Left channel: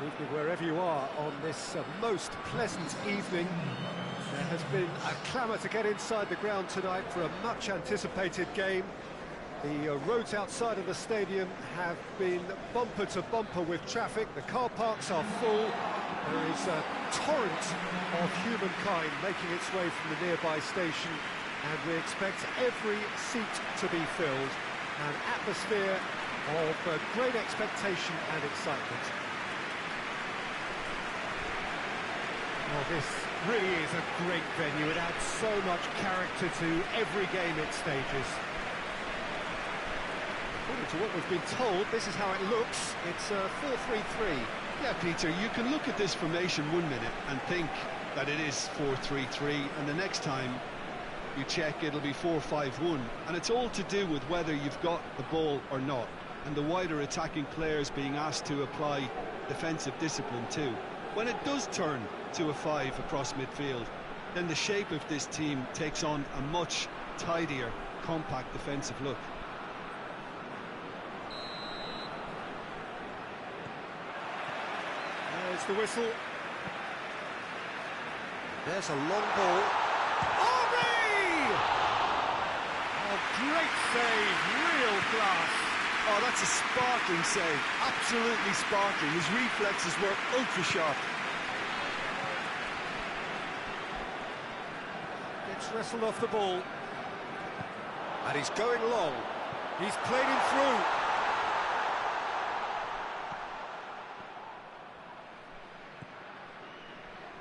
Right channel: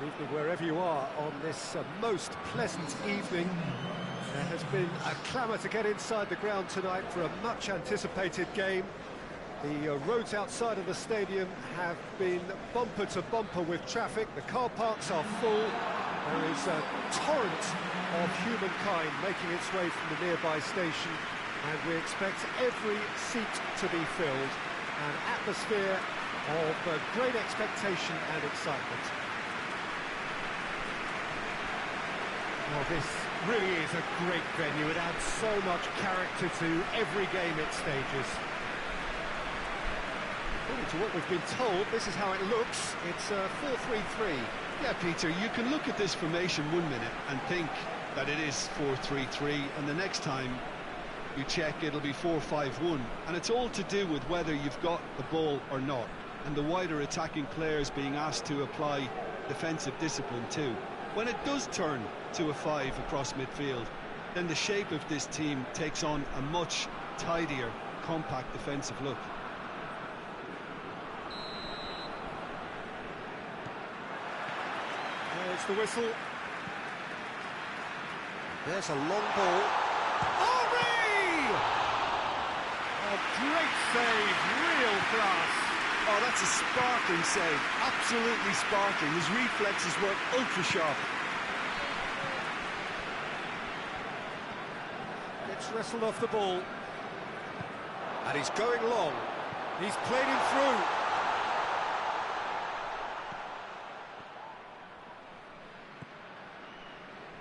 Good evening wherever you are on this most pleasant evening. There has been a clamour to get inside the ground tonight for a much-anticipated game. The roads outside of the stadium have been bumper to bumper with traffic. The car parks are full. There is a torrent of humankind making its way from the nearby station, and we expect every seat to be filled. An atmosphere of great expectation and excitement. Well, this really is a great venue. It adds so much character to every game it stages. According to what we've been told, this is how it looks. It's 4-3-3. Yeah, Peter, you can look at this formation 1 minute and think that it is 4-3-3, and the next time you check, it'll be 4-5-1. And it's all to do with whether you've got the ball or not, and the wider attacking players being asked to apply defensive discipline too. When it does turn to a 5 across midfield, then the shape of this team takes on a much tidier, compact defensive look. There's the whistle. There's a long ball. Henry! Oh, great save, real class. Oh, that's a sparkling save, absolutely sparkling. His reflexes were ultra sharp. Gets wrestled off the ball. And he's going long. He's played him through.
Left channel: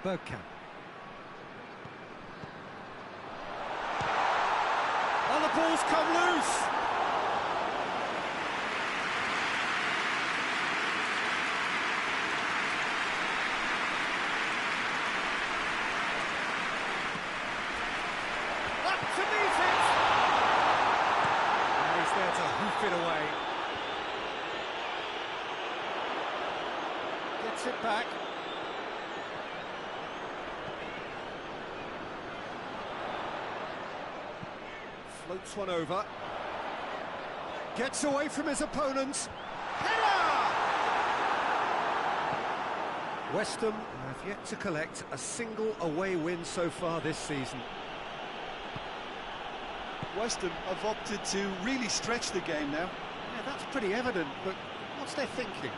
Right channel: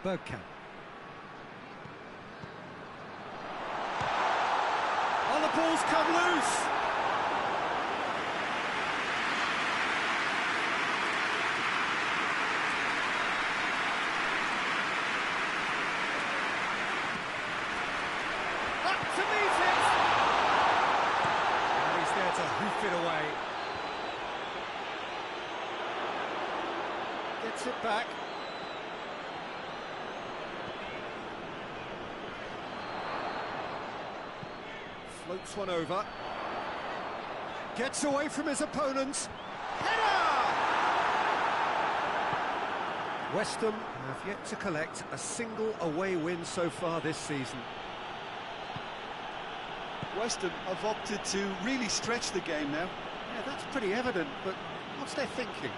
Bergkamp. Oh, the ball's come loose. Up to meet it. And he's there to hoof it away. Gets it back. Floats one over. Gets away from his opponent. Header! West Ham have yet to collect a single away win so far this season. West Ham have opted to really stretch the game now. Yeah, that's pretty evident, but what's their thinking?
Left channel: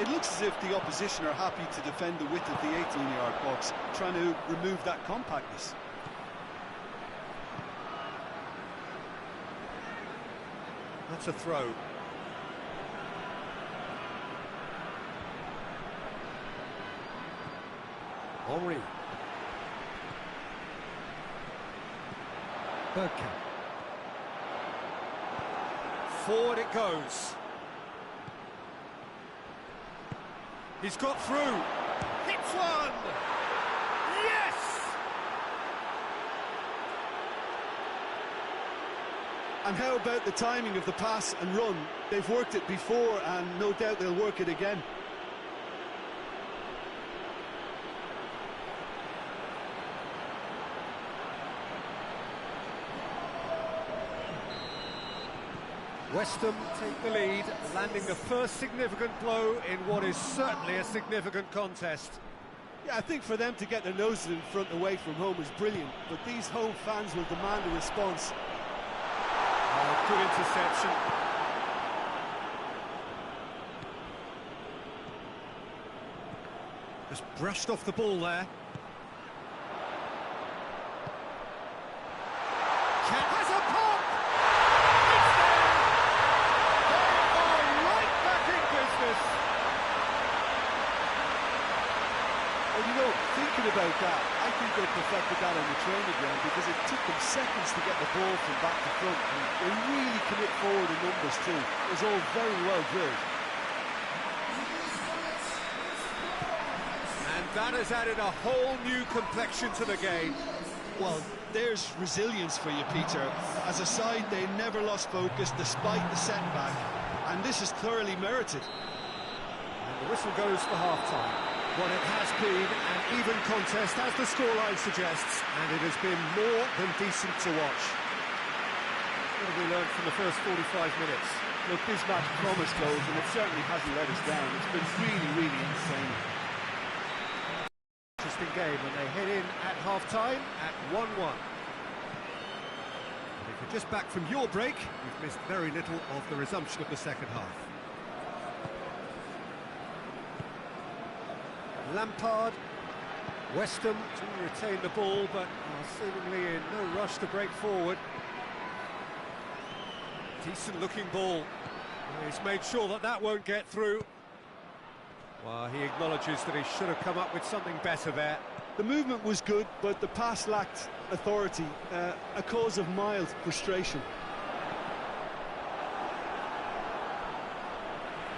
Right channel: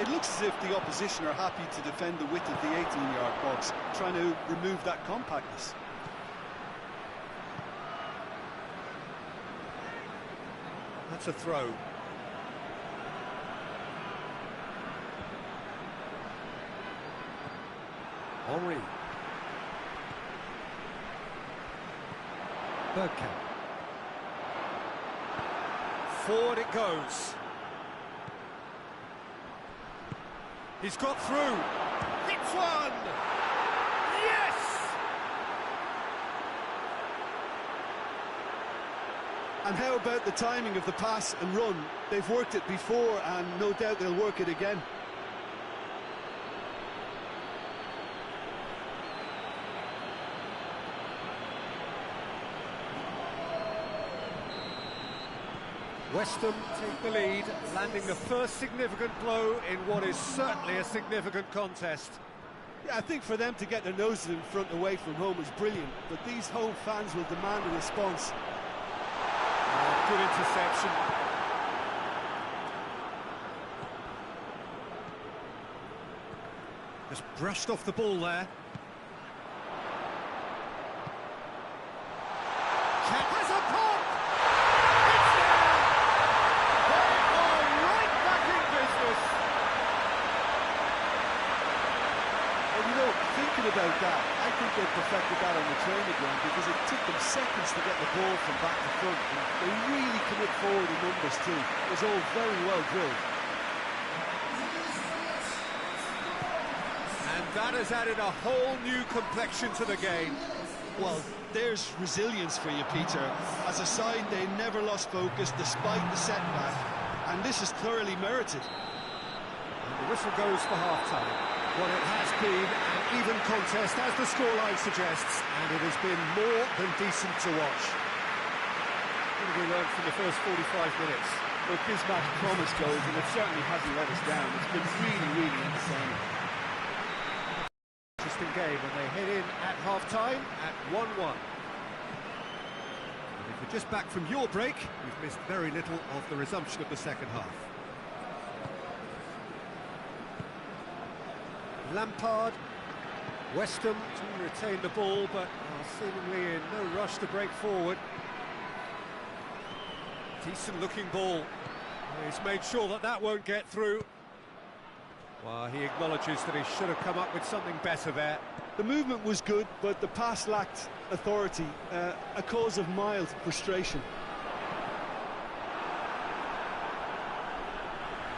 It looks as if the opposition are happy to defend the width of the 18-yard box, trying to remove that compactness. That's a throw. Henry. Bergkamp. Forward it goes. He's got through. Hits one! Yes! And how about the timing of the pass and run? They've worked it before, and no doubt they'll work it again. West Ham take the lead, landing the first significant blow in what is certainly a significant contest. Yeah, I think for them to get their noses in front away from home is brilliant, but these home fans will demand a response. Oh, good interception. Just brushed off the ball there. Has a pop! It's there! They are right back in business. Well, you know, thinking about that, I think they perfected that on the training ground because it took them seconds to get the ball from back to front. And they really commit forward in numbers too. It was all very well drilled. And that has added a whole new complexion to the game. Well, there's resilience for you, Peter. As a side, they never lost focus despite the setback, and this is thoroughly merited. And the whistle goes for half-time. Well, it has been an even contest, as the scoreline suggests, and it has been more than decent to watch. What have we learned from the first 45 minutes? Look, this match promised goals, and it certainly hasn't let us down. It's been really, really entertaining. Interesting game when they head in at half-time at 1-1. If you're just back from your break, you've missed very little of the resumption of the second half. Lampard, West Ham do retain the ball, but are seemingly in no rush to break forward. Decent-looking ball. He's made sure that that won't get through. Well, he acknowledges that he should have come up with something better there. The movement was good, but the pass lacked authority, a cause of mild frustration.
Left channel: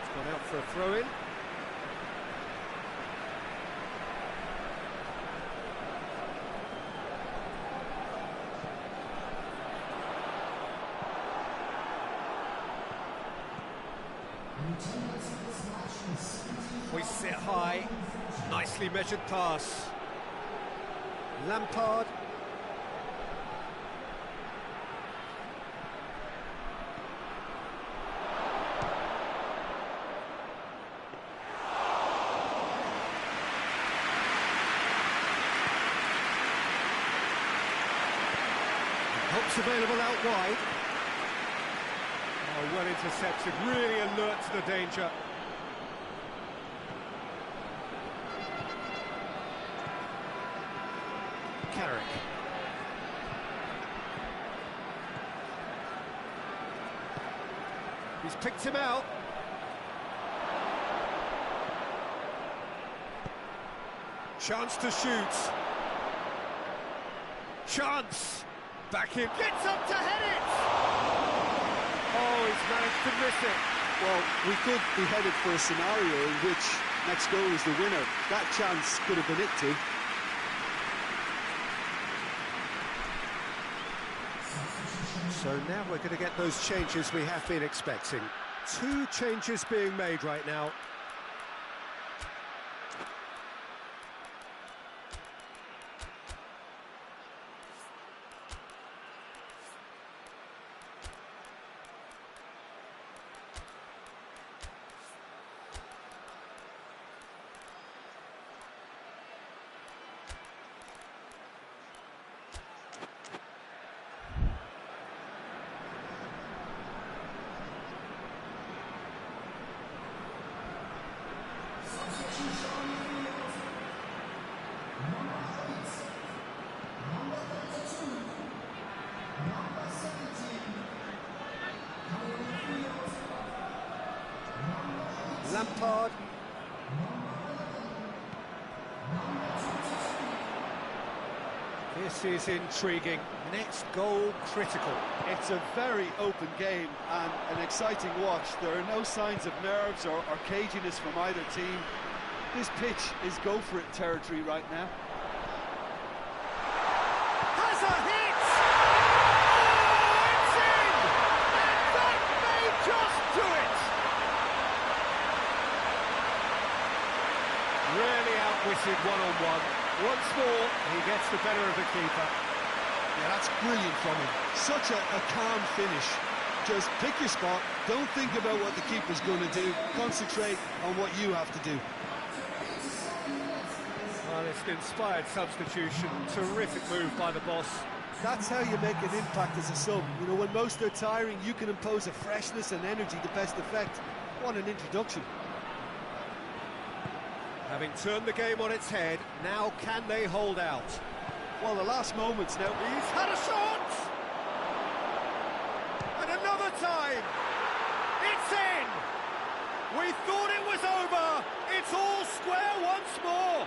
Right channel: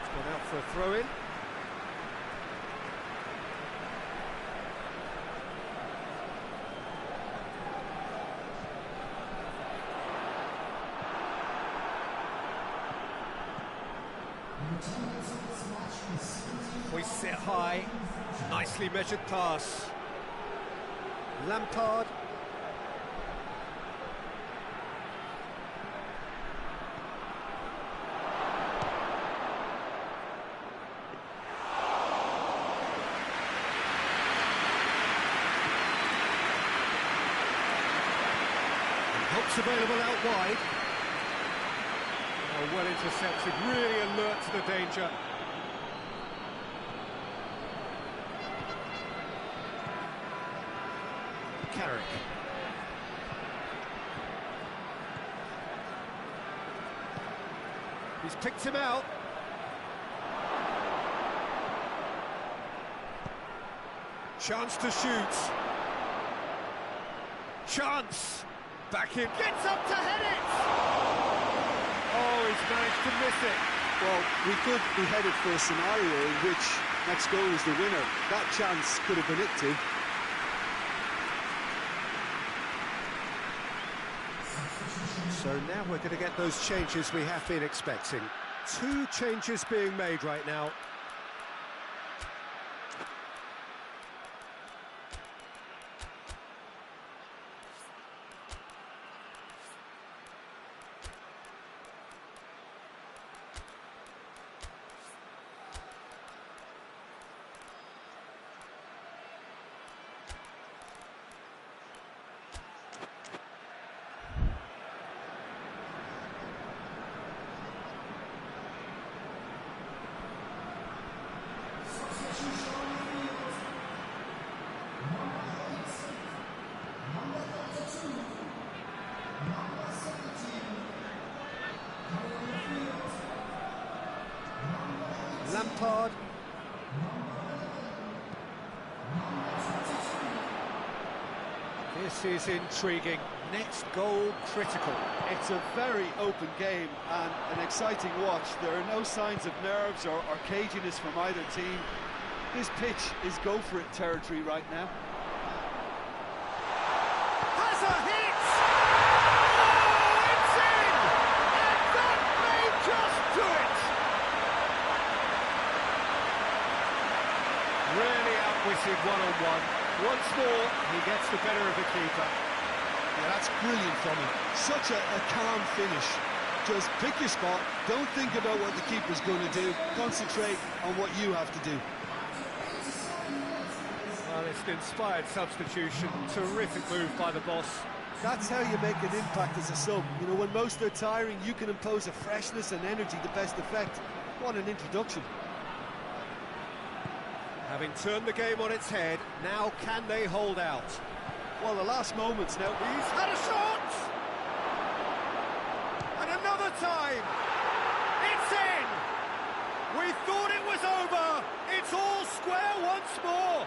It's gone out for a throw-in. Hoists it high, nicely measured pass. Lampard. And help's available out wide. Oh, well intercepted, really alert to the danger. Carrick. He's picked him out. Chance to shoot. Chance. Back in. Gets up to head it. Oh, he's managed to miss it. Well, we could be headed for a scenario in which next goal is the winner. That chance could have been it too. So now we're going to get those changes we have been expecting. 2 changes being made right now. Lampard. This is intriguing. Next goal critical. It's a very open game and an exciting watch. There are no signs of nerves or caginess from either team. This pitch is go-for-it territory right now. Has a hit! Oh, it's in! And that may just do it! Really outwitted one-on-one. Once more, he gets the better of the keeper. Yeah, that's brilliant from him. Such a calm finish. Just pick your spot, don't think about what the keeper's going to do, concentrate on what you have to do. Well, it's an inspired substitution, terrific move by the boss. That's how you make an impact as a sub. You know, when most are tiring, you can impose a freshness and energy to best effect. What an introduction. Having turned the game on its head, now can they hold out? Well, the last moments now. He's had a shot! And another time! It's in! We thought it was over! It's all square once more!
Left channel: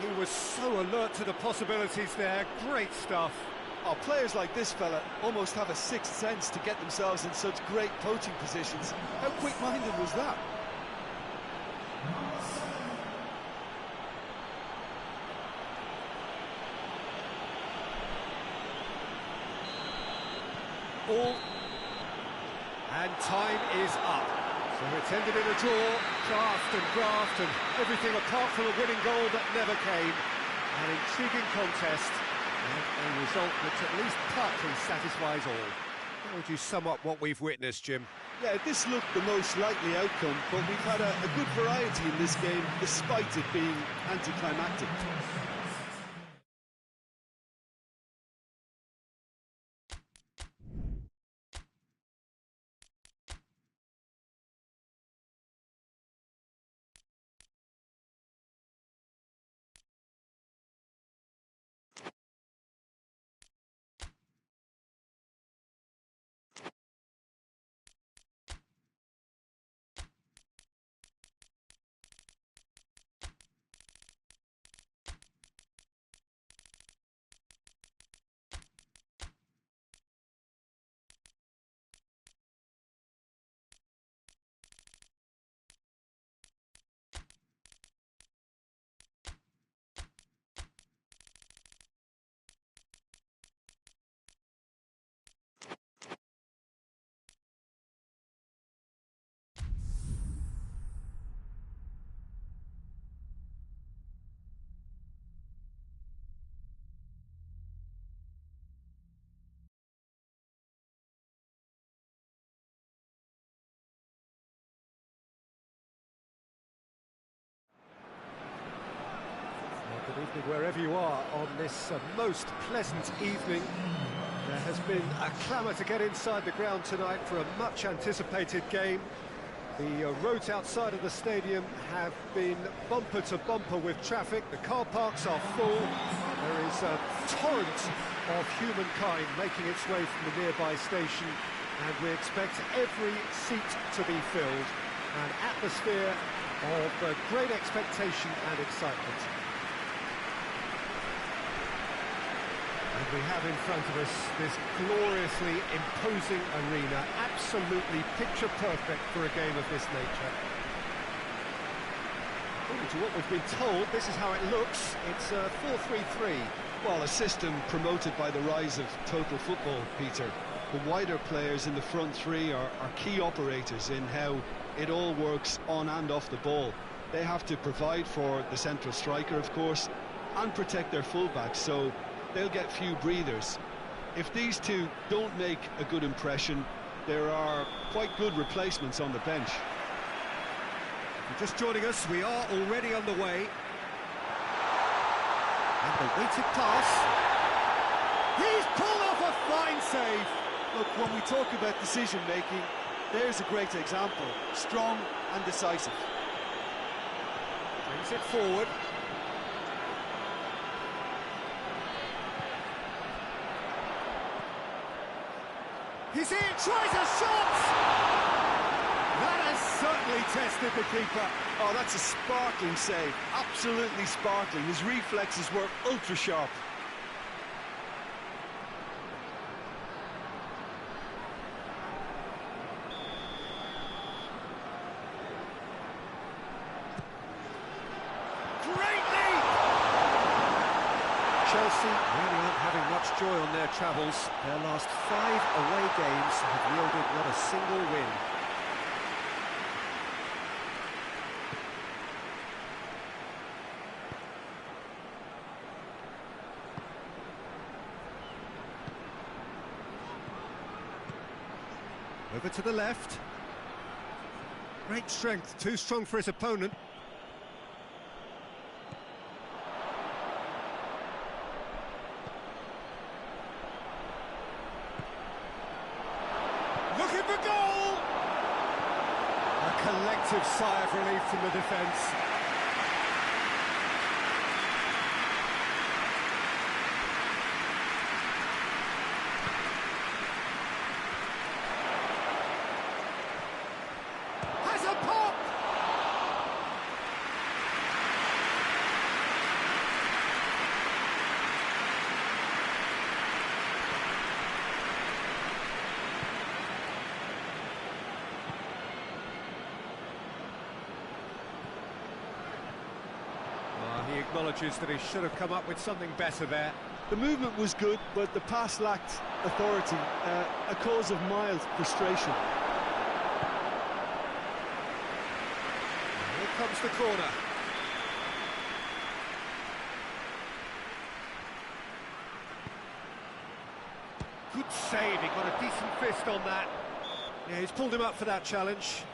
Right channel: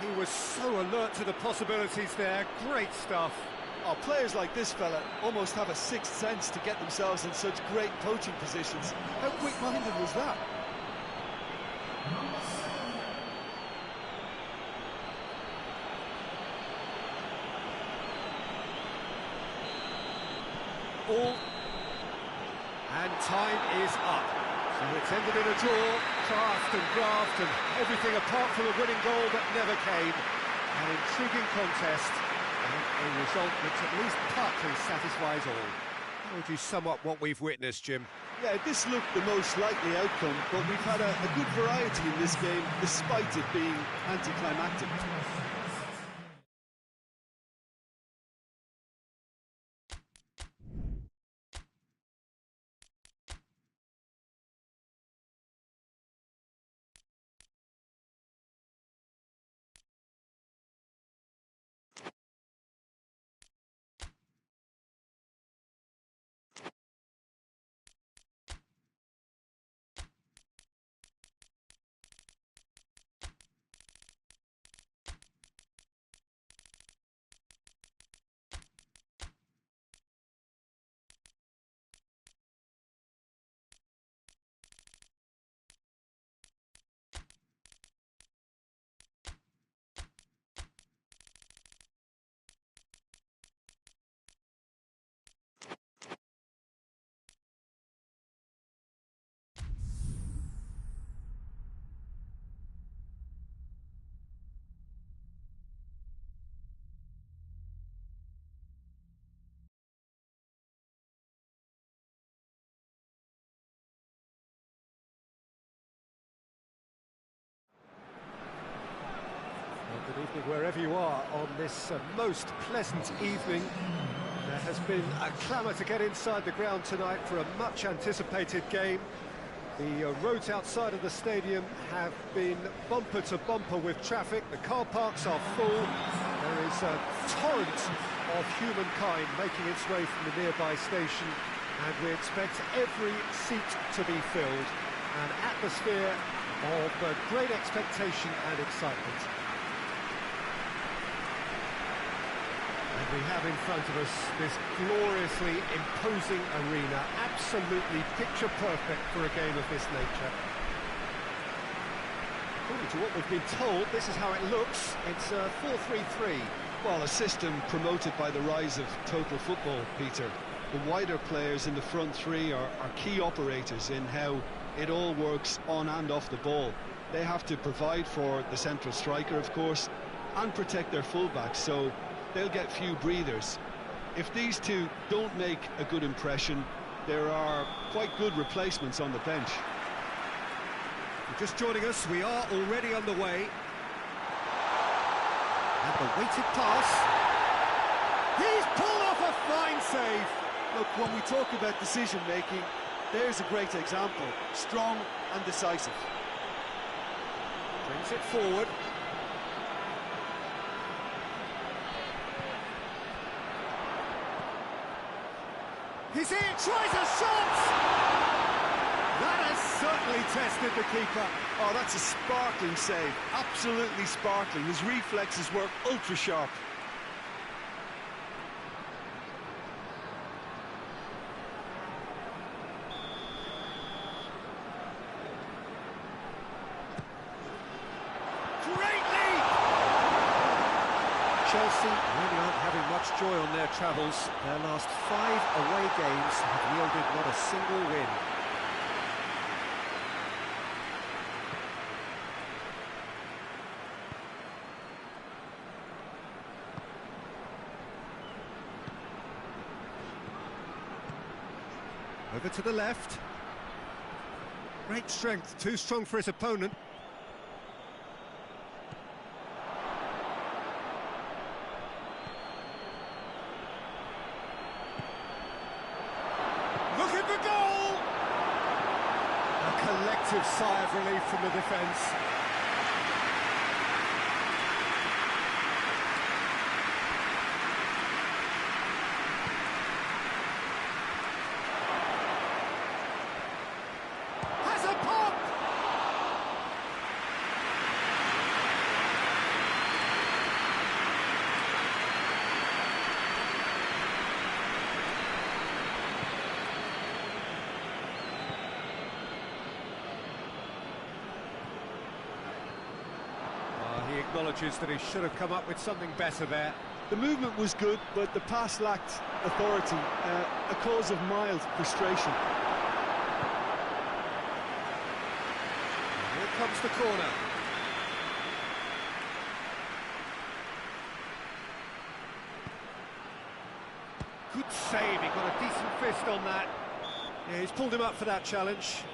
He was so alert to the possibilities there, great stuff. Oh, players like this fella almost have a sixth sense to get themselves in such great poaching positions. How quick-minded was that? And time is up. So it's ended in a draw, craft and graft and everything apart from a winning goal that never came. An intriguing contest, And a result which at least partly satisfies all. How would you sum up what we've witnessed, Jim? Yeah, this looked the most likely outcome, but we've had a good variety in this game, despite it being anticlimactic. Well, good evening wherever you are on this most pleasant evening. There has been a clamour to get inside the ground tonight for a much anticipated game. The roads outside of the stadium have been bumper to bumper with traffic. The car parks are full. There is a torrent of humankind making its way from the nearby station, and we expect every seat to be filled. An atmosphere of great expectation and excitement. And we have in front of us this gloriously imposing arena, absolutely picture perfect for a game of this nature. According to what we've been told, this is how it looks. It's 4-3-3. Well, a system promoted by the rise of total football, Peter. The wider players in the front three are key operators in how it all works on and off the ball. They have to provide for the central striker, of course, and protect their fullbacks, so they'll get few breathers. If these two don't make a good impression, there are quite good replacements on the bench. If you're just joining us, we are already underway. And the weighted pass. He's pulled off a fine save. Look, when we talk about decision-making, there's a great example. Strong and decisive. Brings it forward. He's in, tries a shot! That has certainly tested the keeper. Oh, that's a sparkling save, absolutely sparkling. His reflexes were ultra-sharp. Great lead! Chelsea really aren't having much joy on their travels. Their last 5 away games have yielded not a single win. Over to the left. Great strength, too strong for his opponent. Looking for goal! A collective sigh of relief from the defence. Has a pop! He acknowledges that he should have come up with something better there. The movement was good, but the pass lacked authority, a cause of mild frustration. And here comes the corner. Good save, he got a decent fist on that. Yeah, he's pulled him up for that challenge.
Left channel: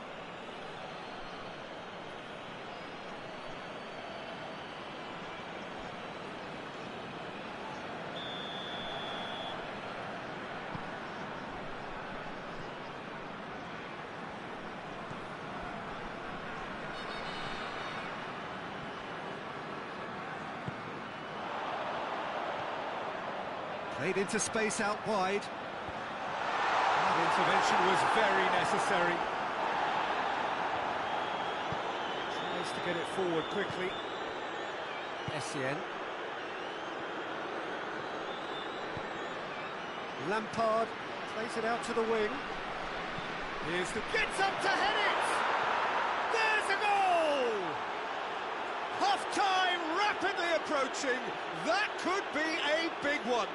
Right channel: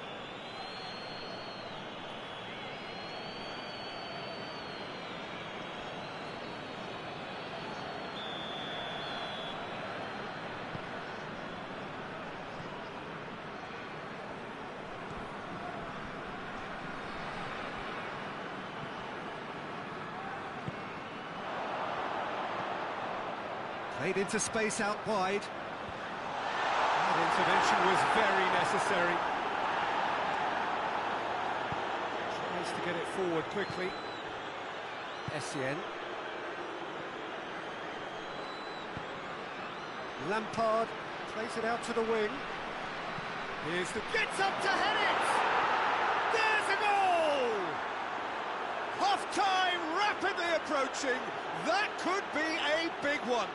Played into space out wide. That intervention was very necessary. Tries to get it forward quickly. Essien. Lampard plays it out to the wing. Here's the... Gets up to head it! There's a goal! Half-time rapidly approaching. That could be a big one.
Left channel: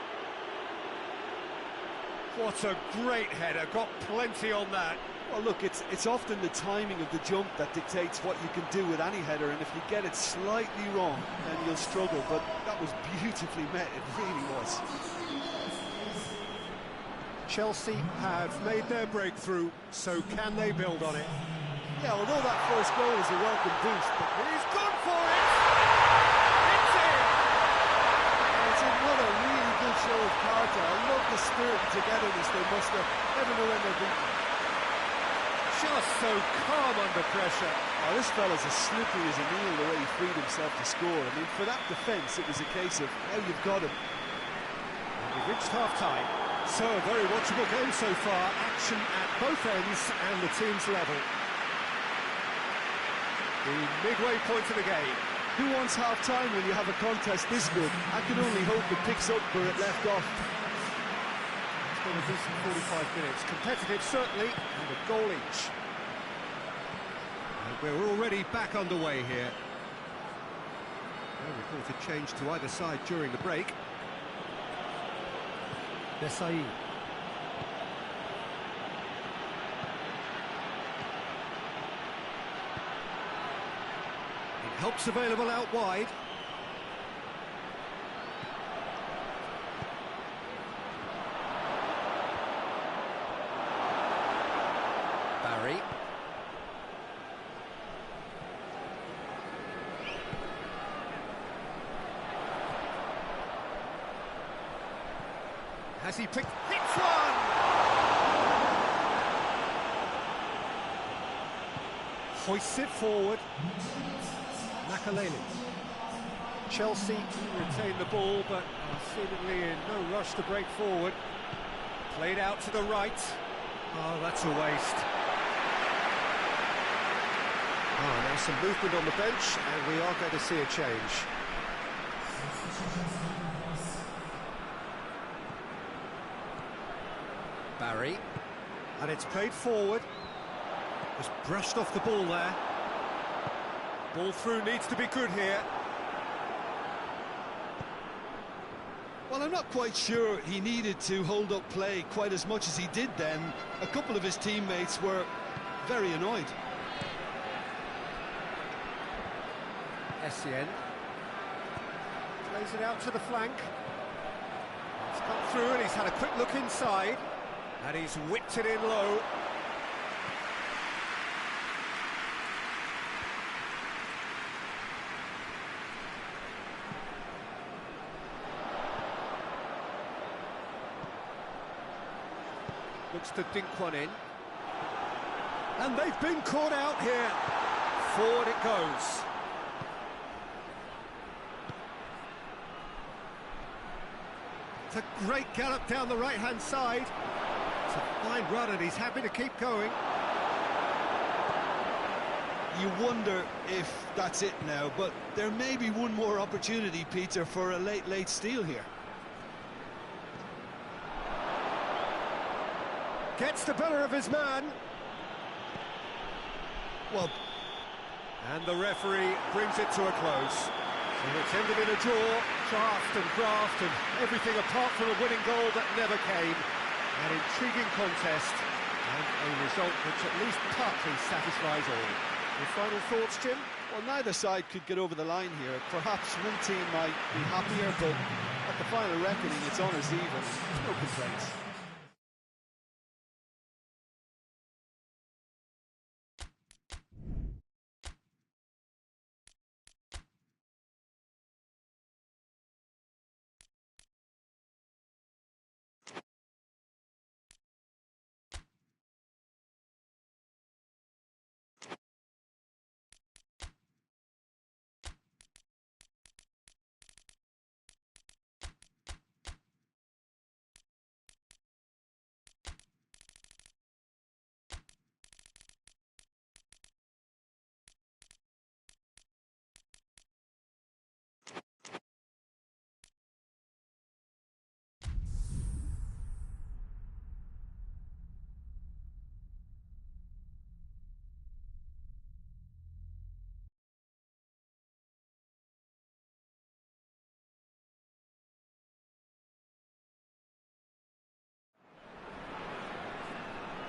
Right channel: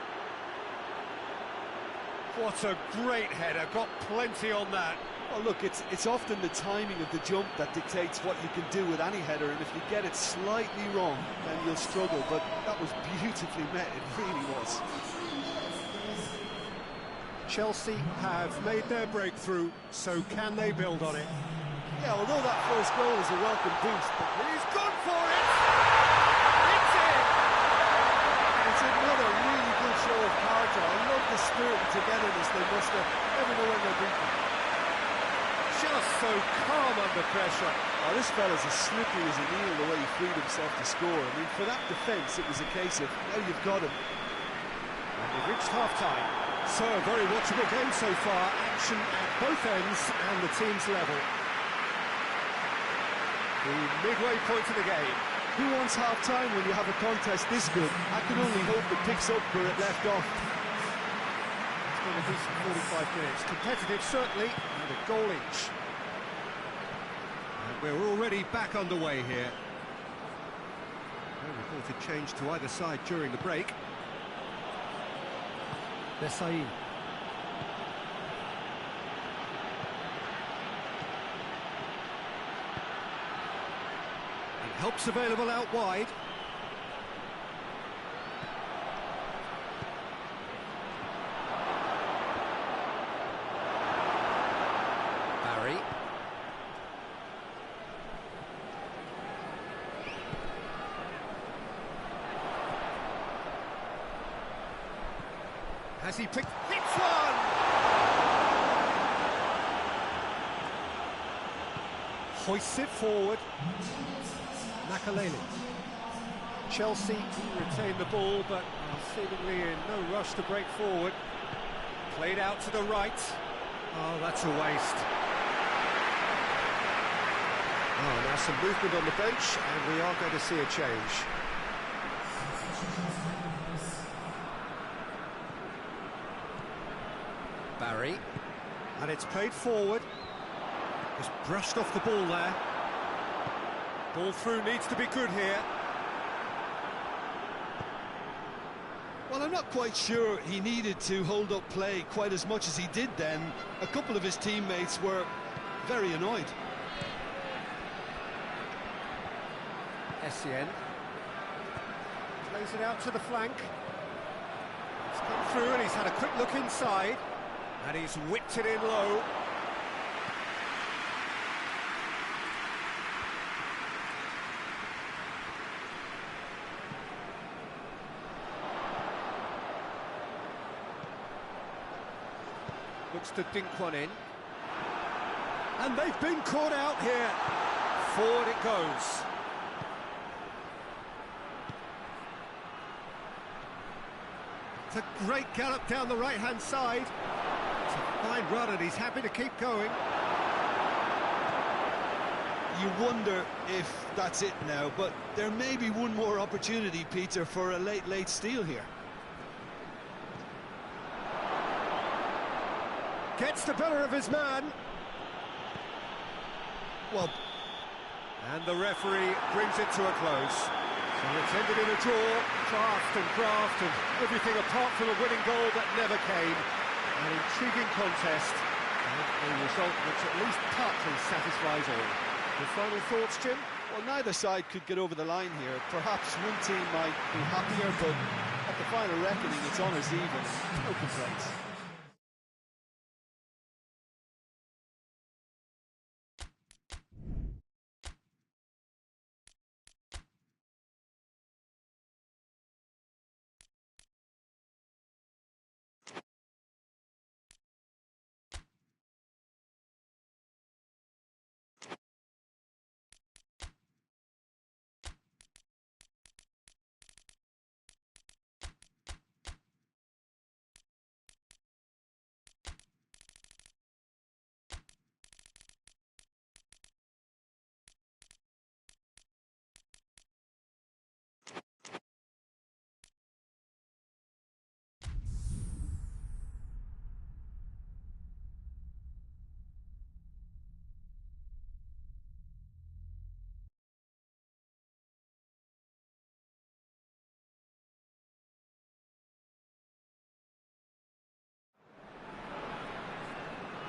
What a great header, got plenty on that. Well, look, it's often the timing of the jump that dictates what you can do with any header, and if you get it slightly wrong, then you'll struggle, but that was beautifully met, it really was. Chelsea have made their breakthrough, so can they build on it? Yeah, although that first goal is a welcome boost, but he's gone for it! It's in! It's another really good show of character. I love the spirit and togetherness they must have. Never know when they're beaten. Just so calm under pressure. Oh, this fella's as slippery as an eel the way he freed himself to score. I mean, for that defence, it was a case of, now you've got him. And we've reached half-time. So, a very watchable game so far. Action at both ends and the team's level. The midway point of the game. Who wants half-time when you have a contest this good? I can only hope it picks up where it left off. It's been a decent 45 minutes. Competitive, certainly, and a goal each. And we're already back underway here. No reported change to either side during the break. Desai. Helps available out wide. Barry. Has he picked? Hits one! Hoists it forward. Nakaleli. Chelsea retain the ball, but are seemingly in no rush to break forward. Played out to the right. Oh, that's a waste. Oh, now some movement on the bench, and we are going to see a change. Barry. And it's played forward. Just brushed off the ball there. Ball through needs to be good here. Well, I'm not quite sure he needed to hold up play quite as much as he did then. A couple of his teammates were very annoyed. Essien. Plays it out to the flank. He's come through and he's had a quick look inside. And he's whipped it in low. Looks to dink one in. And they've been caught out here. Forward it goes. It's a great gallop down the right-hand side. It's a fine run and he's happy to keep going. You wonder if that's it now, but there may be one more opportunity, Peter, for a late steal here. Gets the better of his man. Well, and the referee brings it to a close. So it's ended in a draw, draft and graft and everything apart from a winning goal that never came. An intriguing contest and a result which at least partly satisfies all. Your final thoughts, Jim? Well, neither side could get over the line here. Perhaps one team might be happier, but at the final reckoning, it's honours even. No complaints.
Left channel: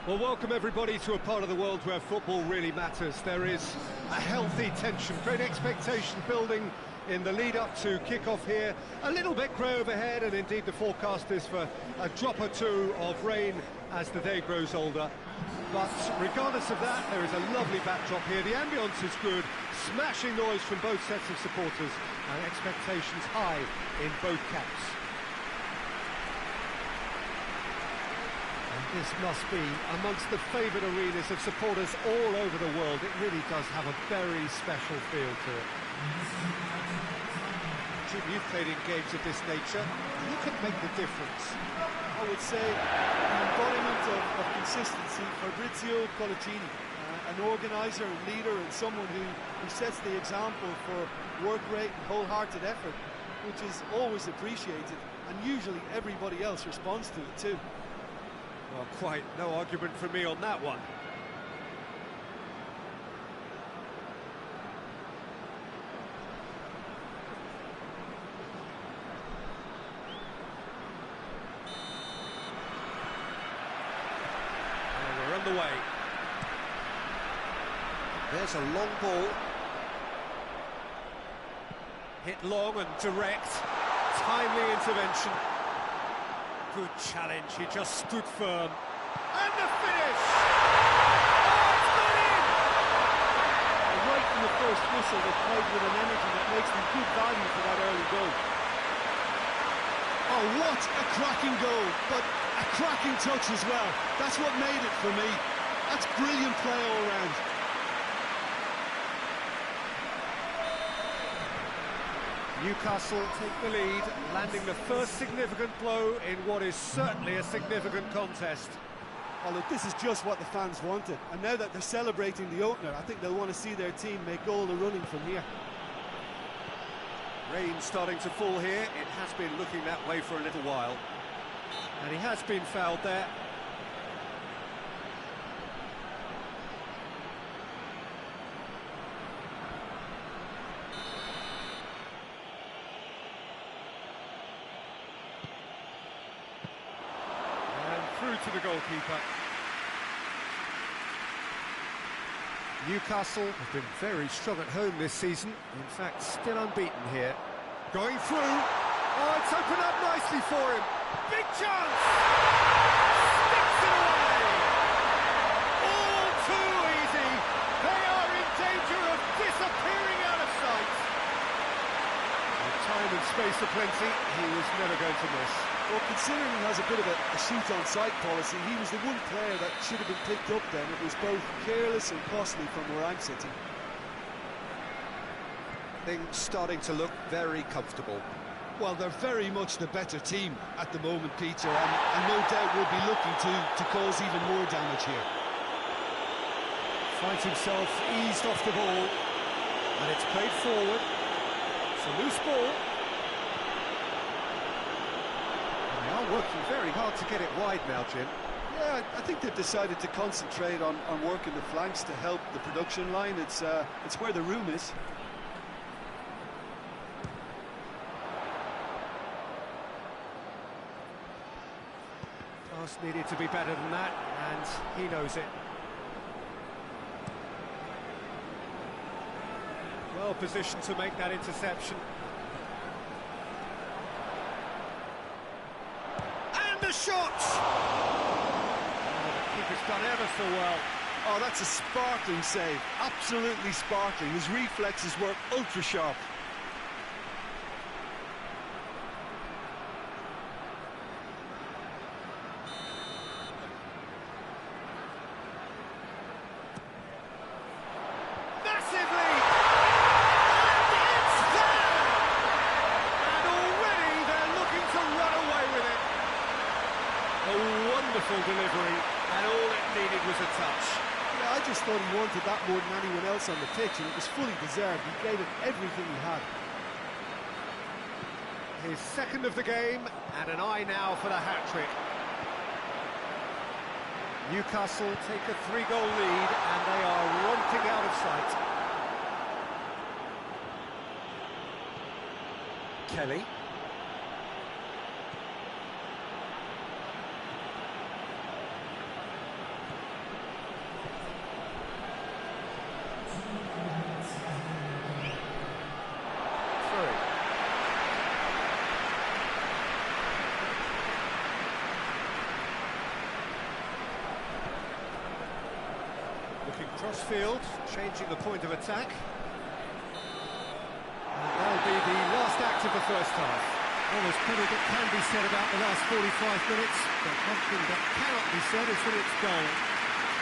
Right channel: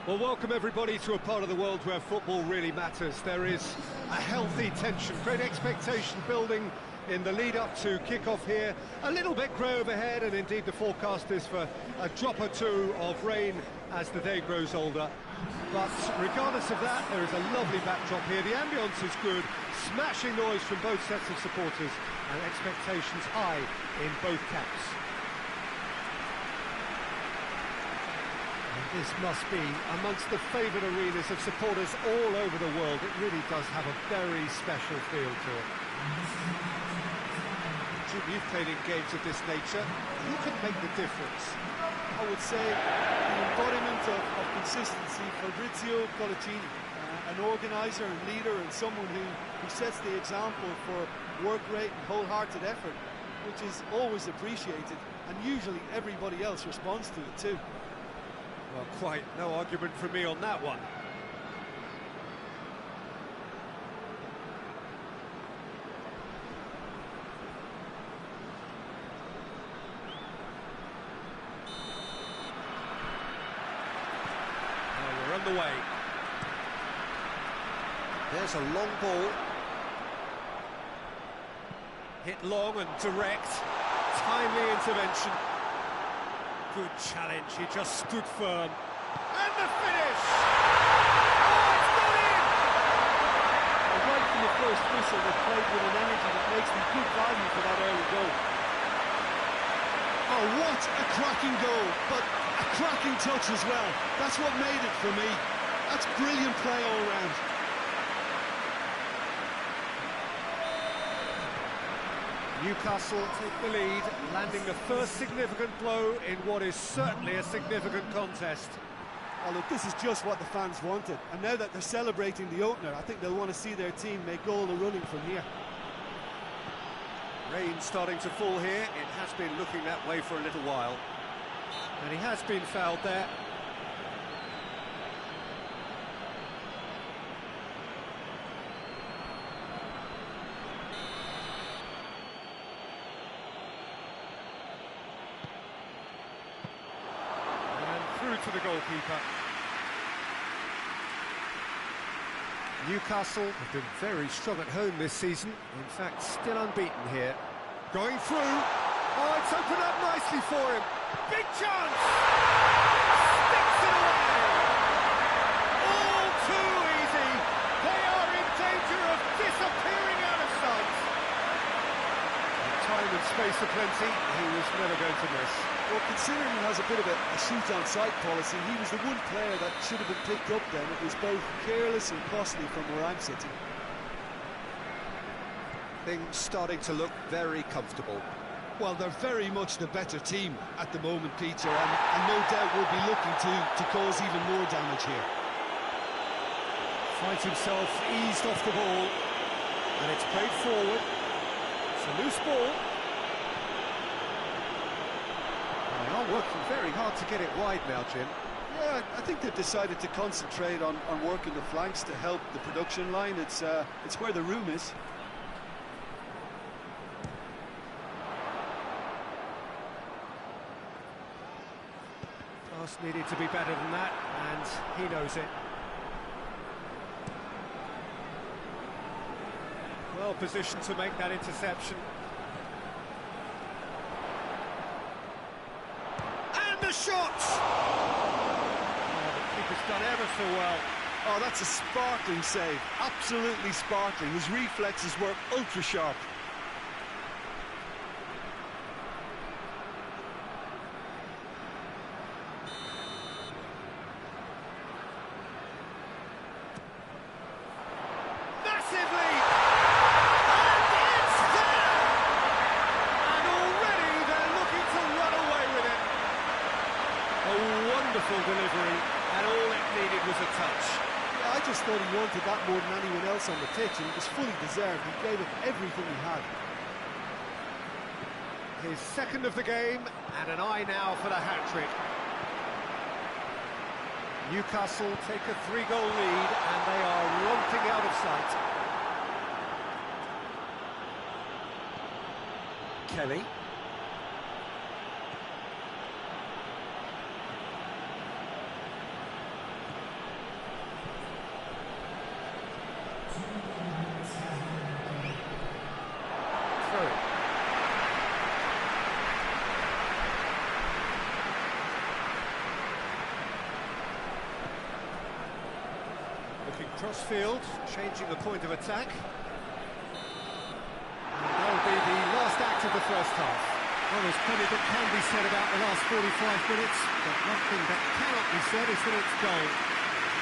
Well, welcome everybody to a part of the world where football really matters. There is a healthy tension, great expectation building in the lead-up to kick-off here. A little bit grey overhead, and indeed the forecast is for a drop or two of rain as the day grows older. But regardless of that, there is a lovely backdrop here. The ambience is good, smashing noise from both sets of supporters, and expectations high in both camps. And this must be amongst the favoured arenas of supporters all over the world. It really does have a very special feel to it. Jim, you've played in games of this nature. Who can make the difference? I would say the embodiment of consistency, Fabrizio Colaccini, an organiser and leader, and someone who sets the example for work rate and wholehearted effort, which is always appreciated, and usually everybody else responds to it too. Well, quite no argument from me on that one. Well, we're on the way. There's a long ball. Hit long and direct. Timely intervention. Good challenge, he just stood firm. And the finish! Oh, it's got in! And right from the first whistle, they played with an energy that makes them good value for that early goal. Oh, what a cracking goal, but a cracking touch as well. That's what made it for me. That's brilliant play all round. Newcastle take the lead, landing the first significant blow in what is certainly a significant contest. Oh look, this is just what the fans wanted, and now that they're celebrating the opener, I think they'll want to see their team make all the running from here. Rain starting to fall here. It has been looking that way for a little while, and he has been fouled there. Through to the goalkeeper. Newcastle have been very strong at home this season. In fact, still unbeaten here. Going through. Oh, it's opened up nicely for him. Big chance! Sticks it away! All too easy. They are in danger of disappearing out of sight. With time and space aplenty, he was never going to miss. Well, considering he has a bit of a shoot-on-sight policy, he was the one player that should have been picked up then. It was both careless and costly from where I'm sitting. Things starting to look very comfortable. Well, they're very much the better team at the moment, Peter, and no doubt will be looking to cause even more damage here. Finds himself eased off the ball, and it's played forward. It's a loose ball. They are working very hard to get it wide now, Jim. Yeah, I think they've decided to concentrate on working the flanks to help the production line. It's where the room is. Pass needed to be better than that, and he knows it. Well positioned to make that interception. The shot! Oh, the keeper's done ever so well. Oh, that's a sparkling save. Absolutely sparkling. His reflexes were ultra sharp. Massive lead! And it's there! And already they're looking to run away with it. A wonderful delivery, and all it needed was a touch. Yeah, I just thought he wanted that more than anyone else on the pitch, and it was fully deserved. He gave it everything he had. His second of the game, and an eye now for the hat-trick. Newcastle take a 3-goal lead, and they are romping out of sight. Kelly. Looking cross-field, changing the point of attack. And that'll be the last act of the first half. Well, there's plenty that can be said about the last 45 minutes, but one thing that cannot be said is that it's dull.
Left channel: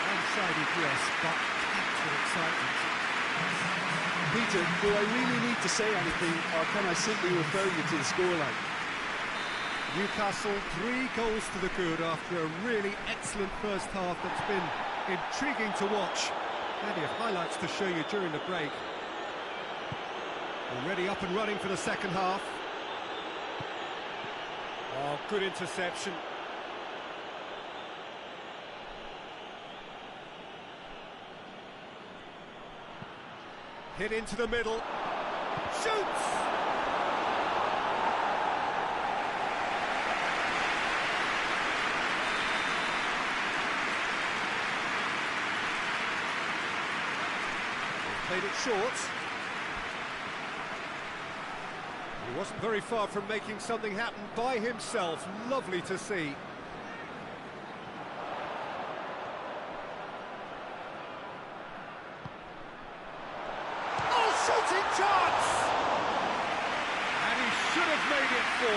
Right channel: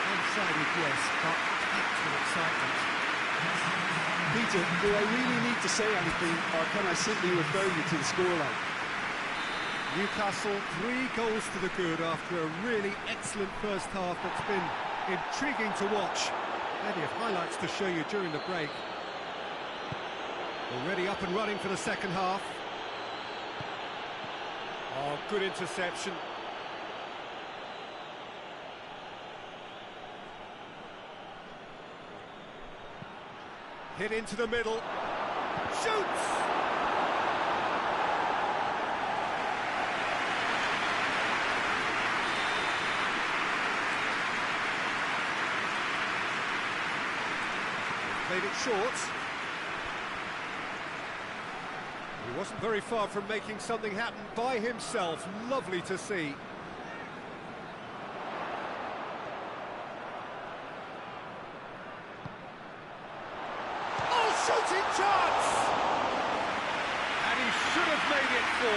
One-sided, yes, but packed with excitement. Peter, do I really need to say anything, or can I simply refer you to the scoreline? Newcastle 3 goals to the good after a really excellent first half that's been intriguing to watch. Plenty of highlights to show you during the break. Already up and running for the second half. Oh, good interception. Hit into the middle. Shoots! They've played it short. He wasn't very far from making something happen by himself. Lovely to see. Shooting chance! And he should have made it 4.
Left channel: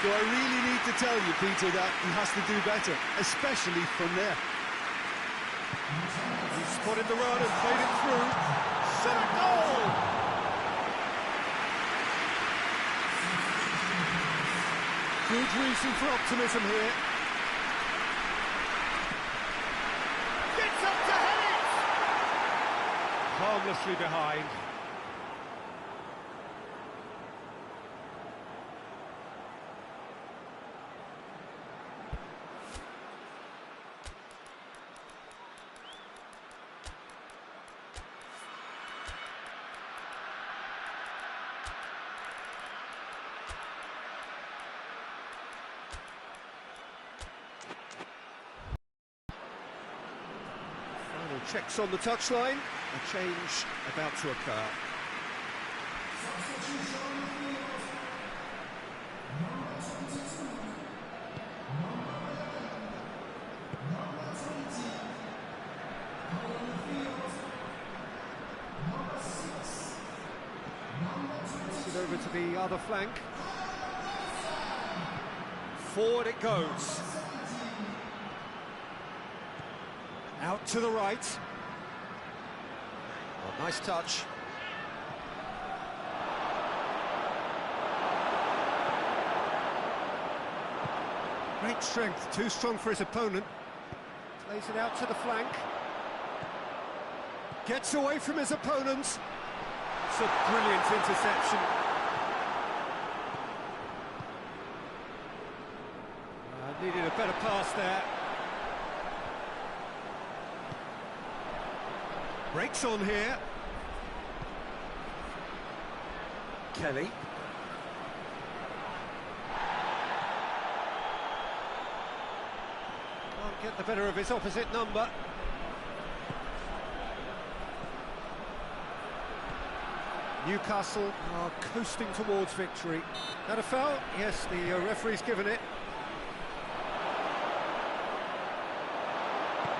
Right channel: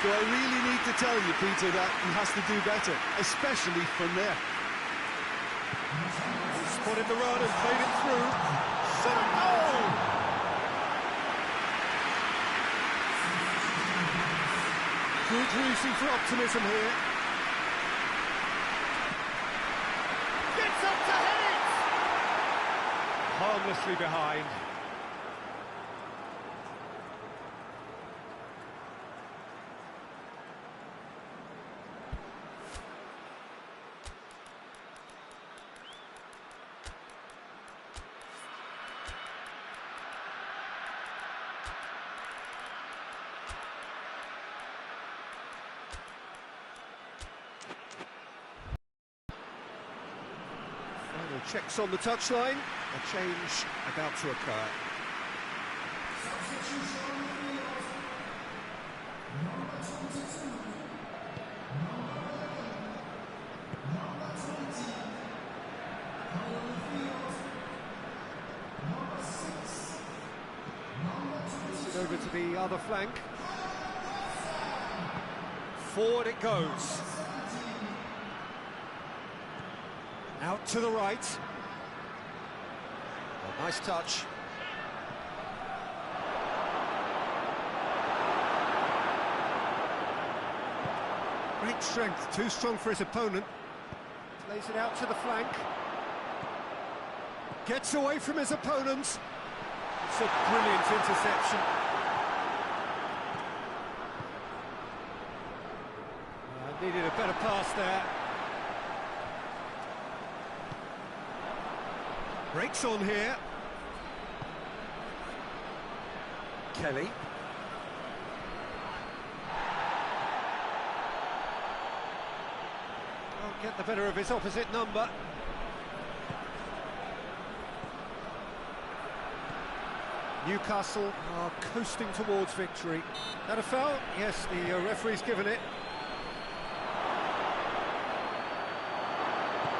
Do I really need to tell you, Peter, that he has to do better, especially from there? He spotted the run and played it through. Shot a goal! Good reason for optimism here. Gets up to head it! Harmlessly behind. Final checks on the touchline. A change about to occur. Plays it over to the other flank. Forward it goes. Out to the right. Oh, nice touch. Great strength, too strong for his opponent. Plays it out to the flank. Gets away from his opponent. It's a brilliant interception. Needed a better pass there. Breaks on here. Kelly. Can't get the better of his opposite number. Newcastle are coasting towards victory. That a foul? Yes, the referee's given it.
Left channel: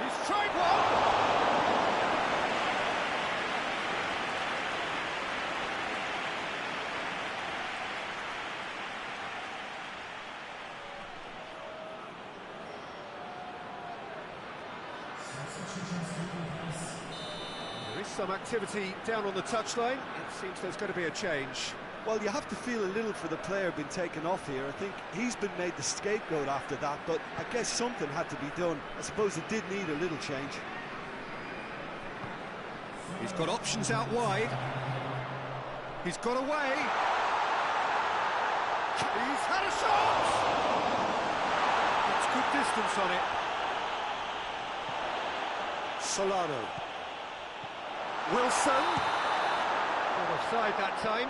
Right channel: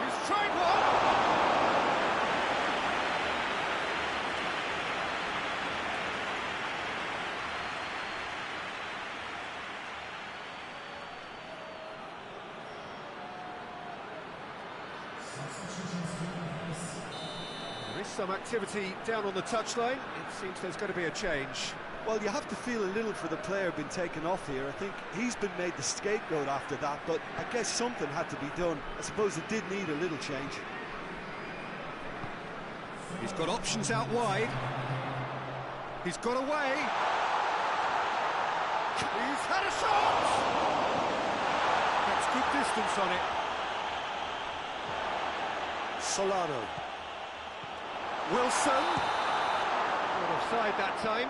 He's tried one! There is some activity down on the touchline. It seems there's going to be a change. Well, you have to feel a little for the player being taken off here. I think he's been made the scapegoat after that, but I guess something had to be done. I suppose it did need a little change. He's got options out wide. He's got away. He's had a shot! Gets good distance on it. Solano. Wilson. Not offside that time.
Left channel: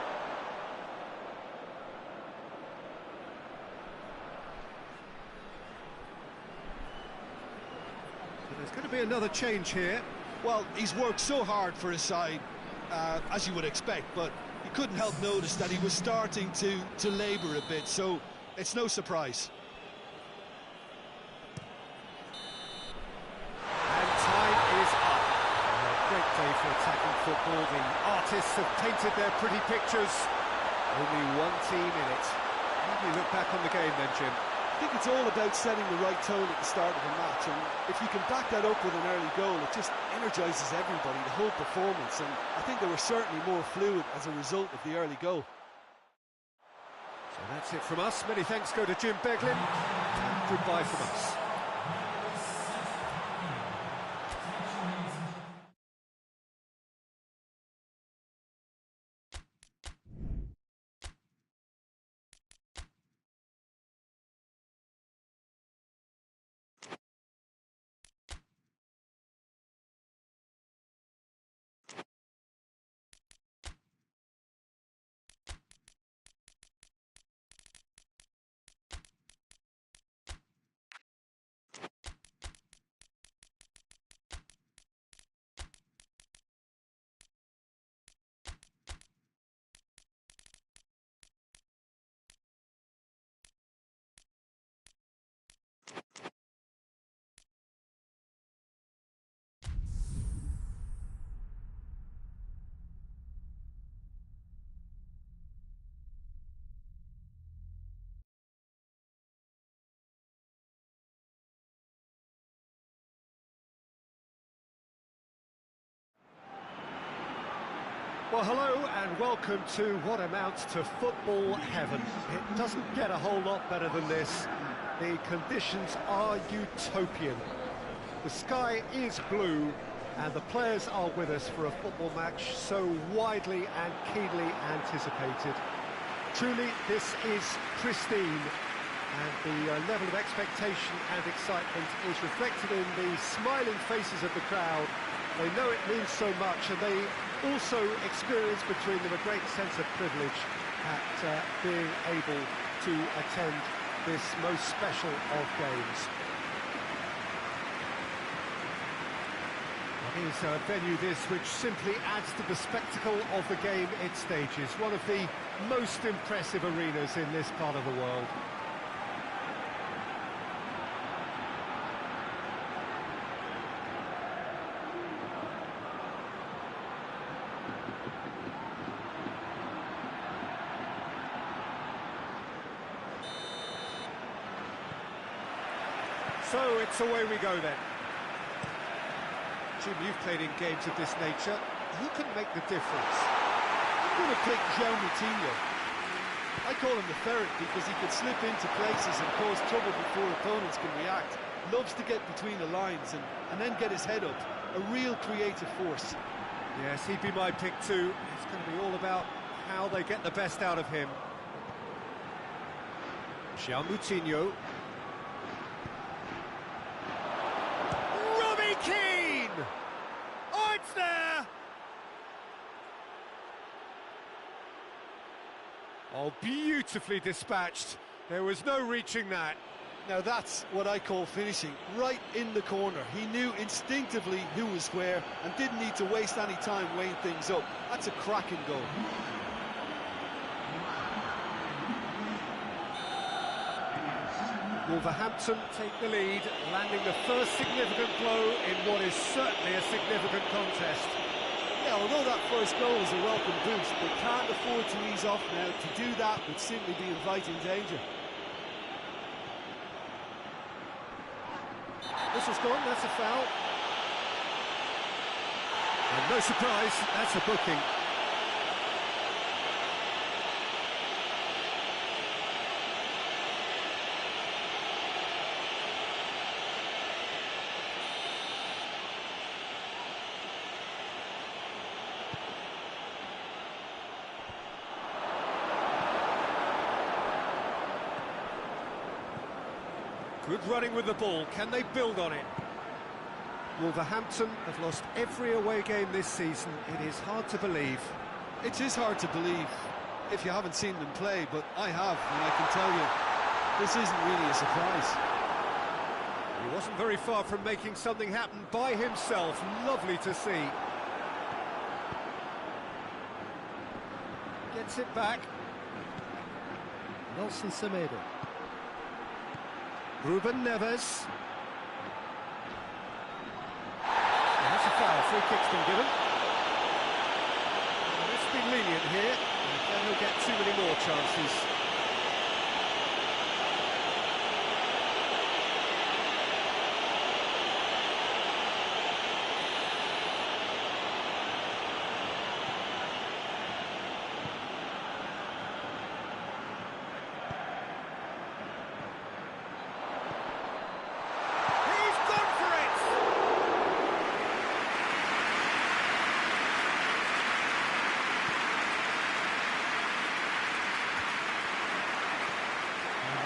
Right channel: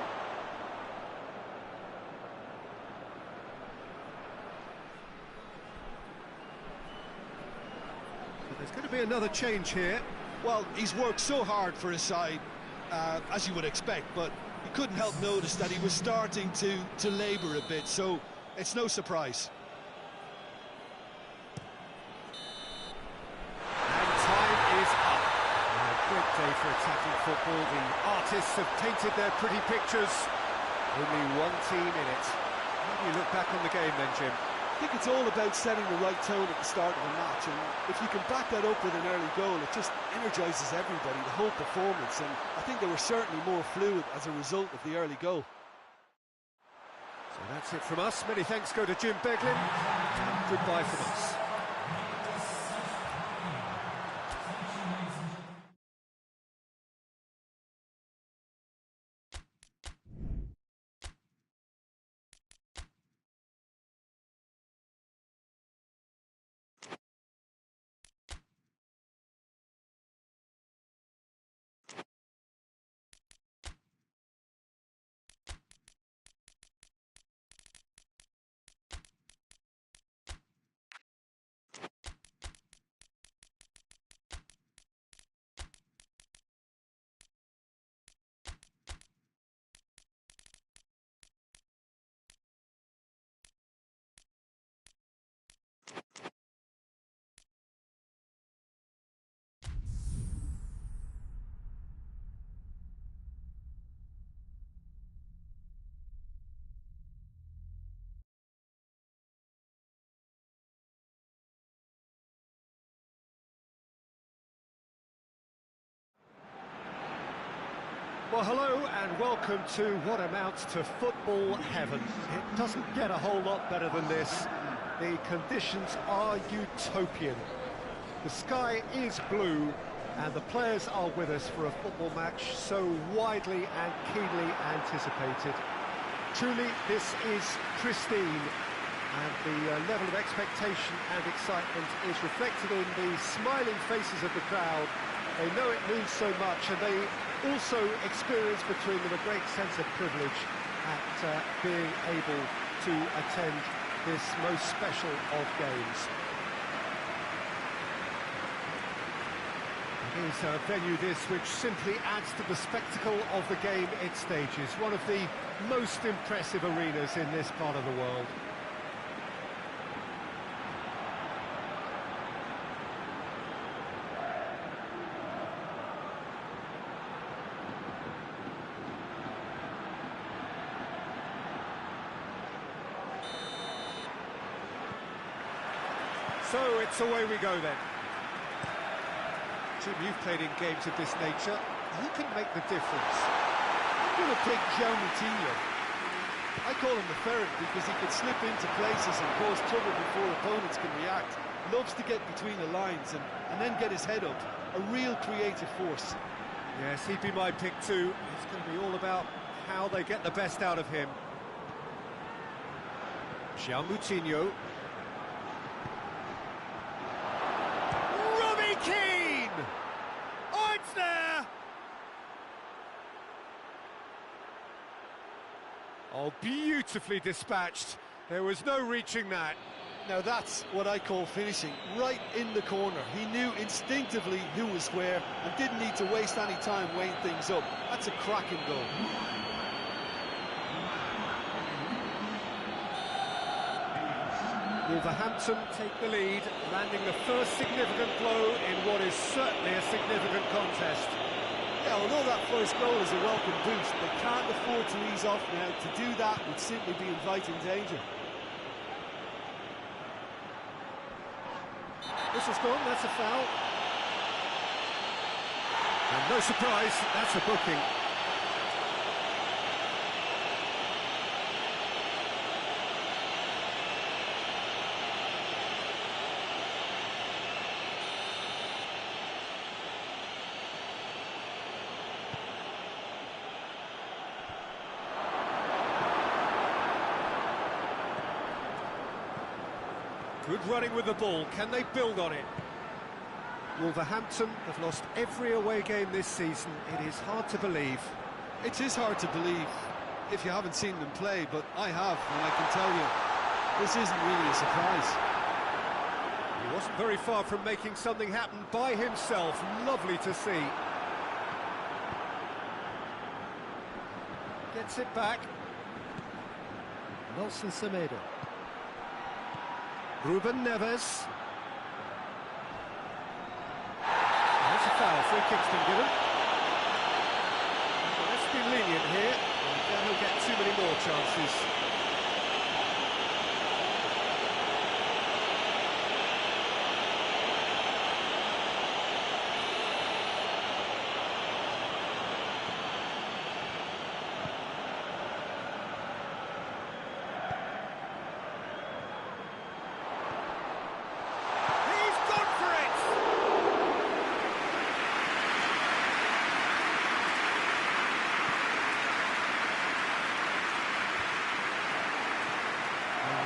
But there's going to be another change here. Well, he's worked so hard for his side, as you would expect, but you couldn't help notice that he was starting to labour a bit, so it's no surprise. And time is up. day for attacking football. The artists have painted their pretty pictures. Only one team in it. How do you look back on the game then, Jim? I think it's all about setting the right tone at the start of a match, and if you can back that up with an early goal, it just energises everybody, the whole performance, and I think they were certainly more fluid as a result of the early goal. So that's it from us. Many thanks go to Jim Beglin, and goodbye from us. Well, hello and welcome to what amounts to football heaven. It doesn't get a whole lot better than this. The conditions are utopian. The sky is blue and the players are with us for a football match so widely and keenly anticipated. Truly, this is pristine, and the level of expectation and excitement is reflected in the smiling faces of the crowd. They know it means so much, and they also experience between them a great sense of privilege at being able to attend this most special of games. It is a venue this which simply adds to the spectacle of the game it stages, one of the most impressive arenas in this part of the world. So it's away we go then. Jim, you've played in games of this nature. Who can make the difference? I'm going to pick Moutinho. I call him the ferret because he can slip into places and cause trouble before opponents can react. Loves to get between the lines and then get his head up. A real creative force. Yes, he'd be my pick too. It's going to be all about how they get the best out of him. Moutinho. Keane! Oh, it's there! Oh, beautifully dispatched. There was no reaching that. Now that's what I call finishing, right in the corner. He knew instinctively who was where and didn't need to waste any time weighing things up. That's a cracking goal. Wolverhampton take the lead, landing the first significant blow in what is certainly a significant contest. Yeah, although that first goal is a welcome boost, they can't afford to ease off now. To do that would simply be inviting danger. Whistle's gone, that's a foul. And no surprise, that's a booking. Good running with the ball. Can they build on it? Wolverhampton have lost every away game this season. It is hard to believe. It is hard to believe if you haven't seen them play, but I have, and I can tell you, this isn't really a surprise. He wasn't very far from making something happen by himself. Lovely to see. Gets it back. Nelson Semedo. Ruben Neves. That's a foul. Free kick's been given. ref's been lenient here. Then he'll get too many more chances.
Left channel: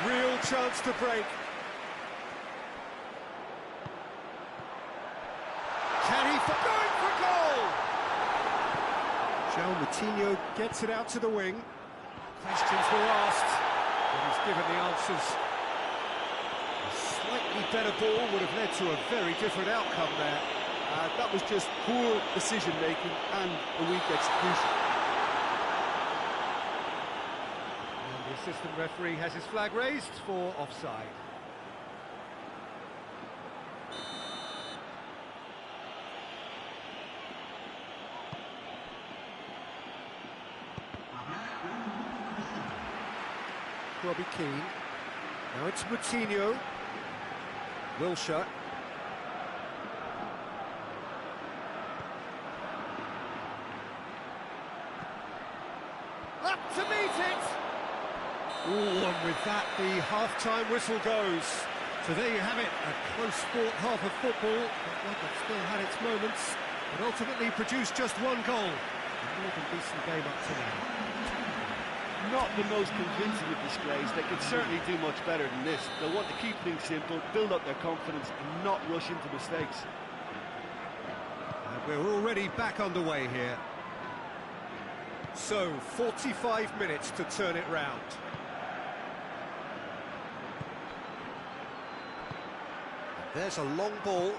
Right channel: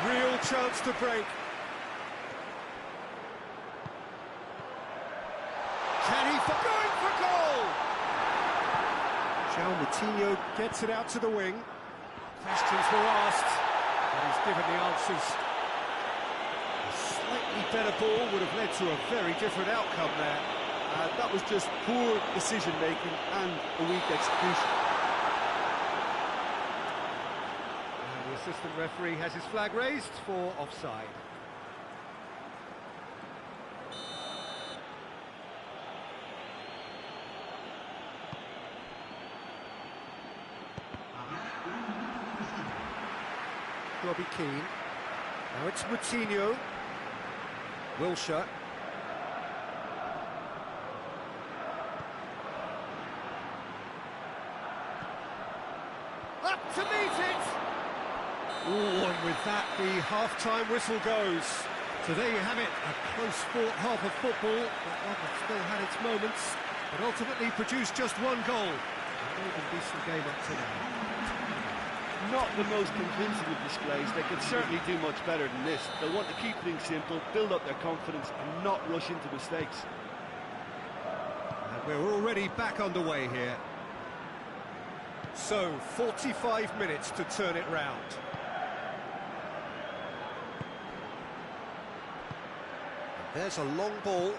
Real chance to break. Can he going for goal? João Moutinho gets it out to the wing. Questions were asked, but he's given the answers. A slightly better ball would have led to a very different outcome there. That was just poor decision-making and a weak execution. The assistant referee has his flag raised for offside. Robbie Keane. Now it's Moutinho. Wilshere. Up to meet it! Ooh, and with that, the half-time whistle goes. So there you have it, a close-fought half of football, but one that still had its moments, but ultimately produced just one goal. A more than decent game up to now. Not the most convincing of displays. They could certainly do much better than this. They'll want to keep things simple, build up their confidence, and not rush into mistakes. And we're already back underway here. So, 45 minutes to turn it round. There's a long ball.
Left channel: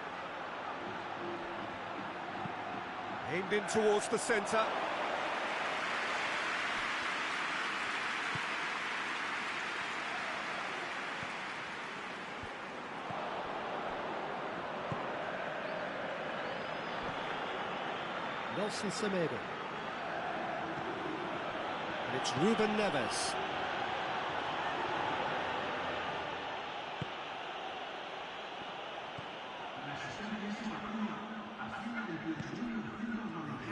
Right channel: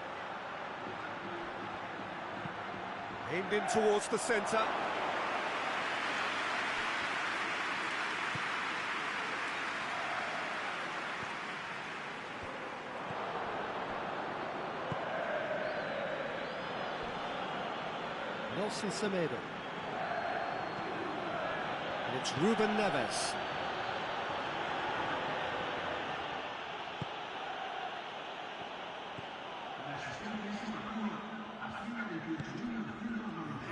Aimed in towards the centre. Nelson Semedo. And it's Ruben Neves.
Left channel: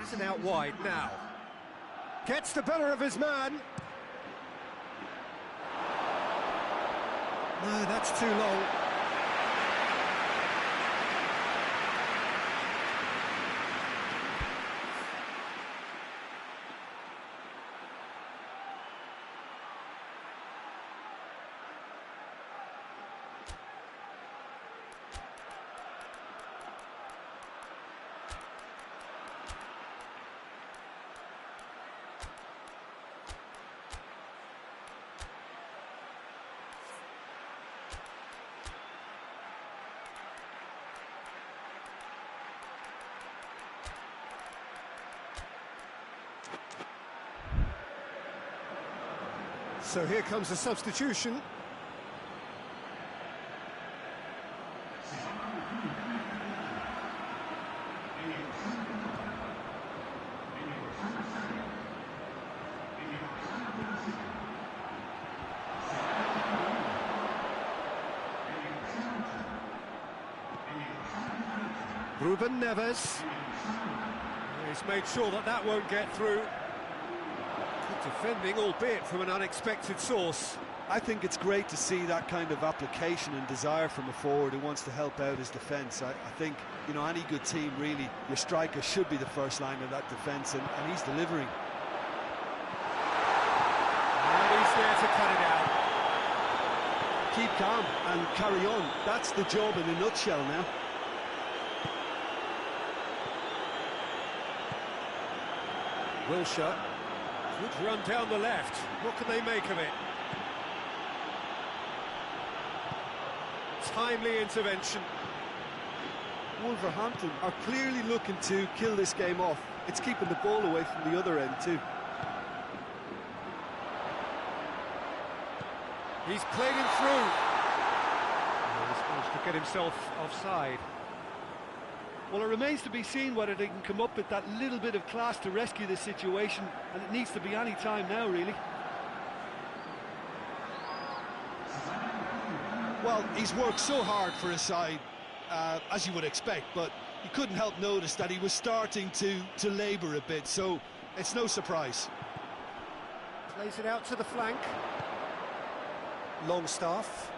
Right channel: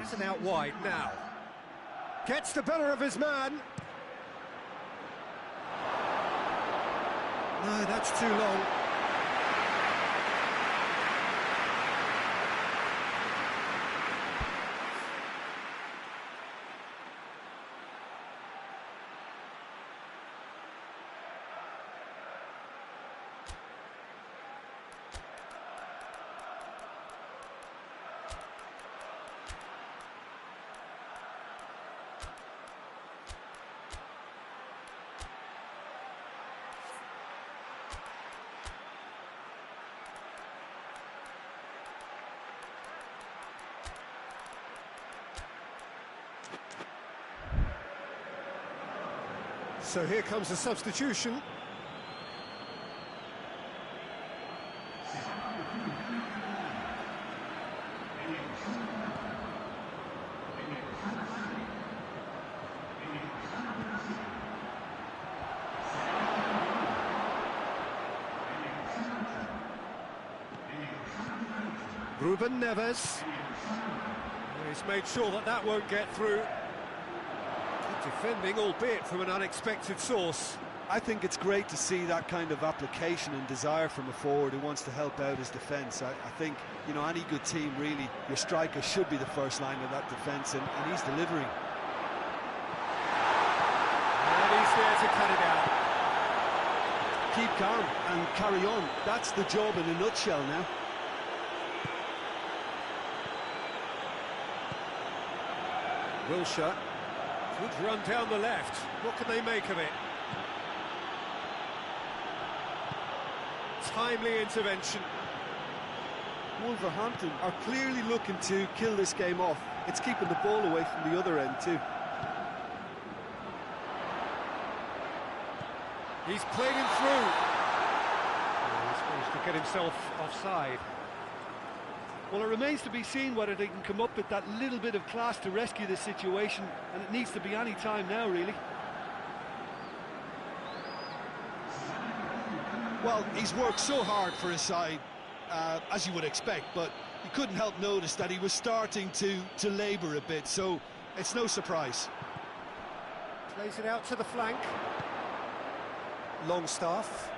Has it out wide now. Gets the better of his man. No, that's too long. So here comes a substitution. Ruben Neves. He's made sure that that won't get through. Good defending, albeit from an unexpected source. I think it's great to see that kind of application and desire from a forward who wants to help out his defence. I think, you know, any good team, really, your striker should be the first line of that defence, and he's delivering. And he's there to cut it out. Keep calm and carry on. That's the job in a nutshell now. Wilshere. Good run down the left. What can they make of it? Timely intervention. Wolverhampton are clearly looking to kill this game off. It's keeping the ball away from the other end too. He's played him through. Oh, he's managed to get himself offside. Well, it remains to be seen whether they can come up with that little bit of class to rescue this situation, and it needs to be any time now, really. Well, he's worked so hard for his side, as you would expect, but you couldn't help notice that he was starting to labour a bit, so it's no surprise. Plays it out to the flank. Longstaff.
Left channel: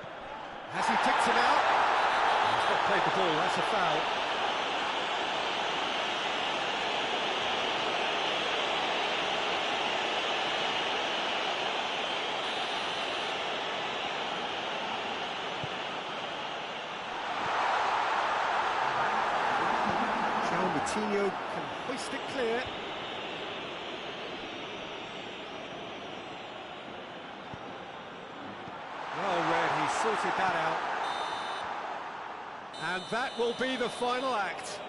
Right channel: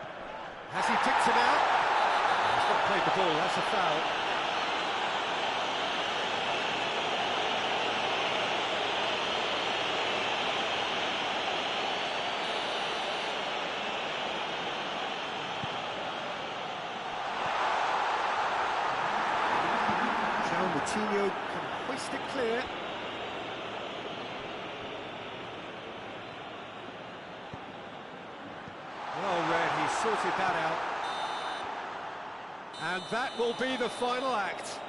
Has he picked him out? He's not played the ball, that's a foul. Coutinho can hoist it clear. Well read, he sorted that out. And that will be the final act.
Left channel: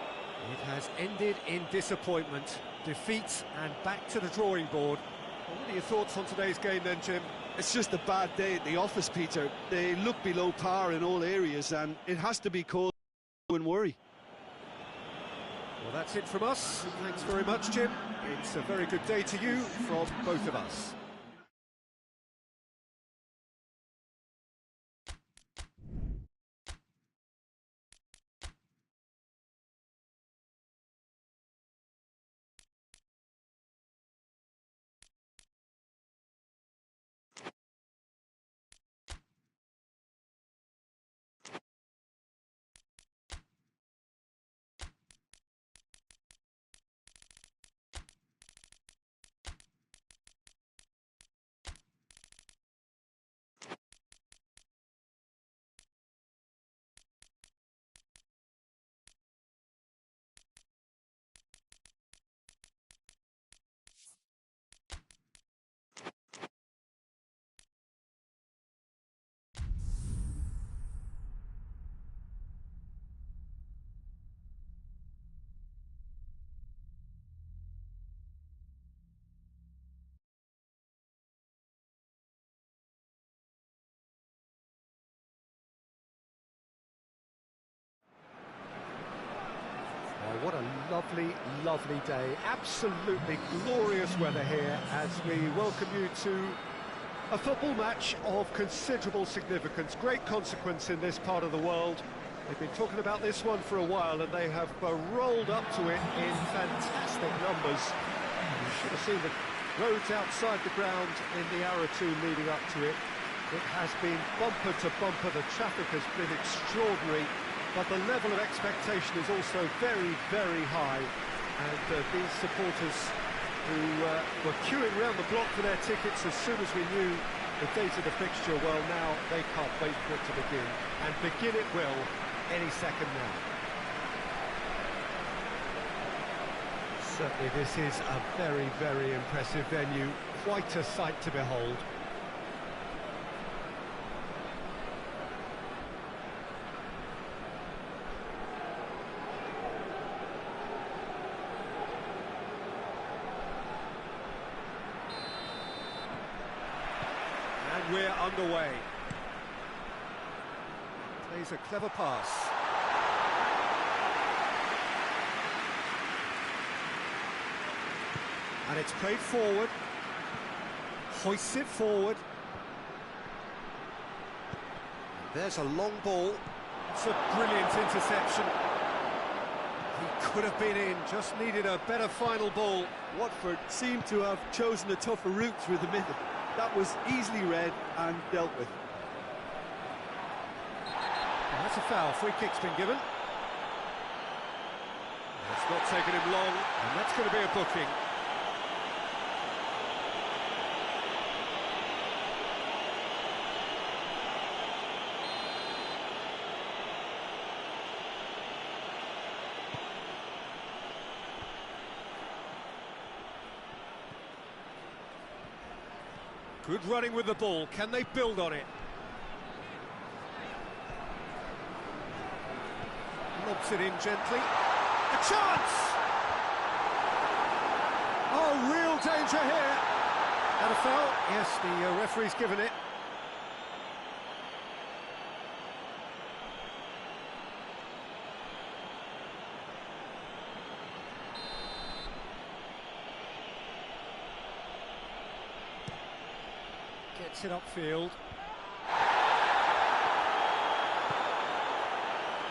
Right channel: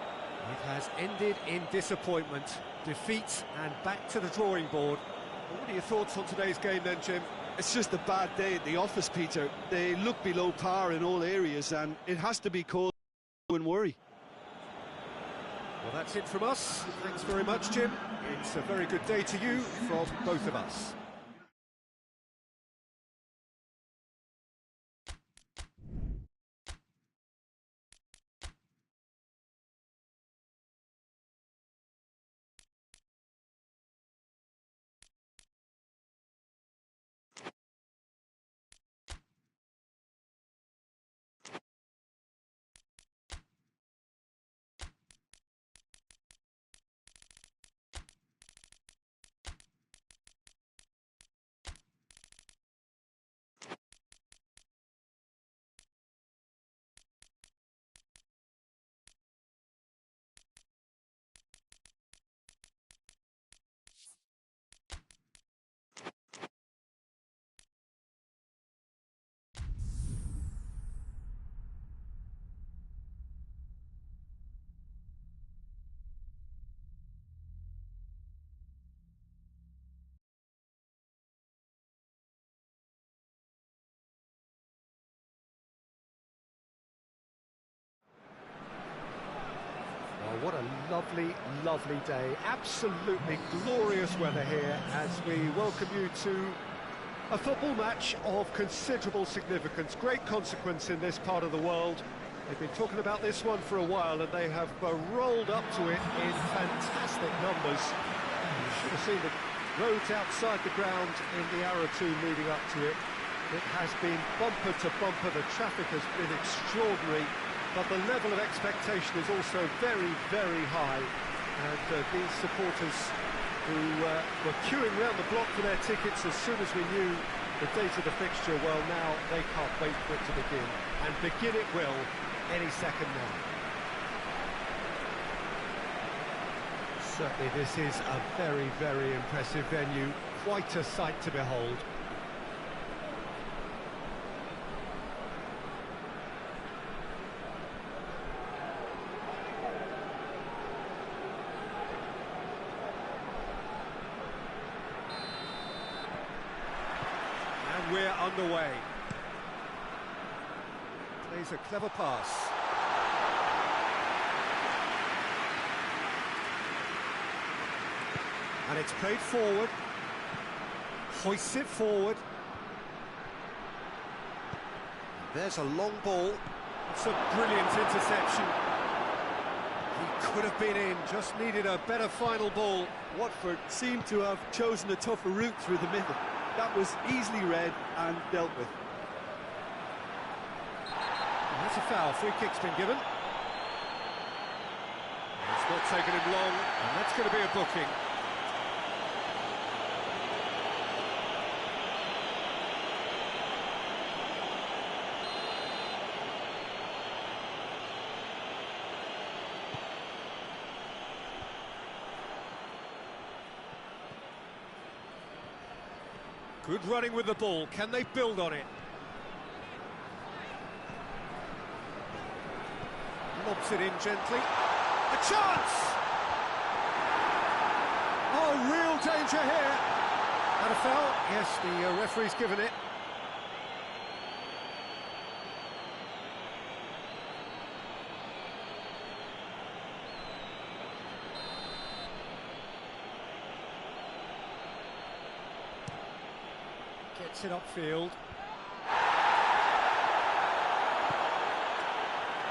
It has ended in disappointment, defeat, and back to the drawing board. Well, what are your thoughts on today's game then, Jim? It's just a bad day at the office, Peter. They look below par in all areas, and it has to be cause and worry. Well, that's it from us. Thanks very much, Jim. It's a very good day to you from both of us. What a lovely, lovely day. Absolutely glorious weather here as we welcome you to a football match of considerable significance. Great consequence in this part of the world. They've been talking about this one for a while and they have rolled up to it in fantastic numbers. You should have seen the roads outside the ground in the hour or two leading up to it. It has been bumper to bumper. The traffic has been extraordinary. But the level of expectation is also very, very high. And these supporters who were queuing round the block for their tickets as soon as we knew the date of the fixture, well, now they can't wait for it to begin. And begin it will any second now. Certainly this is a very, very impressive venue. Quite a sight to behold. And we're underway. Plays a clever pass. And it's played forward. Hoists it forward. There's a long ball. It's a brilliant interception. He could have been in, just needed a better final ball. Watford seemed to have chosen a tougher route through the middle. That was easily read and dealt with. And that's a foul. Free kick's been given. It's not taken him long, and that's going to be a booking. Good running with the ball. Can they build on it? Lobs it in gently. A chance! Oh, real danger here. And a foul? Yes, the referee's given it. Gets it upfield.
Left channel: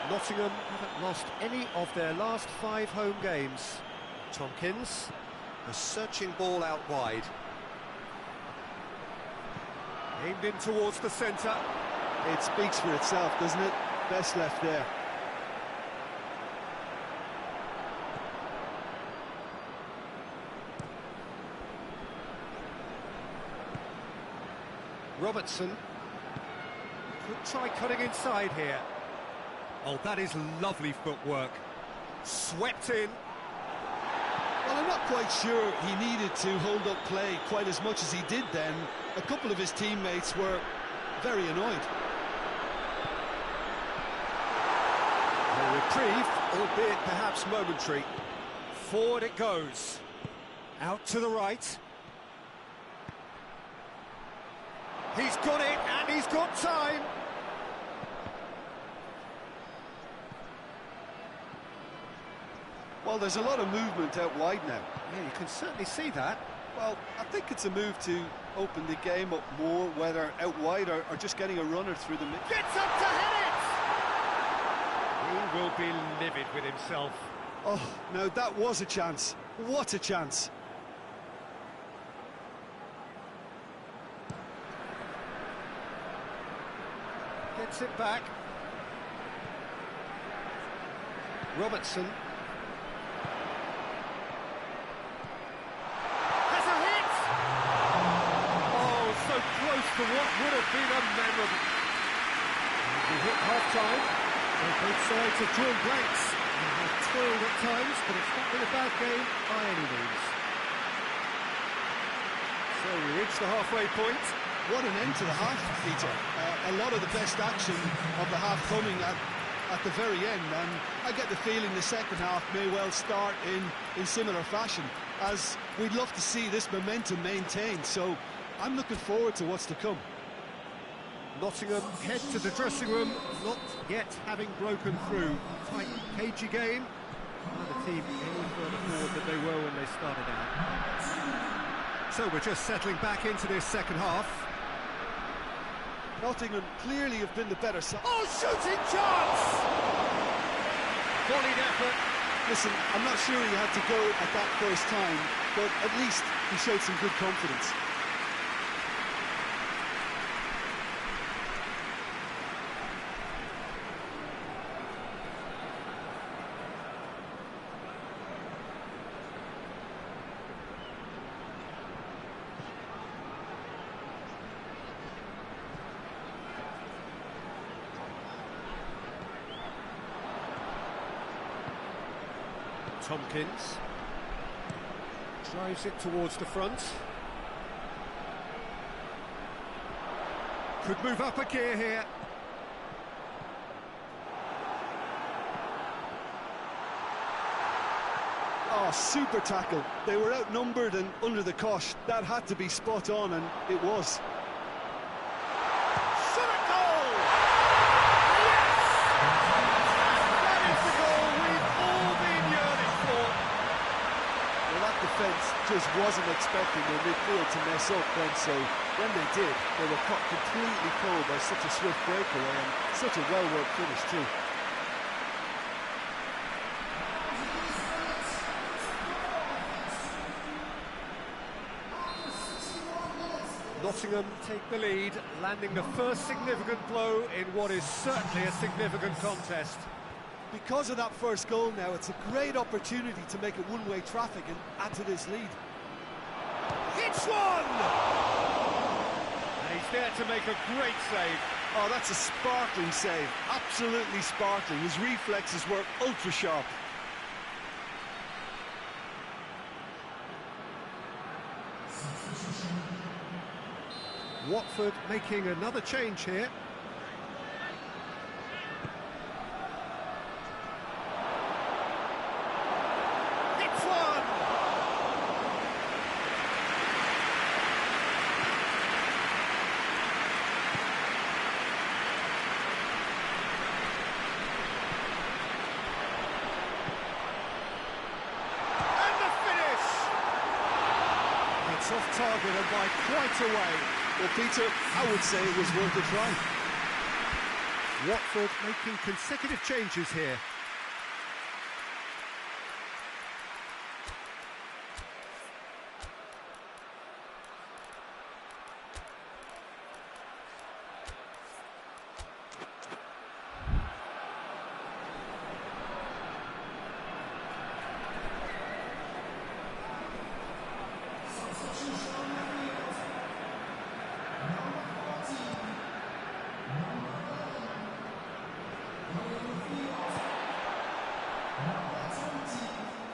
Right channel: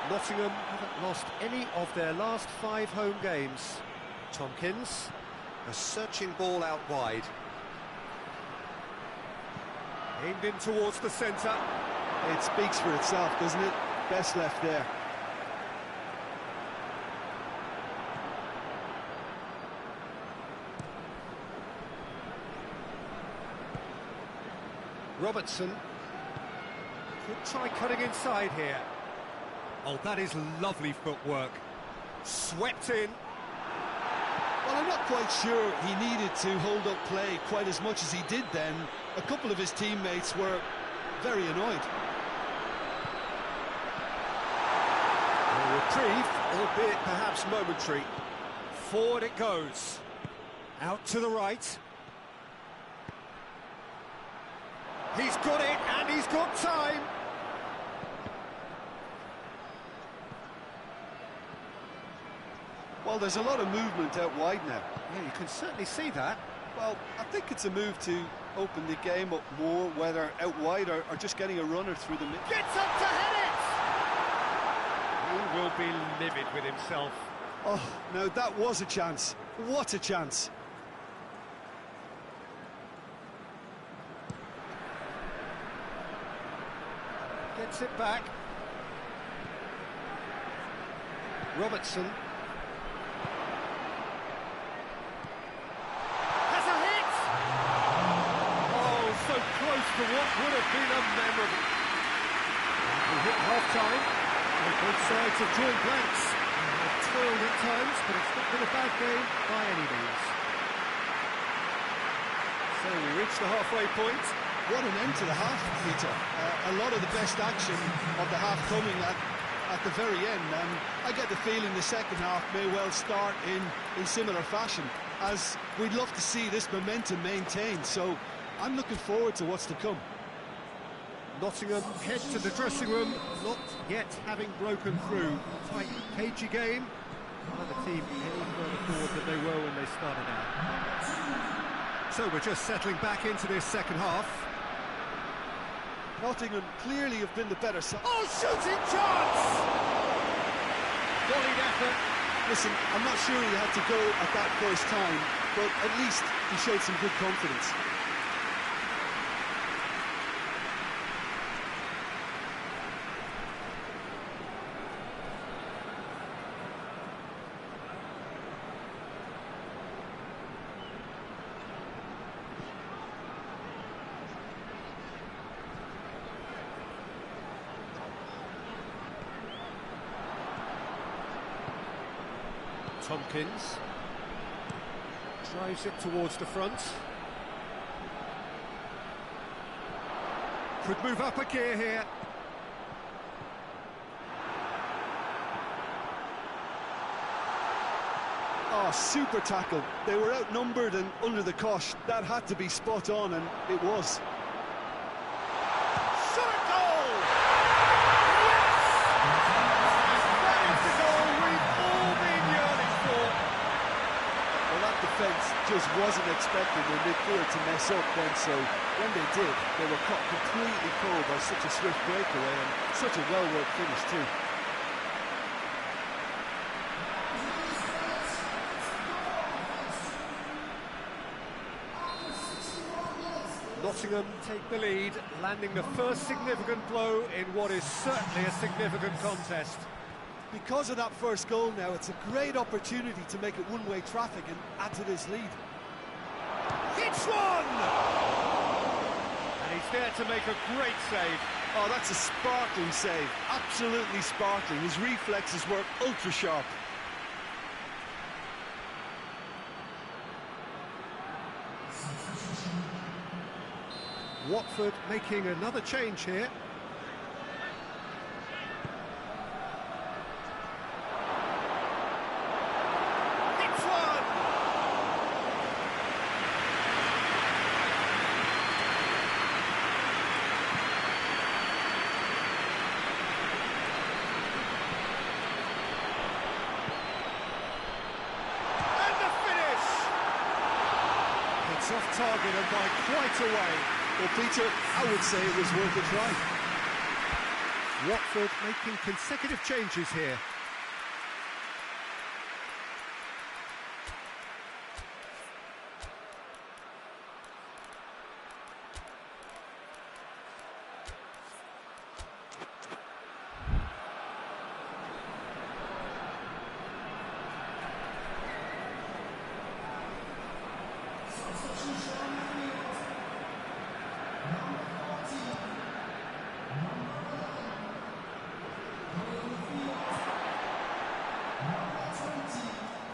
Nottingham haven't lost any of their last 5 home games. Tompkins, a searching ball out wide. Aimed in towards the centre. It speaks for itself, doesn't it? Best left there. Robertson could try cutting inside here. Oh, that is lovely footwork. Swept in. Well, I'm not quite sure he needed to hold up play quite as much as he did then. A couple of his teammates were very annoyed. A reprieve, albeit perhaps momentary. Forward it goes. Out to the right. He's got it, and he's got time. Well, there's a lot of movement out wide now. Yeah, you can certainly see that. Well, I think it's a move to open the game up more, whether out wide or just getting a runner through the middle. Gets up to head it! He will be livid with himself. Oh, now that was a chance. What a chance. Gets it back. Robertson. Has a hit! Oh, so close to what would have been a memorable. And we hit half-time. So both sides have drawn blanks. They have toiled at times, but it's not been a bad game by any means. So we reach the halfway point. What an end to the half, Peter. A lot of the best action of the half coming at the very end, and I get the feeling the second half may well start in similar fashion, as we'd love to see this momentum maintained, so I'm looking forward to what's to come. Nottingham head to the dressing room, not yet having broken through. Tight, cagey game. Neither team any further forward than they were when they started out. So we're just settling back into this second half. Nottingham clearly have been the better side. Oh, shooting chance! Volleyed effort. Listen, I'm not sure he had to go at that first time, but at least he showed some good confidence. Tompkins drives it towards the front. Could move up a gear here. Oh, super tackle. They were outnumbered and under the cosh. That had to be spot on, and it was. Shot a goal! Yes! And that is the goal we've all been yearning for. Well, that defence just wasn't expecting their midfield to mess up then, so when they did, they were caught completely cold by such a swift breakaway and such a well-worked finish too. Nottingham take the lead, landing the first significant blow in what is certainly a significant contest. Because of that first goal now, it's a great opportunity to make it one-way traffic and add to this lead. Hits one! And he's there to make a great save. Oh, that's a sparkling save. Absolutely sparkling. His reflexes were ultra-sharp. Watford making another change here. Hits one! And the finish! It's off target and by quite a way. Well, Peter, I would say it was worth a try. Watford making consecutive changes here.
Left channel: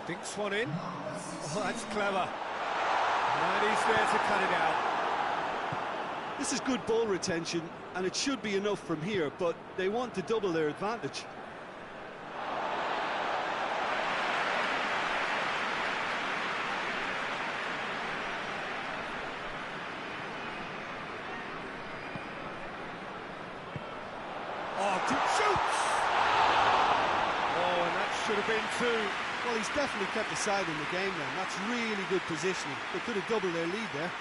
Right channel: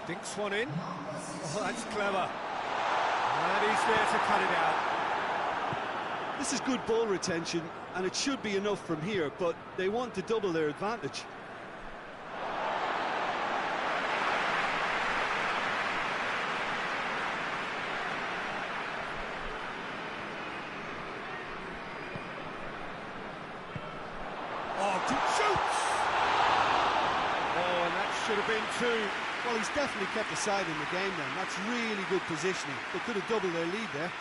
Dinks one in. Oh, that's clever. And he's there to cut it out. This is good ball retention, and it should be enough from here, but they want to double their advantage. Oh, shoots! Oh, and that should have been two. Well, he's definitely kept the side in the game then. That's really good positioning. They could have doubled their lead there.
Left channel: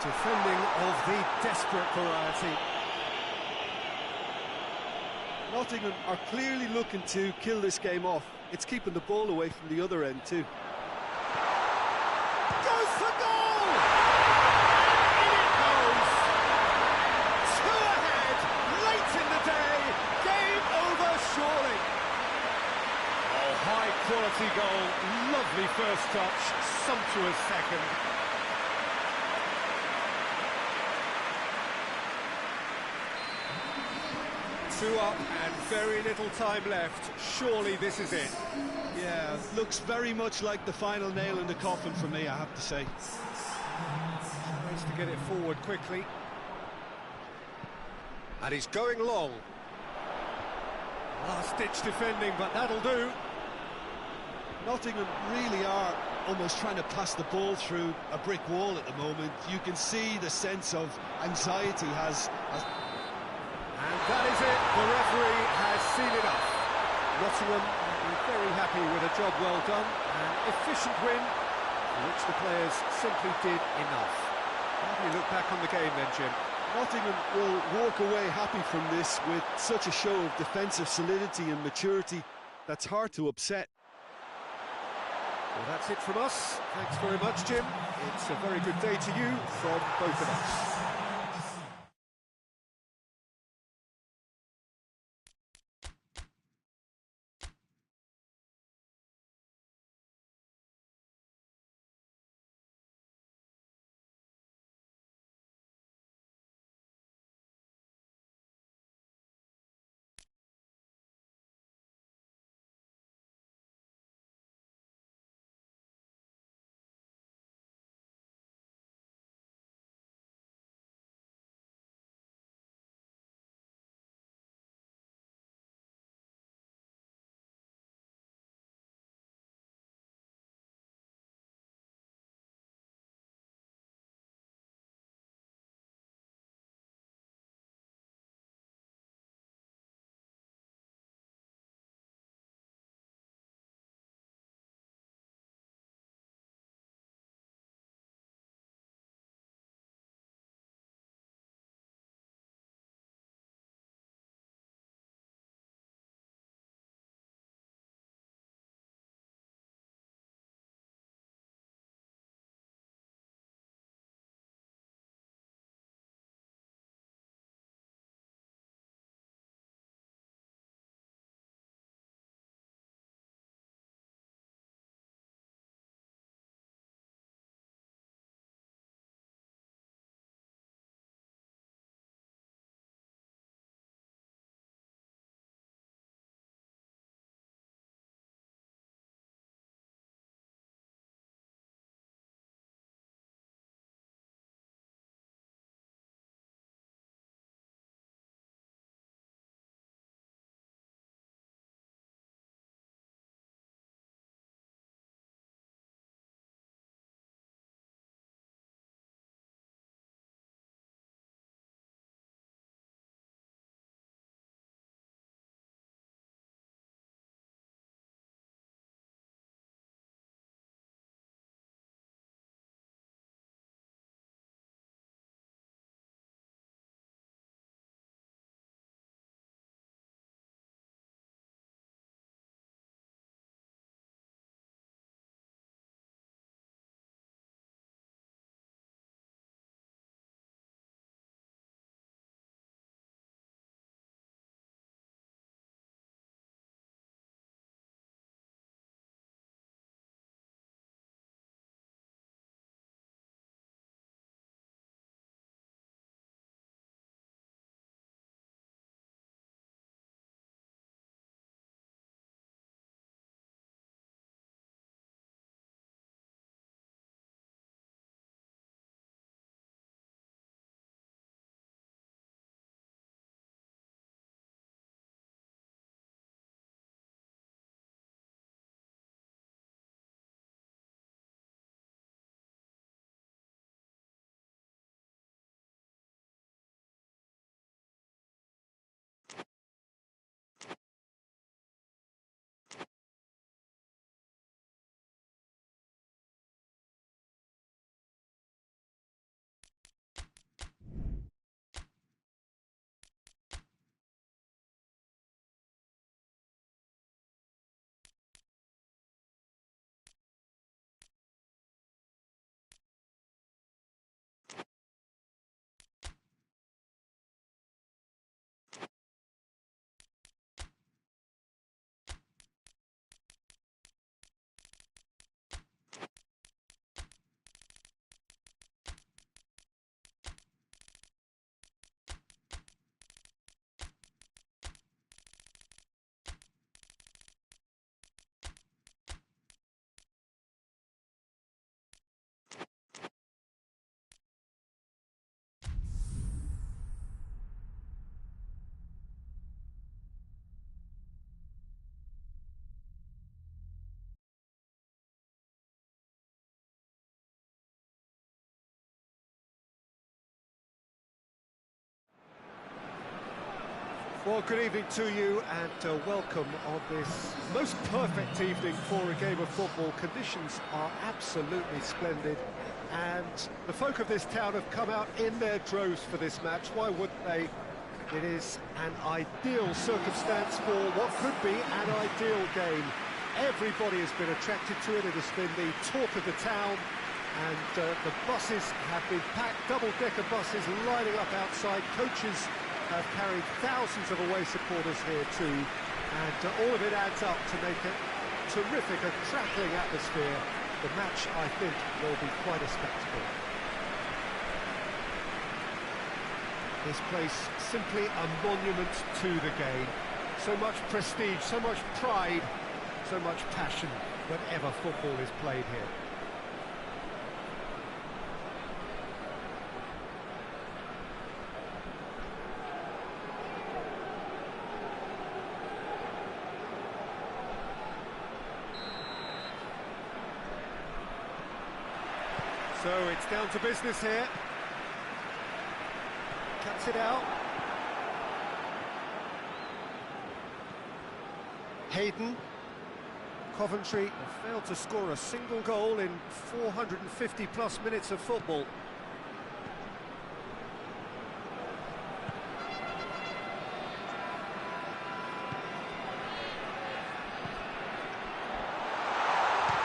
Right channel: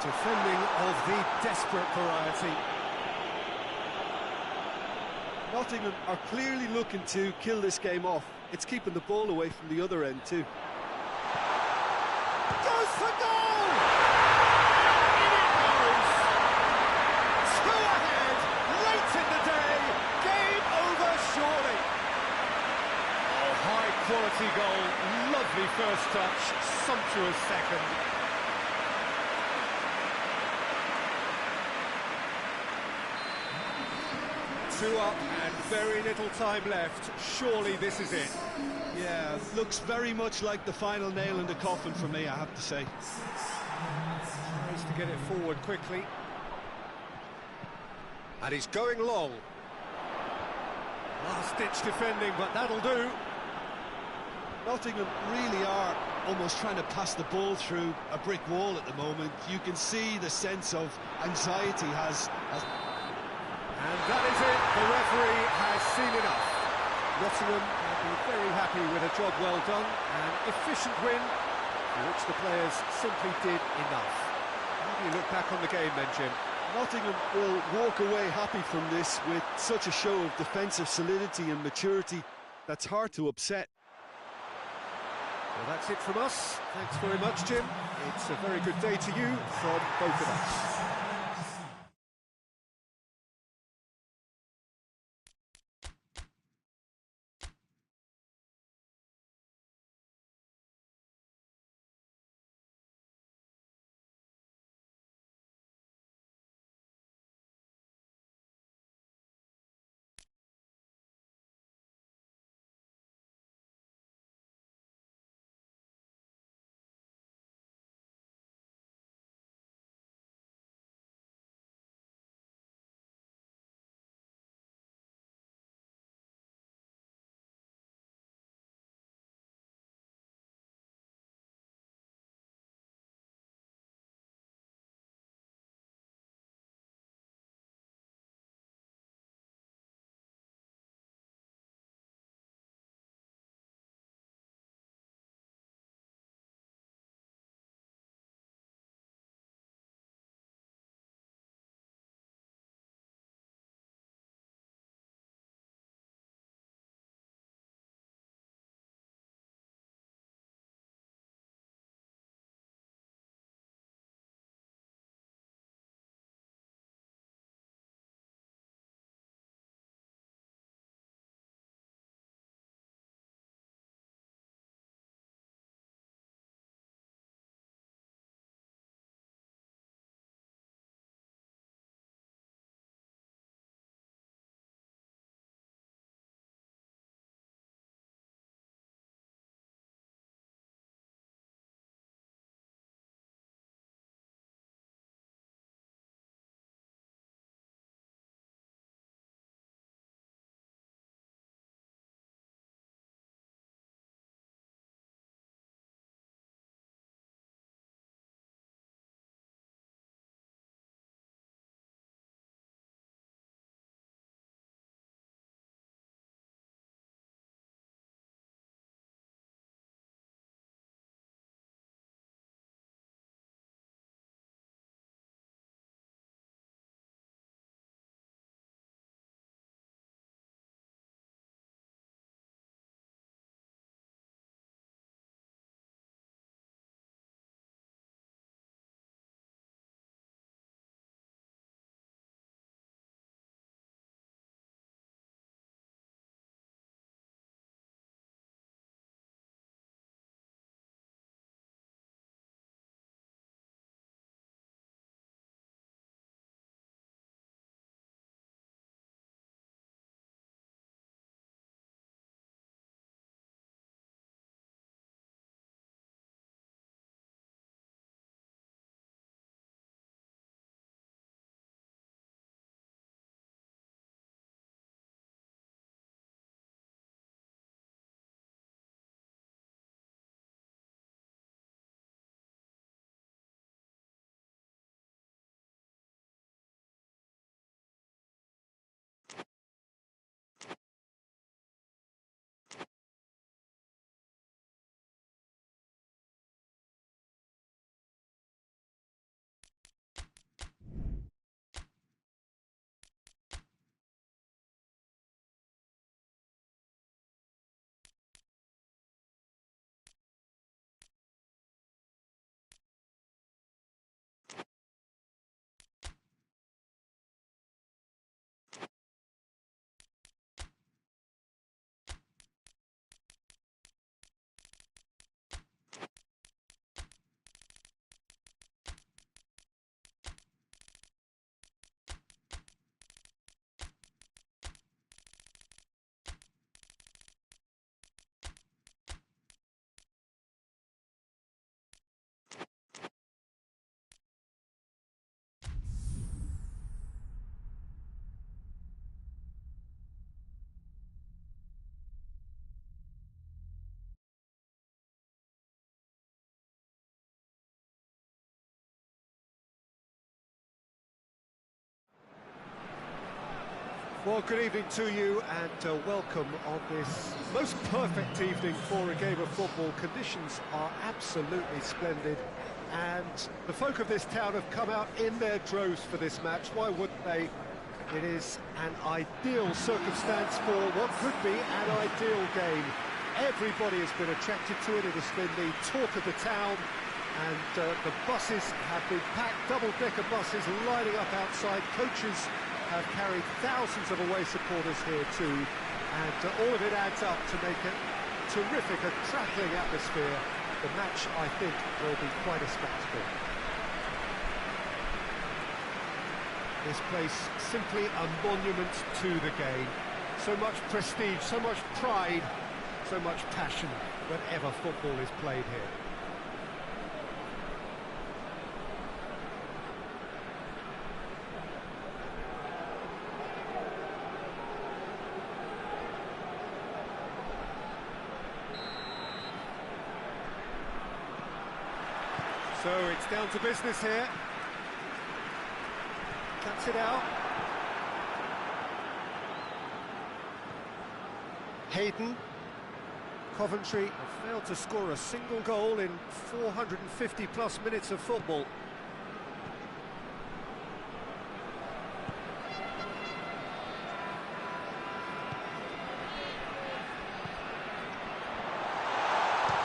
Defending of the desperate variety. Nottingham are clearly looking to kill this game off. It's keeping the ball away from the other end too. Goes for goal! And in it goes! Two ahead, late in the day, game over surely. Oh, high quality goal, lovely first touch, sumptuous second. Two up and very little time left. Surely this is it. Yeah, looks very much like the final nail in the coffin for me, I have to say. Tries to get it forward quickly. And he's going long. Last-ditch defending, but that'll do. Nottingham really are almost trying to pass the ball through a brick wall at the moment. You can see the sense of anxiety has... And that is it. The referee has seen enough. Nottingham will be very happy with a job well done. An efficient win, for which the players simply did enough. How do you look back on the game then, Jim? Nottingham will walk away happy from this with such a show of defensive solidity and maturity that's hard to upset. Well, that's it from us. Thanks very much, Jim. It's a very good day to you from both of us. Well, good evening to you and welcome on this most perfect evening for a game of football. Conditions are absolutely splendid and the folk of this town have come out in their droves for this match. Why wouldn't they? It is an ideal circumstance for what could be an ideal game. Everybody has been attracted to it. It has been the talk of the town, and the buses have been packed, double-decker buses lining up outside. Coaches have carried thousands of away supporters here too, and all of it adds up to make a terrific, a crackling atmosphere. The match, I think, will be quite a spectacle. This place simply a monument to the game. So much prestige, so much pride, so much passion whenever football is played here. So it's down to business here. Cuts it out. Hayden. Coventry have failed to score a single goal in 450 plus minutes of football.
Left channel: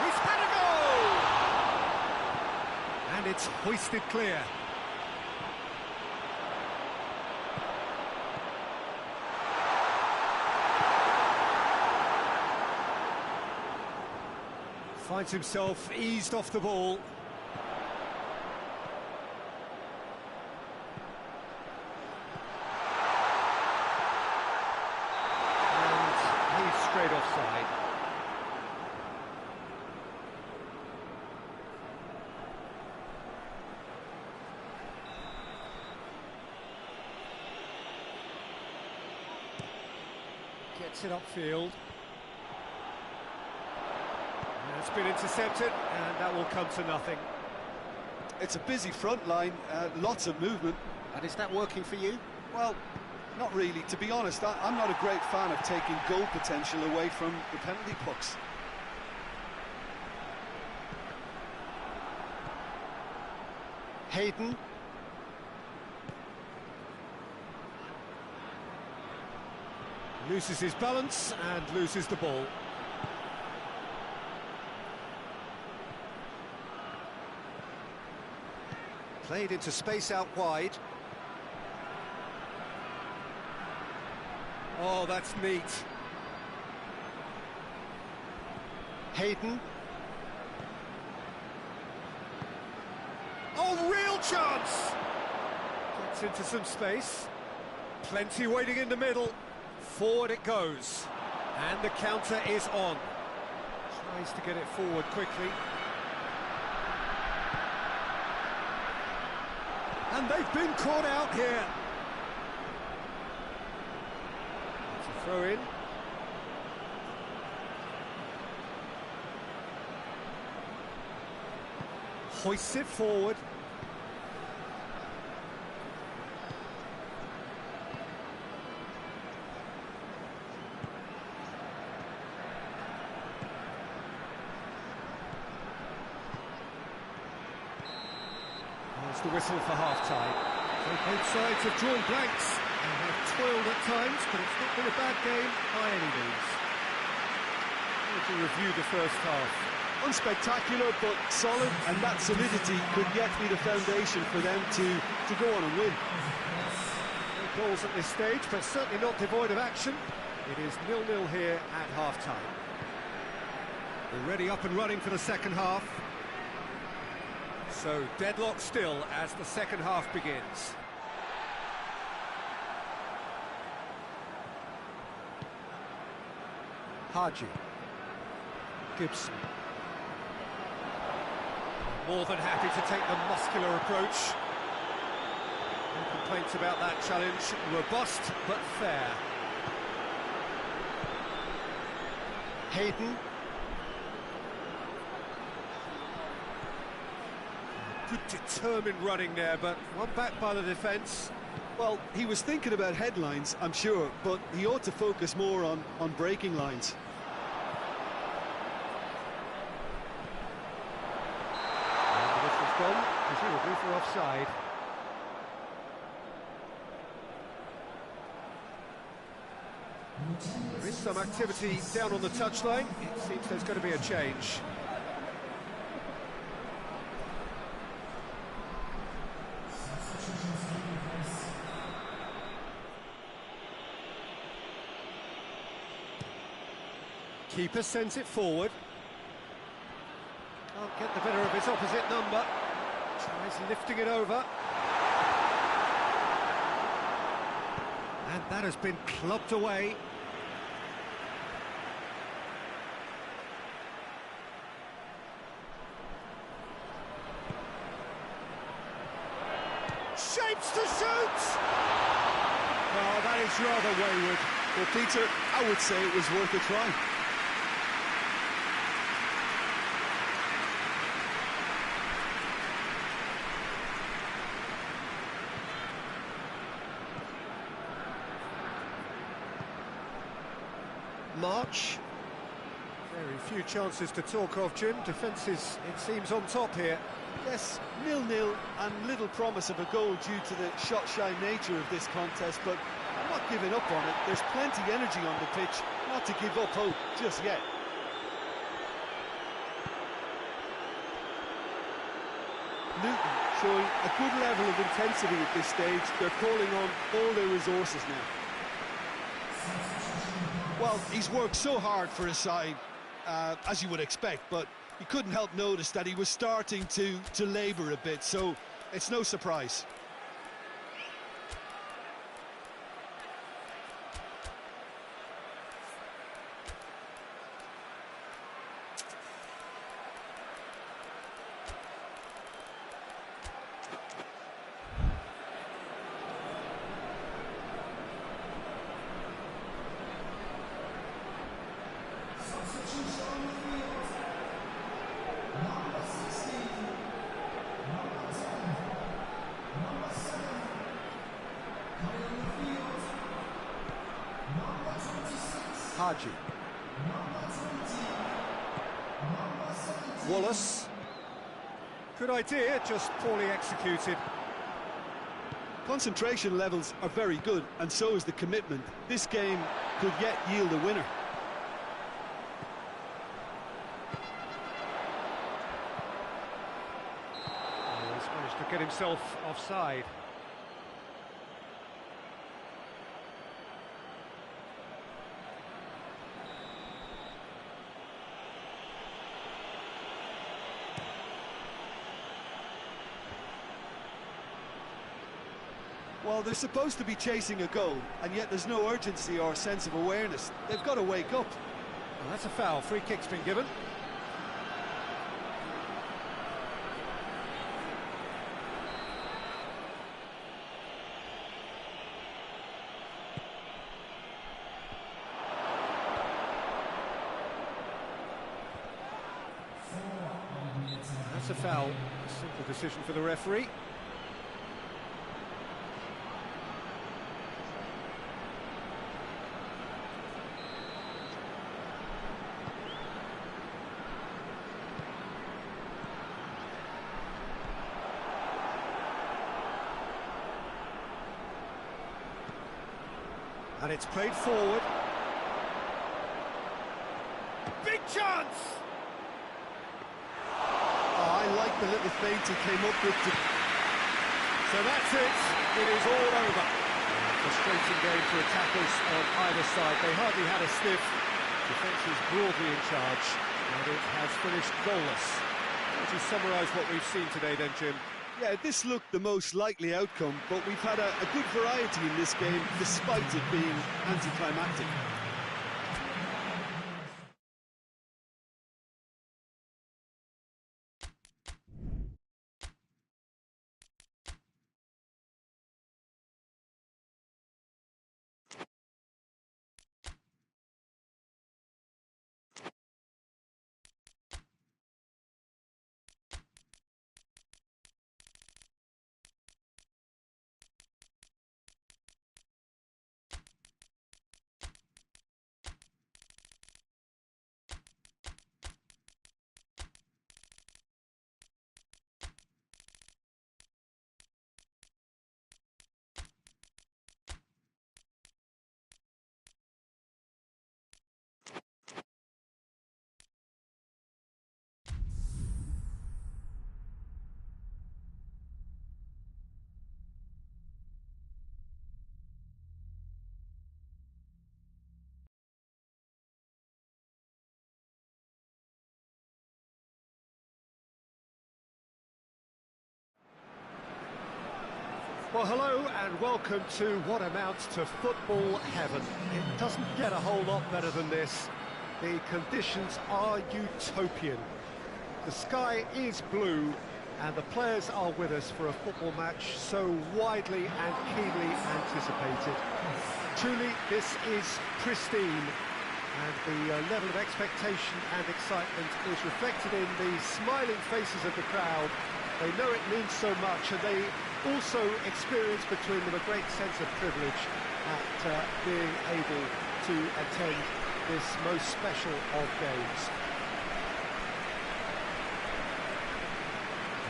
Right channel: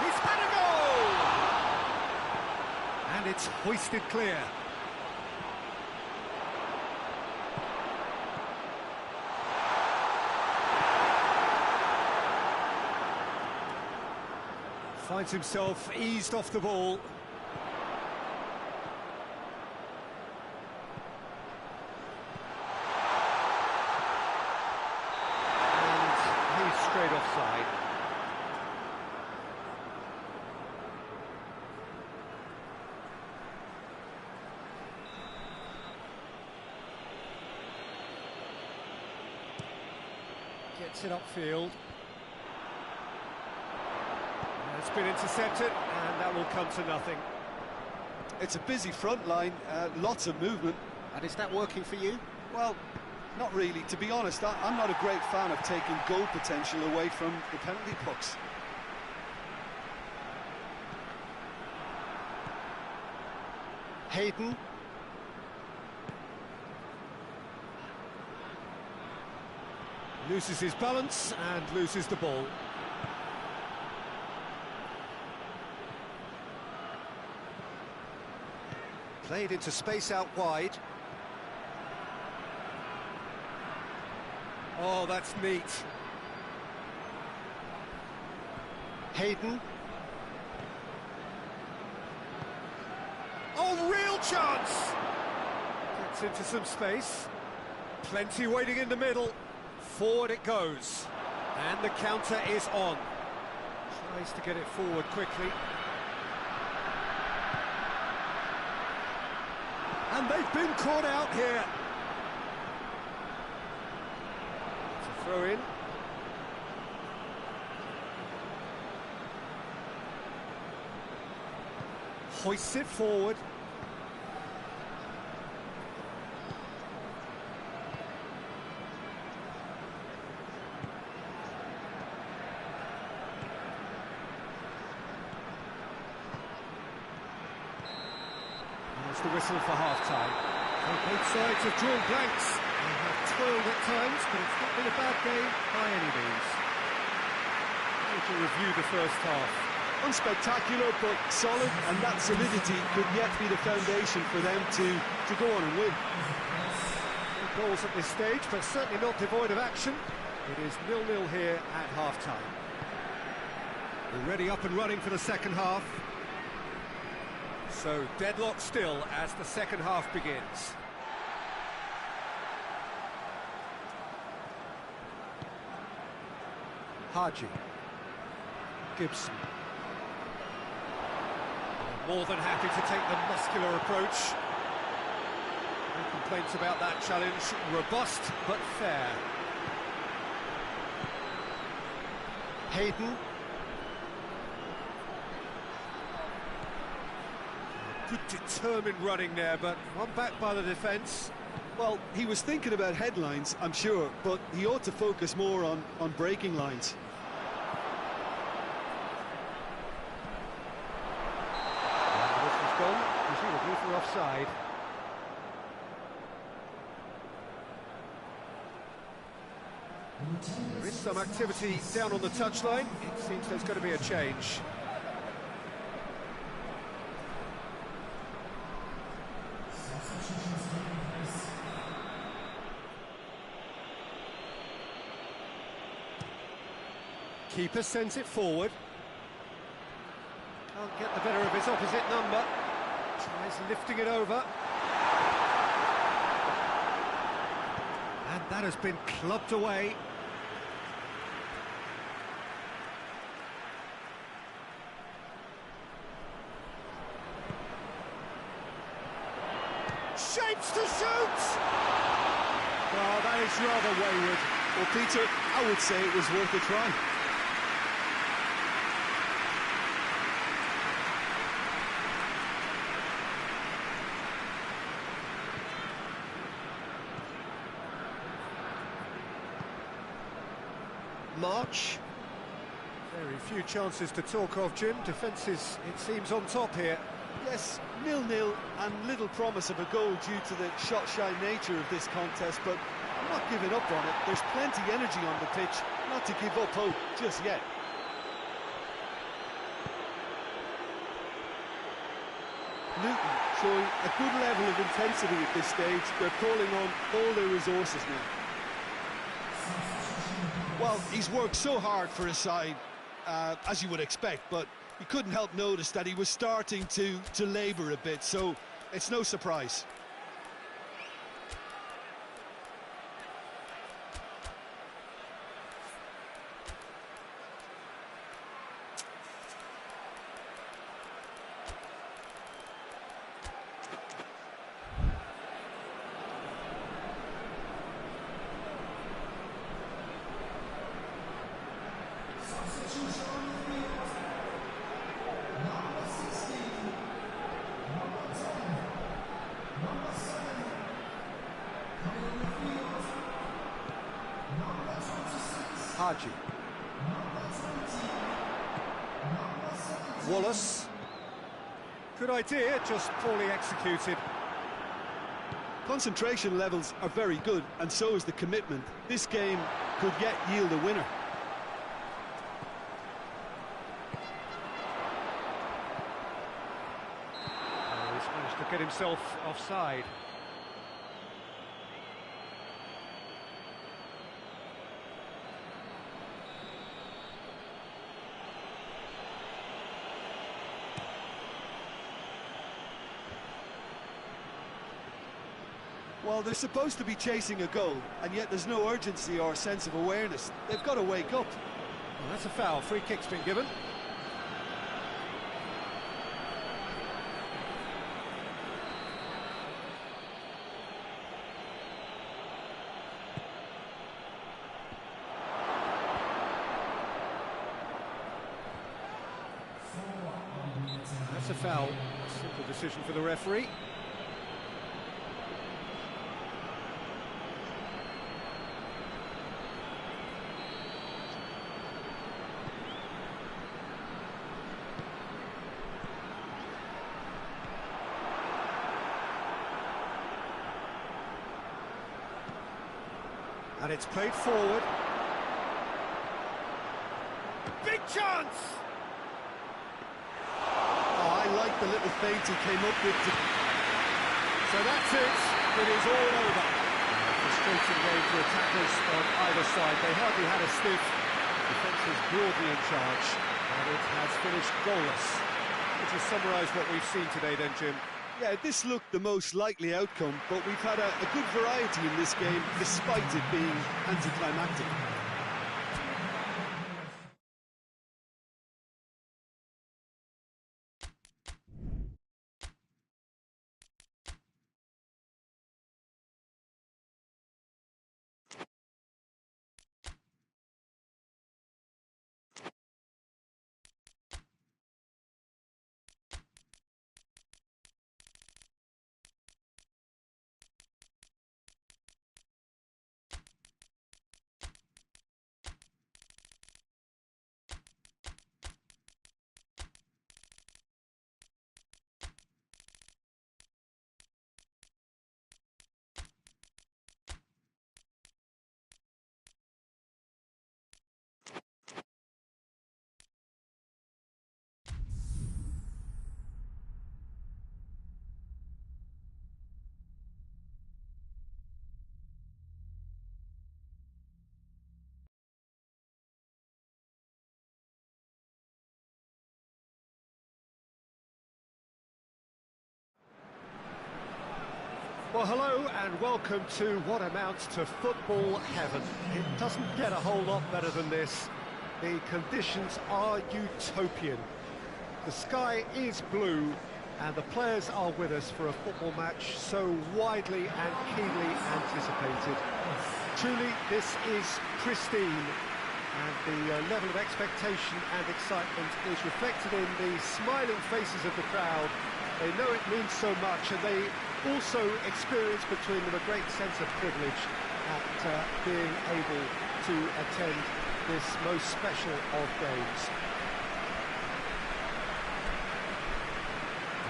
He's had a goal! And it's hoisted clear. Finds himself eased off the ball. And he's straight offside. Gets it upfield. It's been intercepted, and that will come to nothing. It's a busy front line, lots of movement. And is that working for you? Well, not really. To be honest, I'm not a great fan of taking goal potential away from the penalty box. Hayden. Loses his balance and loses the ball. Played into space out wide. Oh, that's neat. Hayden. Oh, real chance! Gets into some space. Plenty waiting in the middle. Forward it goes. And the counter is on. Tries to get it forward quickly. And they've been caught out here. It's a throw in. Hoists it forward. There's the whistle for half-time. So both sides have drawn blanks and have toiled at times, but it's not been a bad game by any means. To review the first half. Unspectacular, but solid, and that solidity could yet be the foundation for them to go on and win. No goals at this stage, but certainly not devoid of action. It is 0-0 here at half-time. Already up and running for the second half. So deadlock still as the second half begins. Haji. Gibson. More than happy to take the muscular approach. No complaints about that challenge. Robust but fair. Hayden. Good determined running there, but one back by the defence. Well, he was thinking about headlines, I'm sure, but he ought to focus more on breaking lines. And the whistle's gone, presumably for offside. There is some activity down on the touchline. It seems there's going to be a change. Keeper sends it forward. Can't get the better of his opposite number. Tries lifting it over. And that has been clubbed away. Shapes to shoot! Oh, that is rather wayward. Well, Peter, I would say it was worth a try. March. Very few chances to talk of, Jim. Defence is, it seems, on top here. Yes, 0-0 and little promise of a goal due to the shot-shy nature of this contest, but I'm not giving up on it. There's plenty energy on the pitch, not to give up hope just yet. Luton showing a good level of intensity at this stage. They're calling on all their resources now. Well, he's worked so hard for his side, as you would expect, but you couldn't help notice that he was starting to labour a bit, so it's no surprise. Haji. Wallace. Good idea, just poorly executed. Concentration levels are very good, and so is the commitment. This game could yet yield a winner. Oh, he's managed to get himself offside. Well, they're supposed to be chasing a goal, and yet there's no urgency or sense of awareness. They've got to wake up. Well, that's a foul. Free kick's been given. That's a foul. Simple decision for the referee. And it's played forward. Big chance! Oh, I like the little feint he came up with. So that's it. It is all over. A frustrating game for attackers on either side. They hardly had a sniff. Defence is broadly in charge, and it has finished goalless. Would you summarise what we've seen today then, Jim? Yeah, this looked the most likely outcome, but we've had a good variety in this game, despite it being anticlimactic. Well, hello and welcome to what amounts to football heaven. It doesn't get a whole lot better than this. The conditions are utopian. The sky is blue and the players are with us for a football match so widely and keenly anticipated. Truly, this is pristine, and the level of expectation and excitement is reflected in the smiling faces of the crowd. They know it means so much, and they also experience between them a great sense of privilege at being able to attend this most special of games.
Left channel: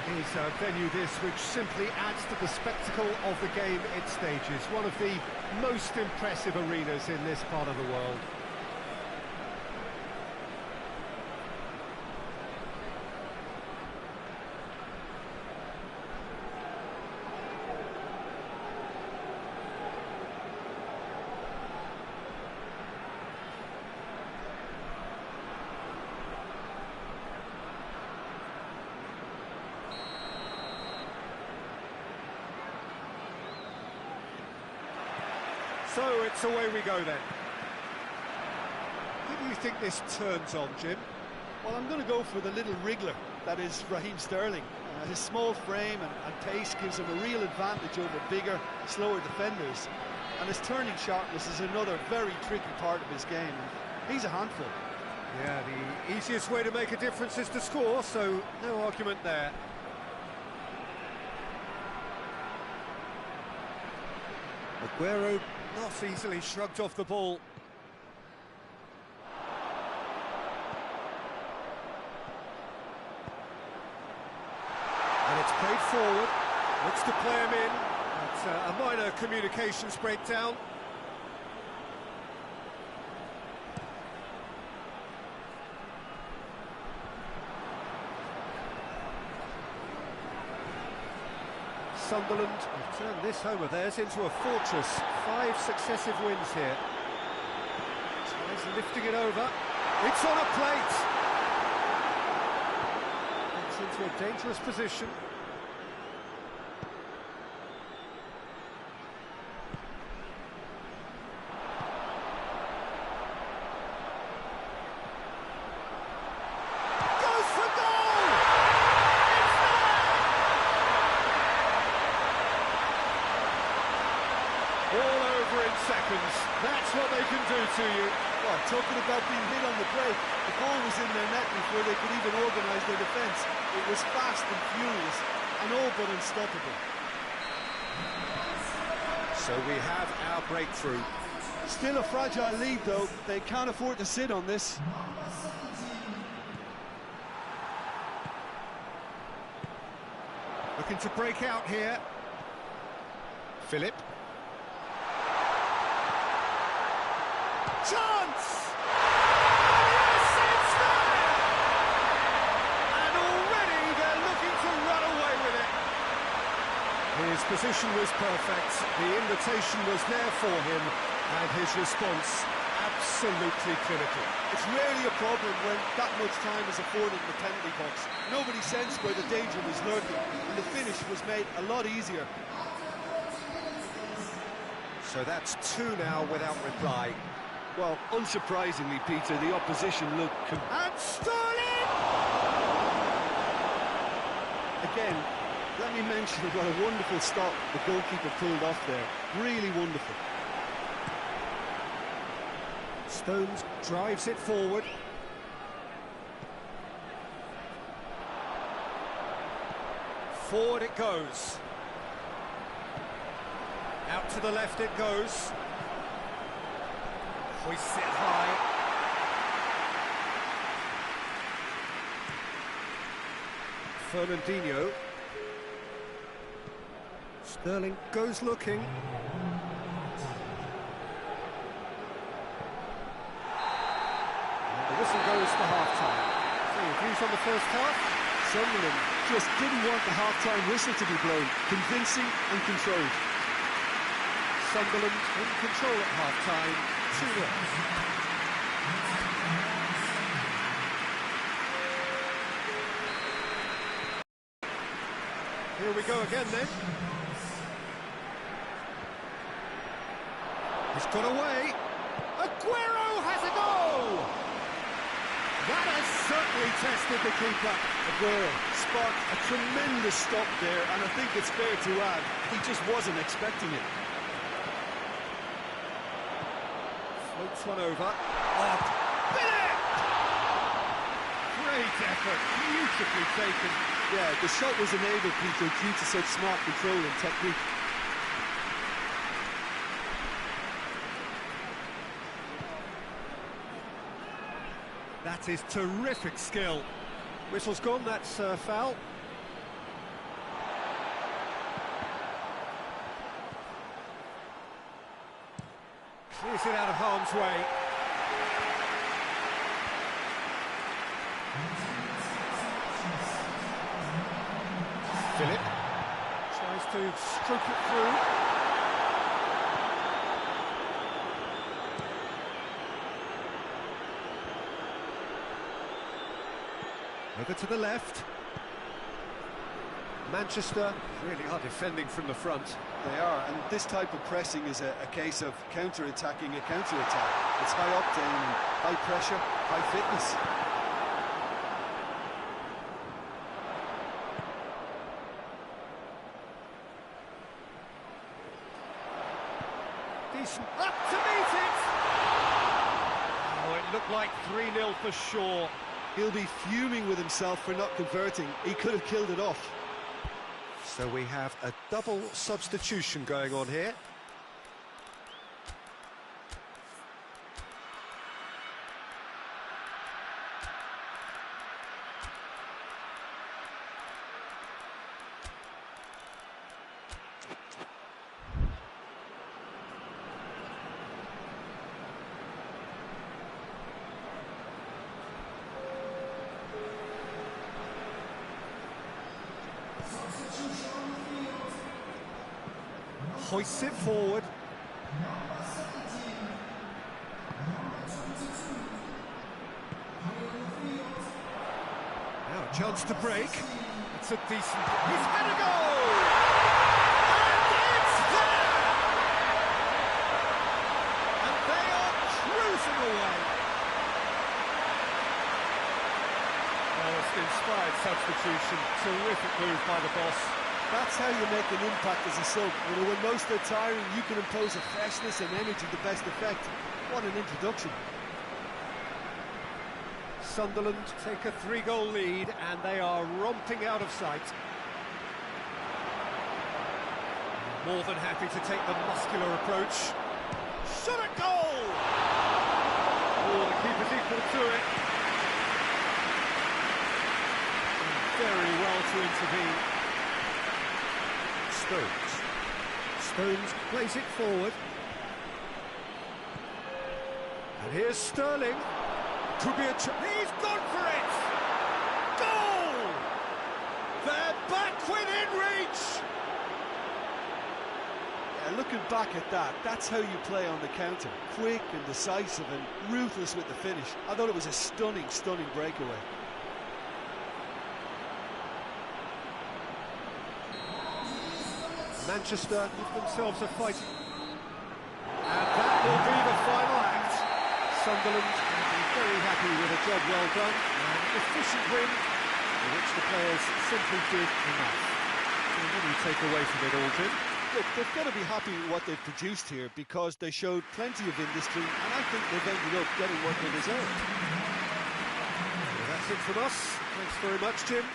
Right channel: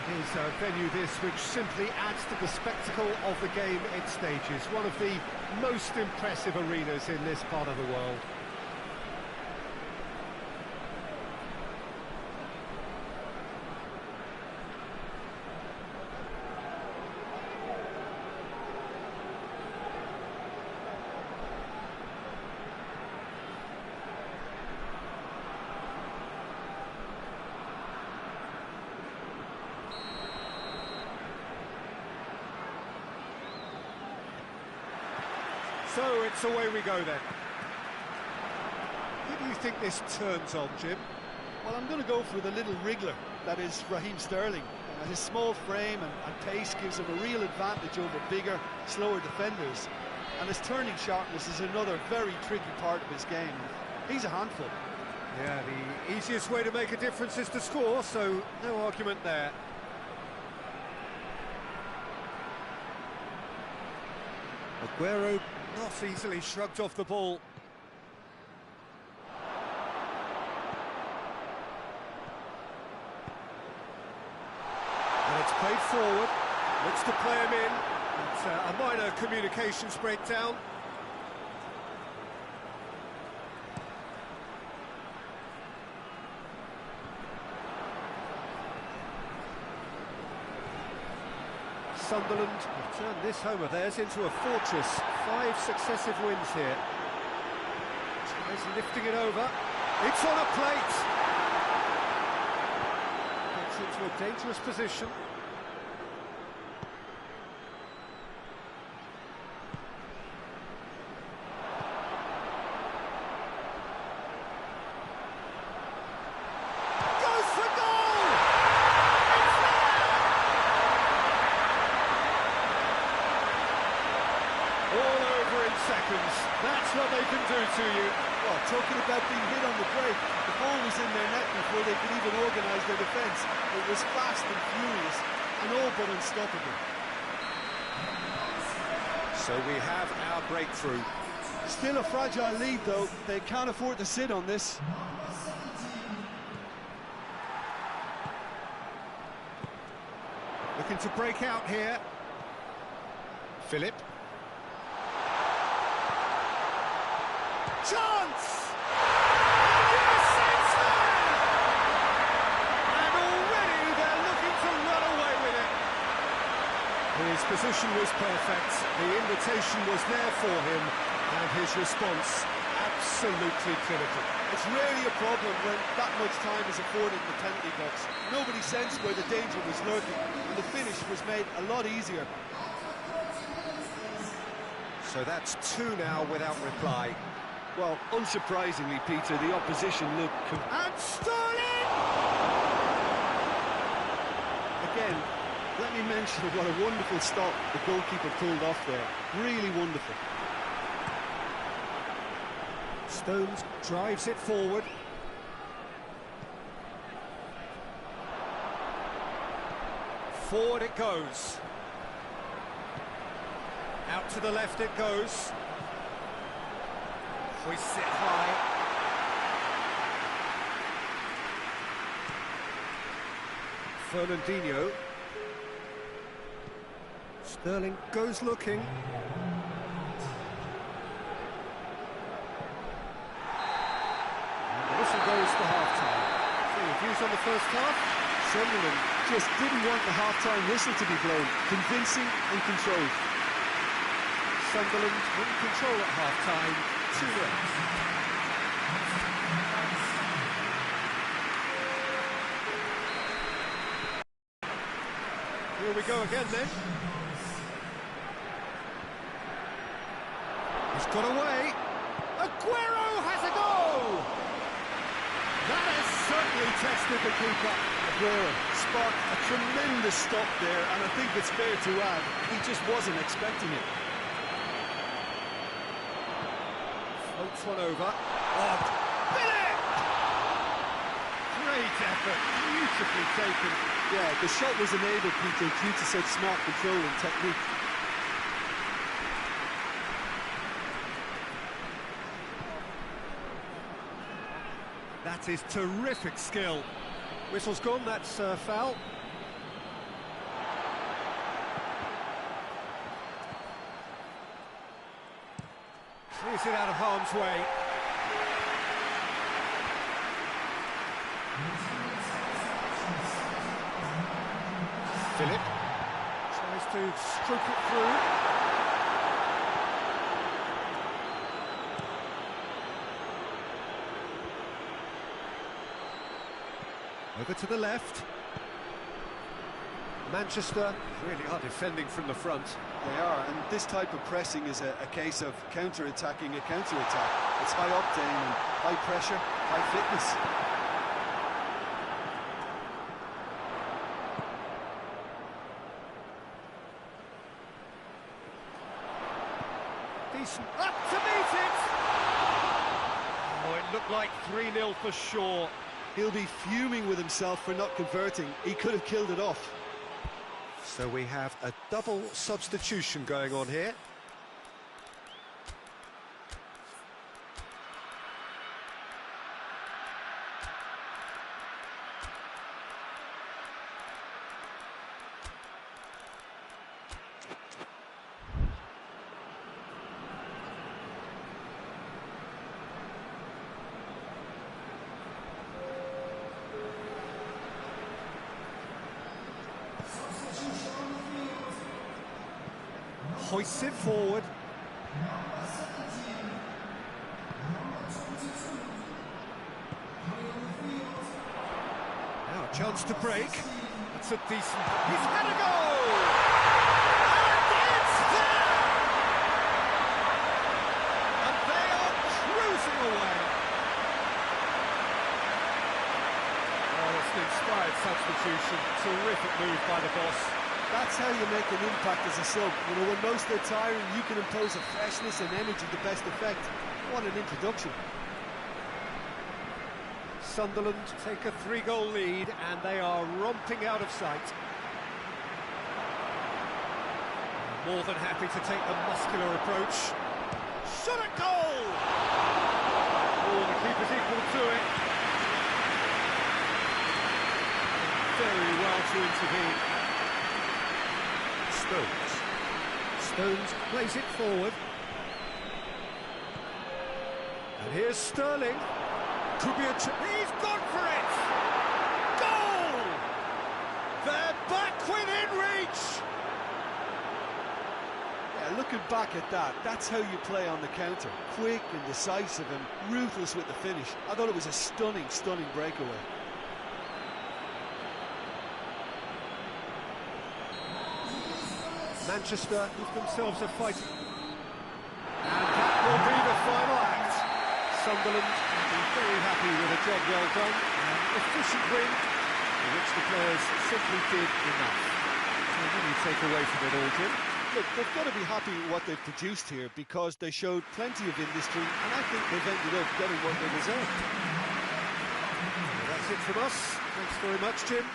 It is a venue this which simply adds to the spectacle of the game it stages, one of the most impressive arenas in this part of the world. So it's away we go then. Who do you think this turns on, Jim? Well, I'm going to go for the little wriggler that is Raheem Sterling. His small frame and pace gives him a real advantage over bigger, slower defenders. And his turning sharpness is another very tricky part of his game. And he's a handful. Yeah, the easiest way to make a difference is to score, so no argument there. Aguero not easily shrugged off the ball. And it's played forward, looks to play him in. That's a minor communications breakdown. Sunderland have turned this home of theirs into a fortress. 5 successive wins here. Tries lifting it over. It's on a plate. Gets into a dangerous position. Goes for goal! It's there! All over in seconds. That's what they can do to you. Well, talking about being hit on the break, the ball was in their net before they could even organise their defence. It was fast and furious, and all but unstoppable. So we have our breakthrough. Still a fragile lead, though. They can't afford to sit on this. Looking to break out here. Philip. Chance! And yes, it's there! And already they're looking to run away with it. His position was perfect, the invitation was there for him, and his response absolutely clinical. It's rarely a problem when that much time is afforded in the penalty box. Nobody sensed where the danger was lurking, and the finish was made a lot easier. So that's 2 now without reply. Well, unsurprisingly, Peter, the opposition looked... And Sterling! Again, let me mention what a wonderful stop the goalkeeper pulled off there. Really wonderful. Stones drives it forward. Forward it goes. Out to the left it goes. Hoists it high. Fernandinho. Sterling goes looking. And the whistle goes for half-time. So your views on the first half? Sunderland just didn't want the half-time whistle to be blown. Convincing and controlled. Sunderland in control at half-time, 2-0. Here we go again then. He's got away. Aguero has a go! That has certainly tested the keeper. Aguero sparked a tremendous stop there, and I think it's fair to add, he just wasn't expecting it. Floats one over. Oh, Billy! Great effort, beautifully taken. Yeah, the shot was enabled, Peter, due to such smart control and technique. That is terrific skill. Whistle's gone, that's foul. Clears it out of harm's way. Philip tries to stroke it through. Over to the left. Manchester really are defending from the front. They are, and this type of pressing is a case of counter-attacking a counter-attack. It's high octane and high pressure, high fitness. Decent up to meet it! Oh, it looked like 3-0 for sure. He'll be fuming with himself for not converting. He could have killed it off. So we have a double substitution going on here. Hoists it forward. Now a chance to break. That's a decent... He's had a go! And it's there! And they are cruising away. Oh, it's an inspired substitution. Terrific move by the boss. That's how you make an impact as a sub. You know, when most are tiring, you can impose a freshness and energy to best effect. What an introduction. Sunderland take a 3-goal lead and they are romping out of sight. More than happy to take the muscular approach. Shot at goal! Oh, the keeper's equal to it. And very well to intervene. Stones plays it forward. And here's Sterling. Could be a he's gone for it! Goal! They're back within reach! Yeah, looking back at that, that's how you play on the counter. Quick and decisive and ruthless with the finish. I thought it was a stunning, stunning breakaway. Manchester give themselves a fight. And that will be the final act. Sunderland will be very happy with a job well done. An efficient win, for which the players simply did enough. So what do you take away from it all, Jim? Look, they've got to be happy with what they've produced here because they showed plenty of industry and I think they've ended up getting what they deserved. Well, that's it from us. Thanks very much, Jim.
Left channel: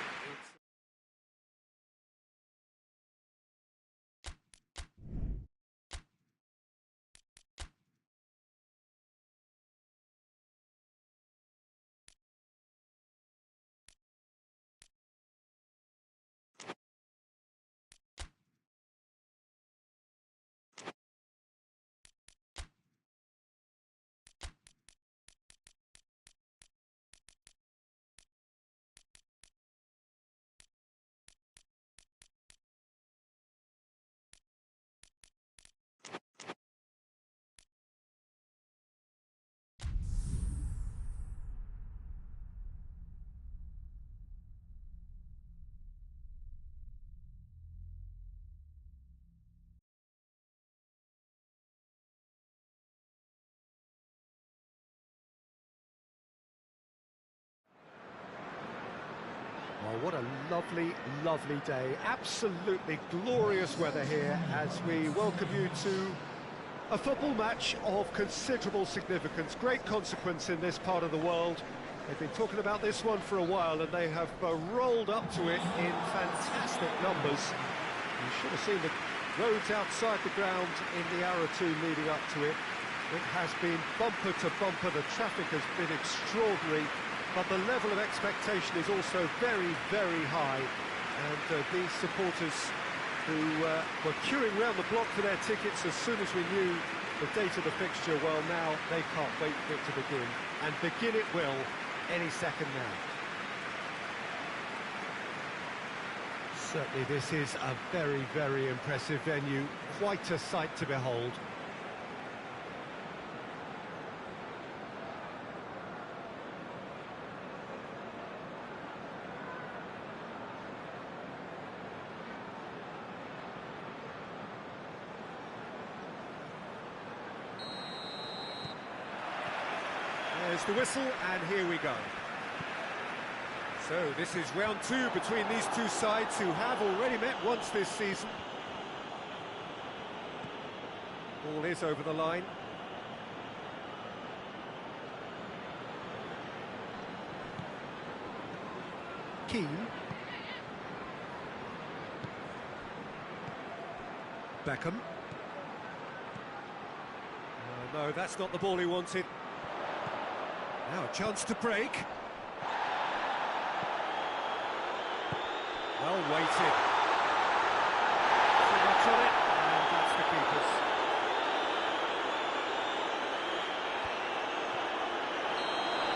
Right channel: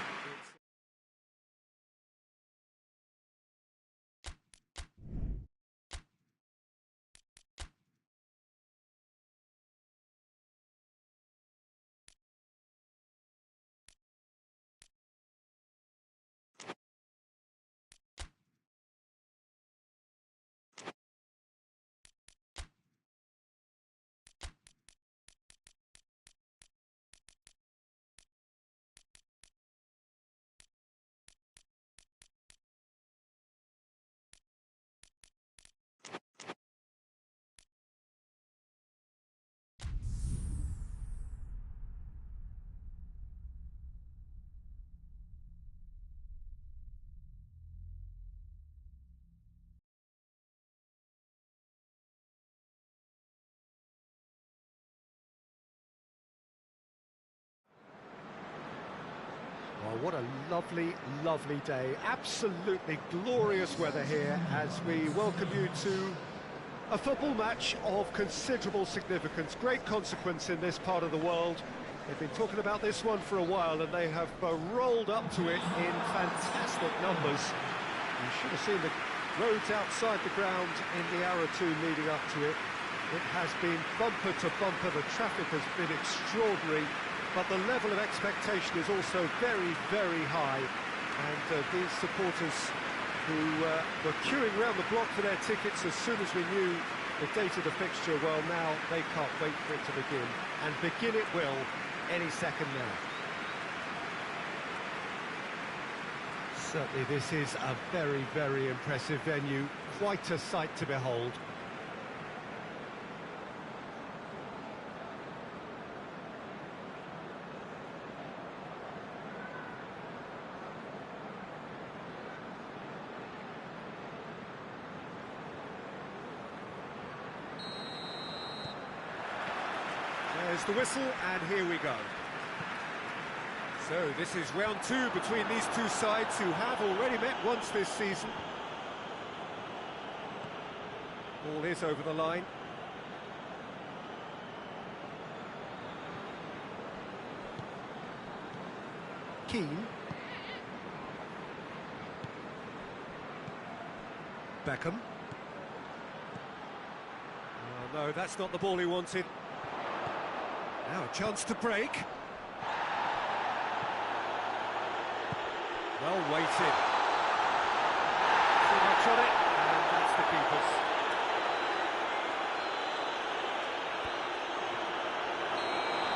Oh, what a lovely, lovely day. Absolutely glorious weather here as we welcome you to a football match of considerable significance, great consequence in this part of the world. They've been talking about this one for a while and they have rolled up to it in fantastic numbers. You should have seen the roads outside the ground in the hour or two leading up to it. It has been bumper to bumper, the traffic has been extraordinary, but the level of expectation is also very, very high. And these supporters who were queuing round the block for their tickets as soon as we knew the date of the fixture, well, now they can't wait for it to begin. And begin it will any second now. Certainly this is a very, very impressive venue, quite a sight to behold. There's the whistle, and here we go. So this is round two between these two sides who have already met once this season. Ball is over the line. Keane. Beckham. Oh, no, that's not the ball he wanted. Now a chance to break. Well weighted. Too much on it, and that's the keeper's.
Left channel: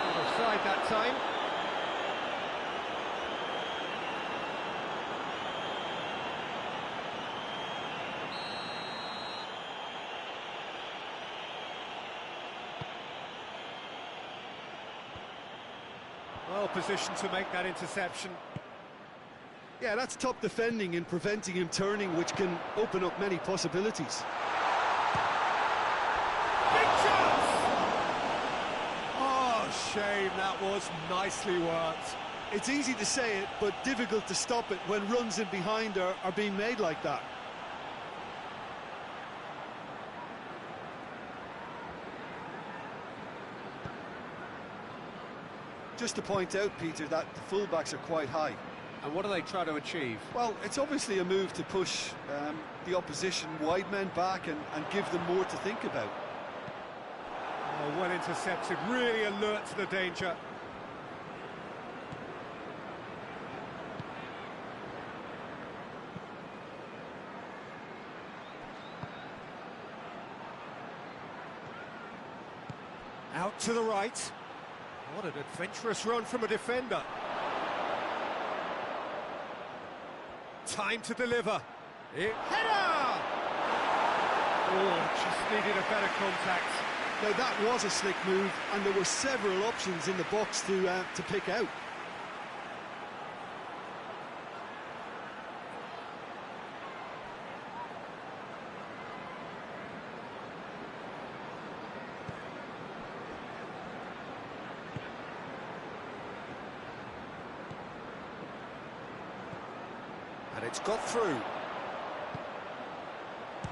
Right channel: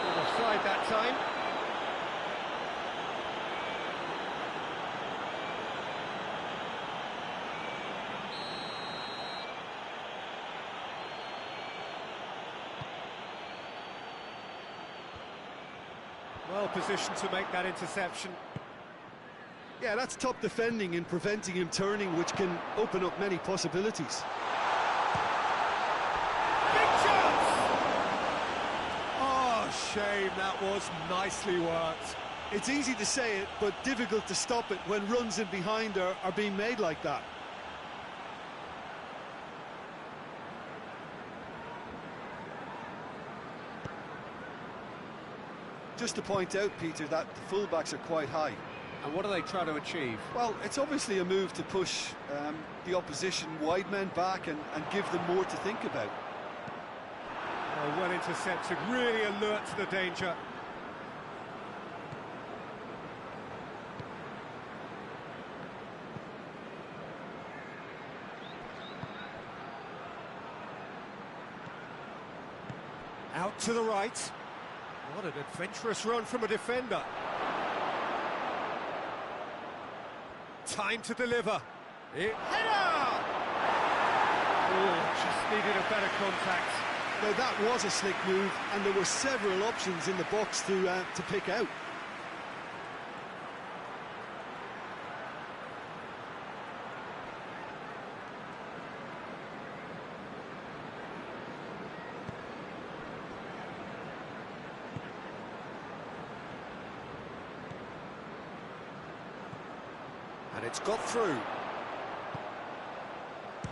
Not offside that time. Well positioned to make that interception. Yeah, that's top defending and preventing him turning, which can open up many possibilities. Big chance! Oh, shame, that was nicely worked. It's easy to say it, but difficult to stop it when runs in behind are being made like that. Just to point out, Peter, that the fullbacks are quite high. And what do they try to achieve? Well, it's obviously a move to push the opposition wide men back and give them more to think about. Oh, well intercepted, really alert to the danger. Out to the right. What an adventurous run from a defender. Time to deliver. Header! Oh, just needed a better contact. Now that was a slick move, and there were several options in the box to pick out. And it's got through.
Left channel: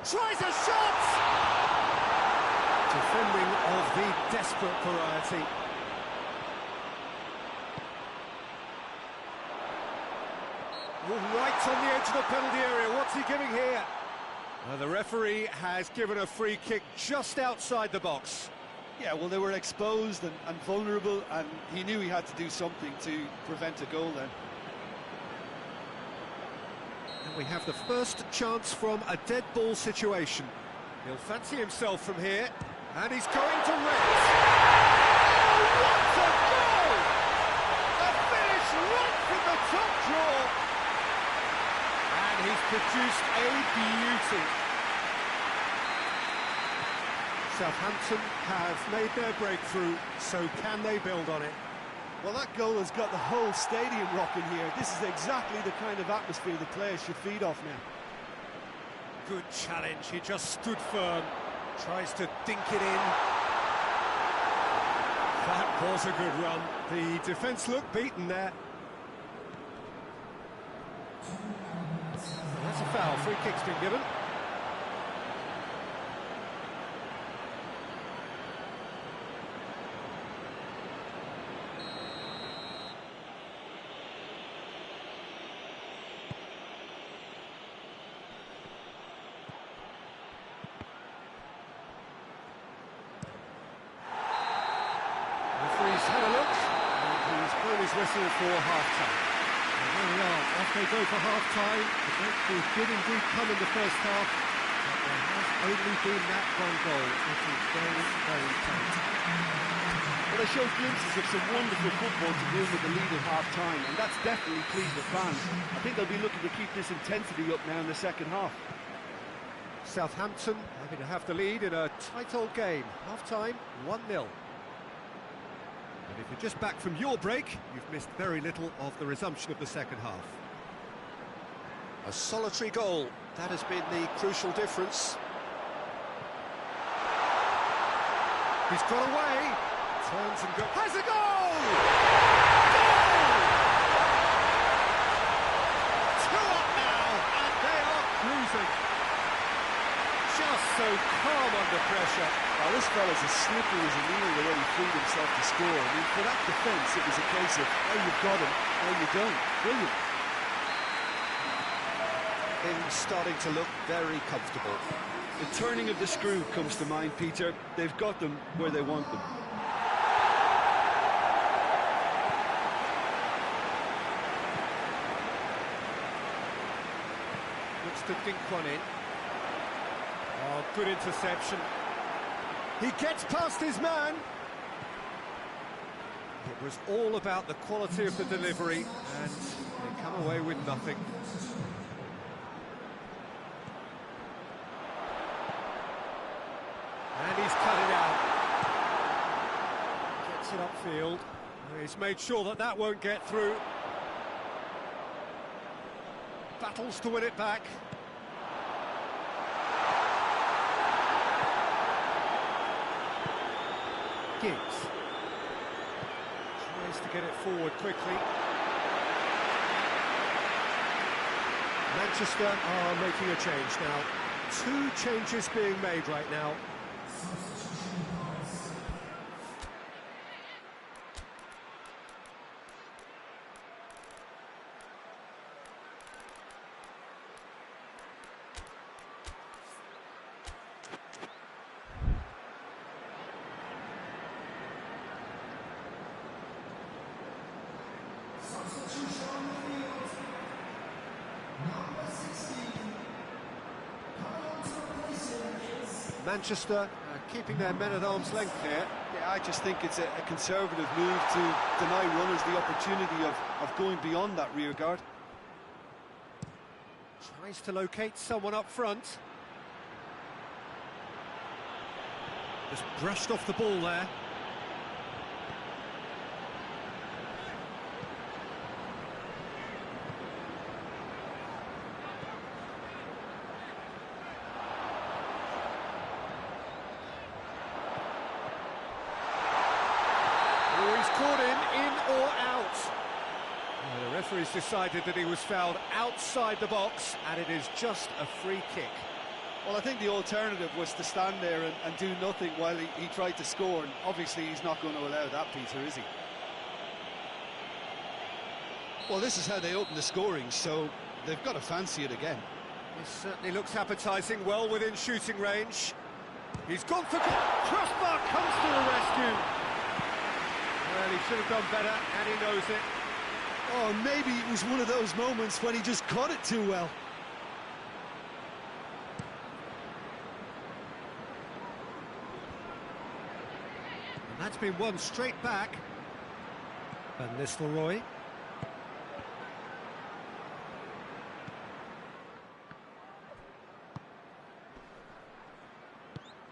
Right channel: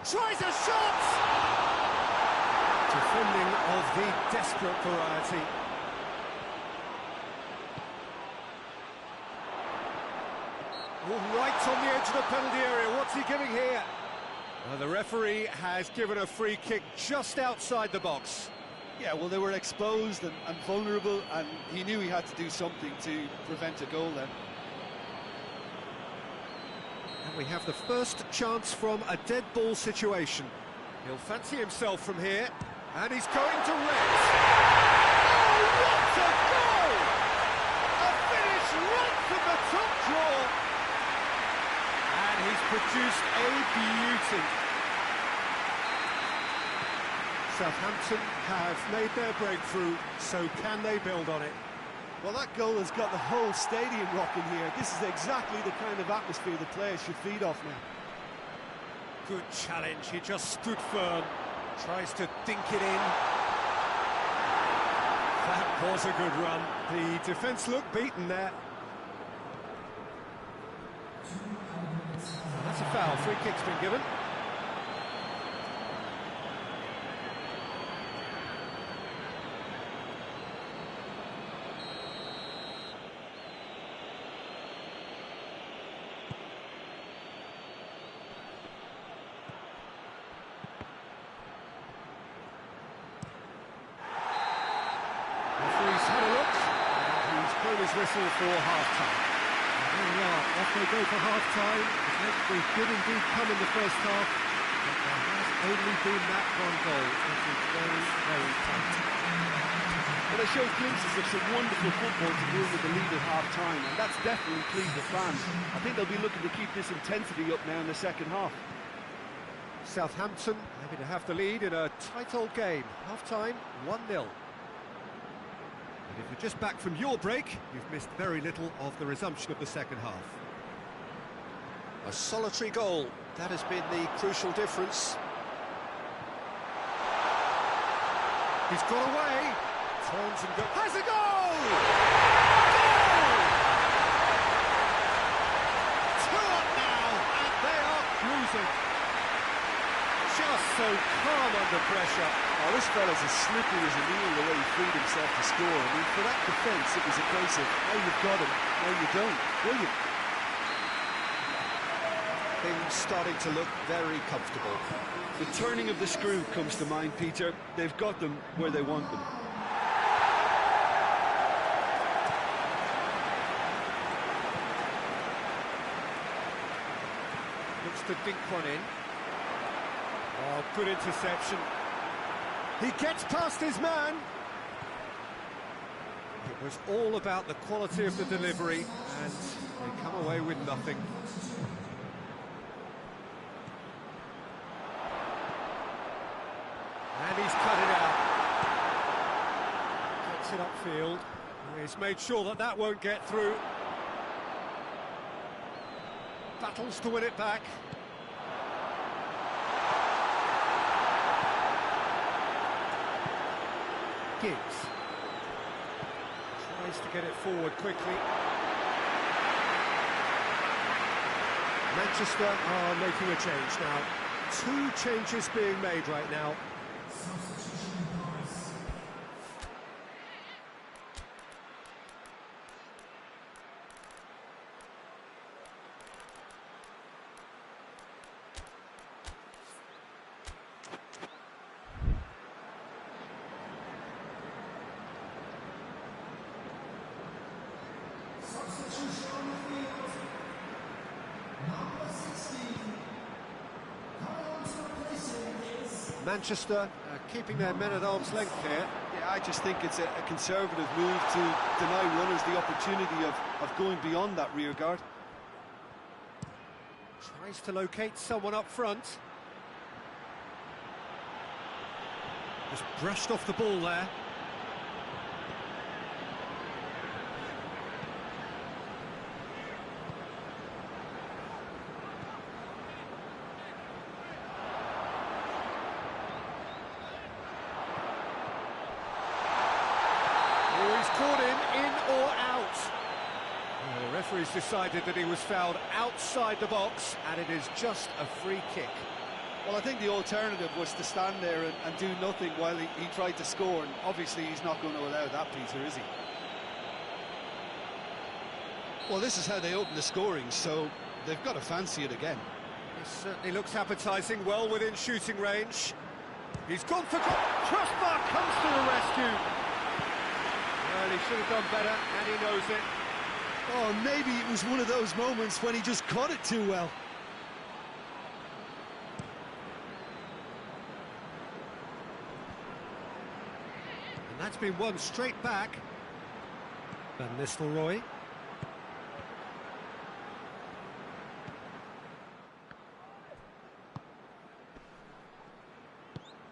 Tries a shot! Defending of the desperate variety. Oh, right on the edge of the penalty area. What's he giving here? The referee has given a free kick just outside the box. Yeah, well, they were exposed and vulnerable, and he knew he had to do something to prevent a goal then. And we have the first chance from a dead ball situation. He'll fancy himself from here, and he's going to rest. Oh, what a goal! A finish right from the top draw. And he's produced a beauty. Southampton have made their breakthrough, so can they build on it? Well, that goal has got the whole stadium rocking here. This is exactly the kind of atmosphere the players should feed off now. Good challenge, he just stood firm, tries to dink it in. That was a good run. The defence looked beaten there. That's a foul. Free kick's been given. Referee's had a look, and he's blown his whistle for half-time. There we are, off they go for half-time. The breakthrough did indeed come in the first half, but there has only been that one goal. It is very, very tight. Well, they showed glimpses of some wonderful football to go in with the lead at half-time, and that's definitely pleased the fans. I think they'll be looking to keep this intensity up now in the second half. Southampton happy to have the lead in a tight old game. Half-time, 1-0. And if you're just back from your break, you've missed very little of the resumption of the second half. A solitary goal, that has been the crucial difference. He's got away, turns and goes, has a goal! Goal! 2 up now, and they are cruising. Just so calm under pressure. Oh, this fella's as slippery as a needle the way he freed himself to score. I mean, for that defence, it was a case of, now you've got him, now you don't. Brilliant. Things starting to look very comfortable. The turning of the screw comes to mind, Peter. They've got them where they want them. Looks to dink one in. Oh, good interception. He gets past his man. It was all about the quality of the delivery, and they come away with nothing. And he's cut it out. Gets it upfield. He's made sure that that won't get through. Battles to win it back. Giggs tries to get it forward quickly. Manchester are making a change now. 2 changes being made right now. Manchester keeping their men at arm's length here. Yeah, I just think it's a conservative move to deny runners the opportunity of going beyond that rear guard. Tries to locate someone up front. Just brushed off the ball there. Caught him in or out. The referee's decided that he was fouled outside the box, and it is just a free kick. Well, I think the alternative was to stand there and do nothing while he tried to score, and obviously he's not going to allow that, Peter, is he? Well, this is how they open the scoring, so they've got to fancy it again. This certainly looks appetising, well within shooting range. He's gone for goal. Crossbar comes to the rescue. Well, he should have done better, and he knows it. Oh, maybe it was one of those moments when he just caught it too well. And that's been won straight back. Van Nistelrooy.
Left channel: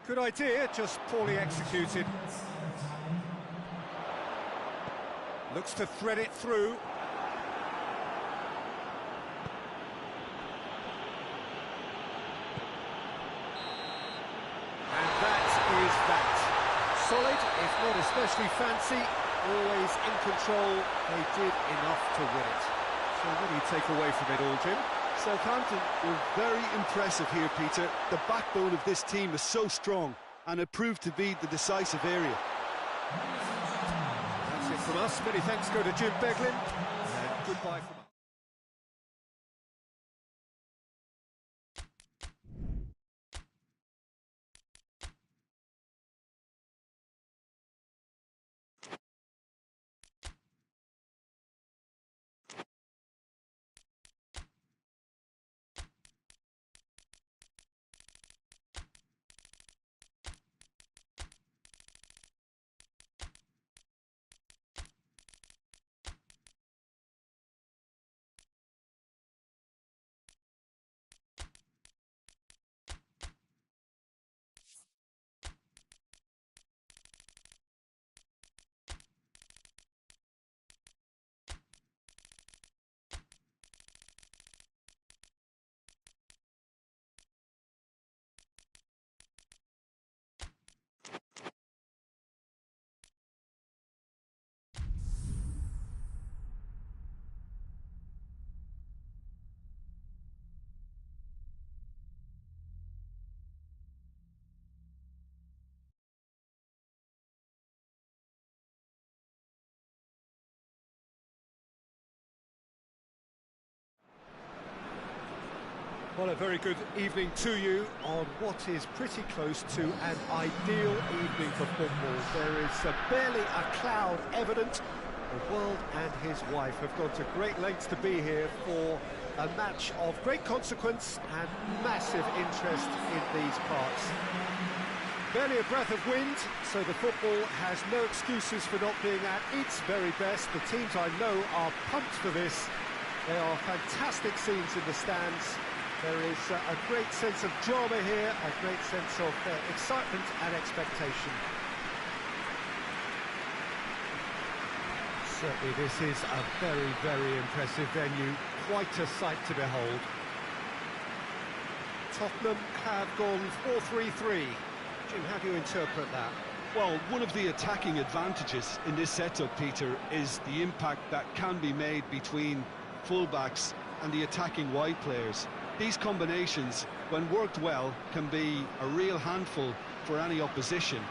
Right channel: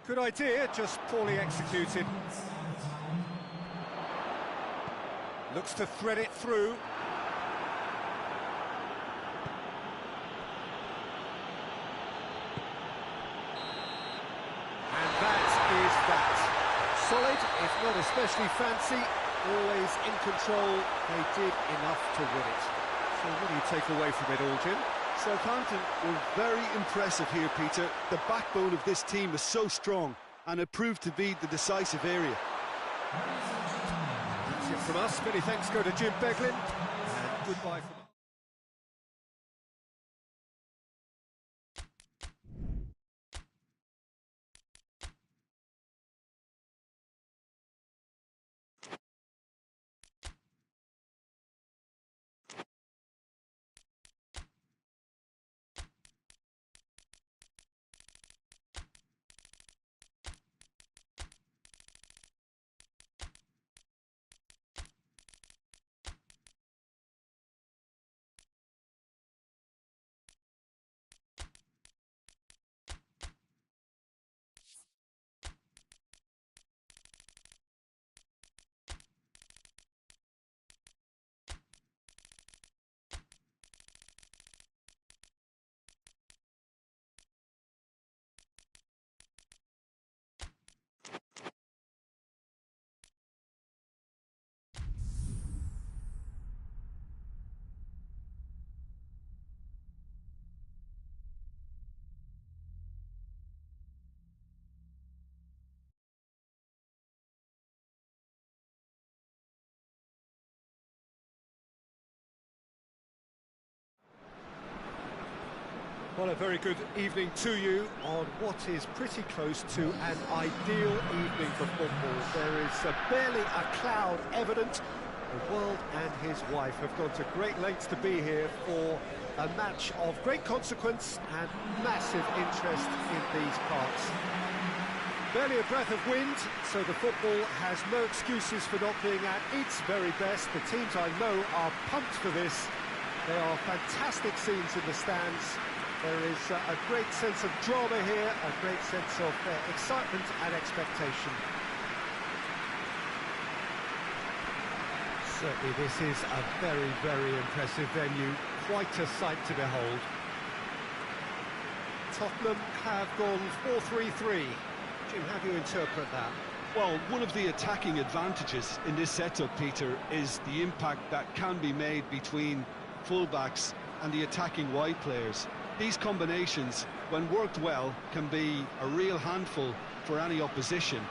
Good idea, just poorly executed. Looks to thread it through. And that is that. Solid, if not especially fancy, always in control. They did enough to win it. So what do you take away from it all, Jim? Southampton were very impressive here, Peter. The backbone of this team is so strong, and it proved to be the decisive area. That's it from us. Many thanks go to Jim Beglin, and goodbye from us. Well, a very good evening to you on what is pretty close to an ideal evening for football. There is barely a cloud evident. The world and his wife have gone to great lengths to be here for a match of great consequence and massive interest in these parts. Barely a breath of wind, so the football has no excuses for not being at its very best. The teams I know are pumped for this. There are fantastic scenes in the stands. There is a great sense of drama here, a great sense of excitement and expectation. Certainly this is a very, very impressive venue, quite a sight to behold. Tottenham have gone 4-3-3. Jim, how do you interpret that? Well, one of the attacking advantages in this setup, Peter, is the impact that can be made between fullbacks and the attacking wide players. These combinations, when worked well, can be a real handful for any opposition,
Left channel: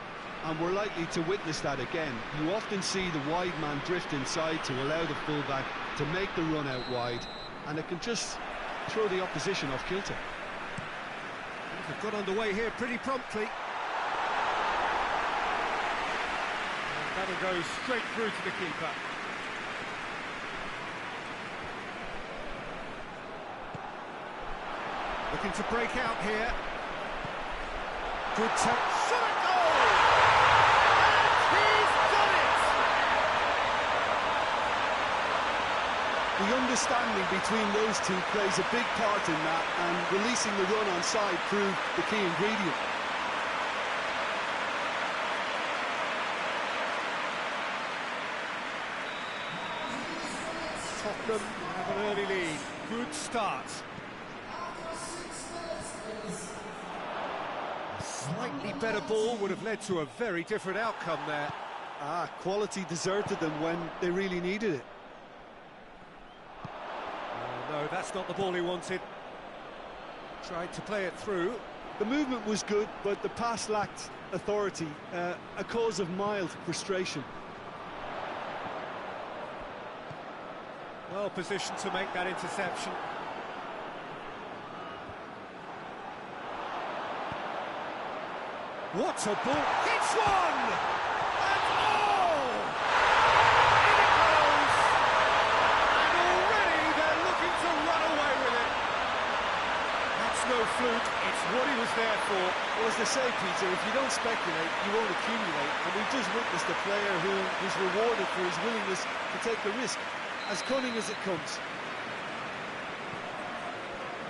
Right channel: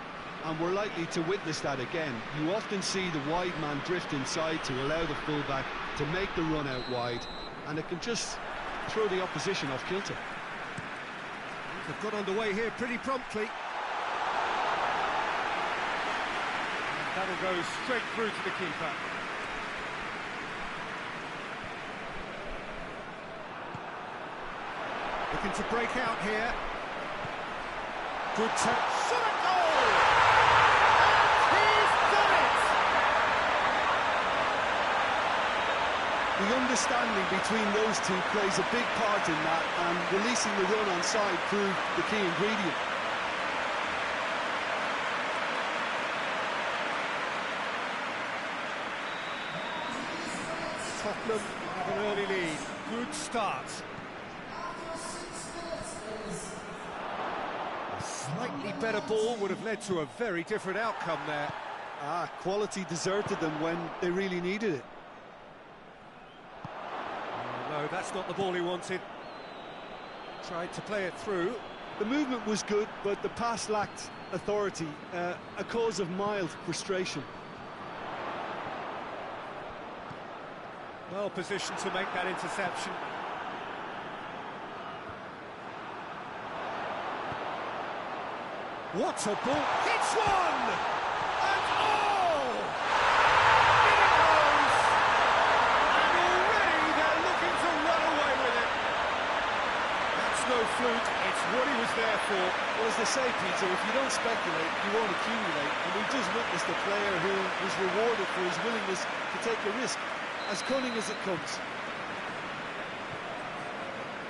and we're likely to witness that again. You often see the wide man drift inside to allow the fullback to make the run out wide, and it can just throw the opposition off kilter. They've got underway here pretty promptly. And that'll go straight through to the keeper. Looking to break out here. Good touch. Shot at goal! And he's done it! The understanding between those two plays a big part in that, and releasing the run on side proved the key ingredient. Tottenham have an early lead. Good start. A slightly better ball would have led to a very different outcome there. Quality deserted them when they really needed it. Oh no, that's not the ball he wanted. Tried to play it through. The movement was good, but the pass lacked authority, a cause of mild frustration. Well positioned to make that interception. What a ball! Hits one! And oh! In it goes! And already they're looking to run away with it. That's no fluke, it's what he was there for. Well, as they say, Peter, if you don't speculate, you won't accumulate. And we've just witnessed a player who was rewarded for his willingness to take the risk. As cunning as it comes.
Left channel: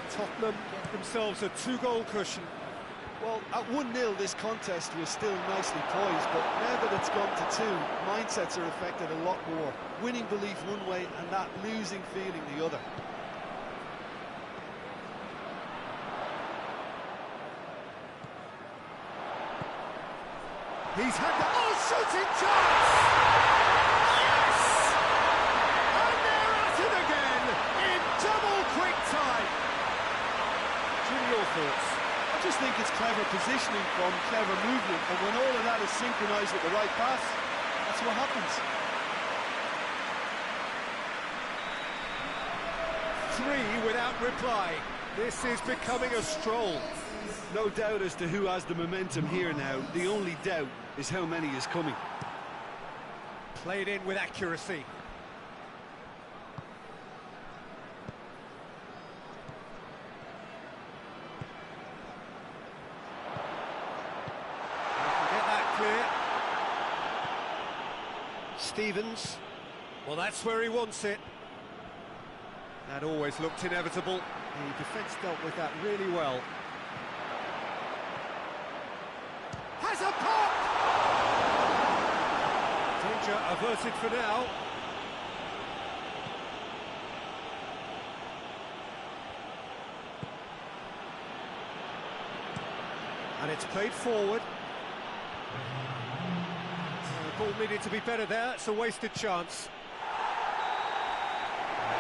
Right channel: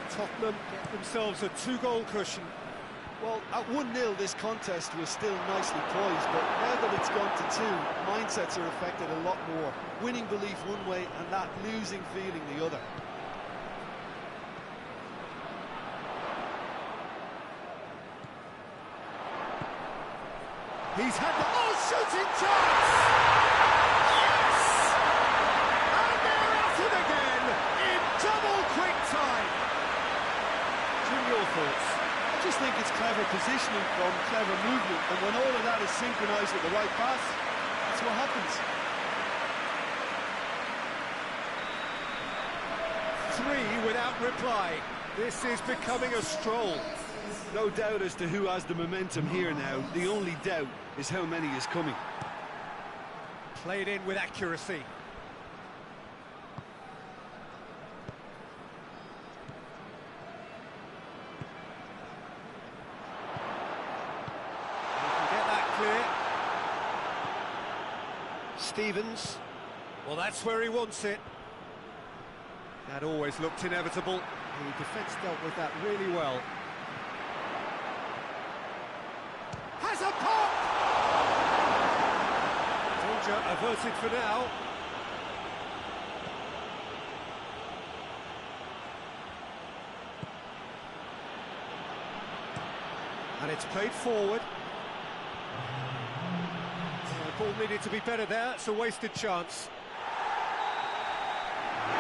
Tottenham get themselves a 2-goal cushion. Well, at 1-0 this contest was still nicely poised, but now that it's gone to 2, mindsets are affected a lot more. Winning belief one way and that losing feeling the other. He's had the... Oh, shooting chance! Yes! And they're at it again in double quick time. Jim, your thoughts? I just think it's clever positioning from clever movement, and when all of that is synchronised with the right pass, that's what happens. 3 without reply. This is becoming a stroll. No doubt as to who has the momentum here now. The only doubt is how many is coming. Played in with accuracy. We can get that clear. Stevens. Well, that's where he wants it. That always looked inevitable. The defence dealt with that really well. Has a pop! Danger averted for now. And it's played forward. The ball needed to be better there. It's a wasted chance.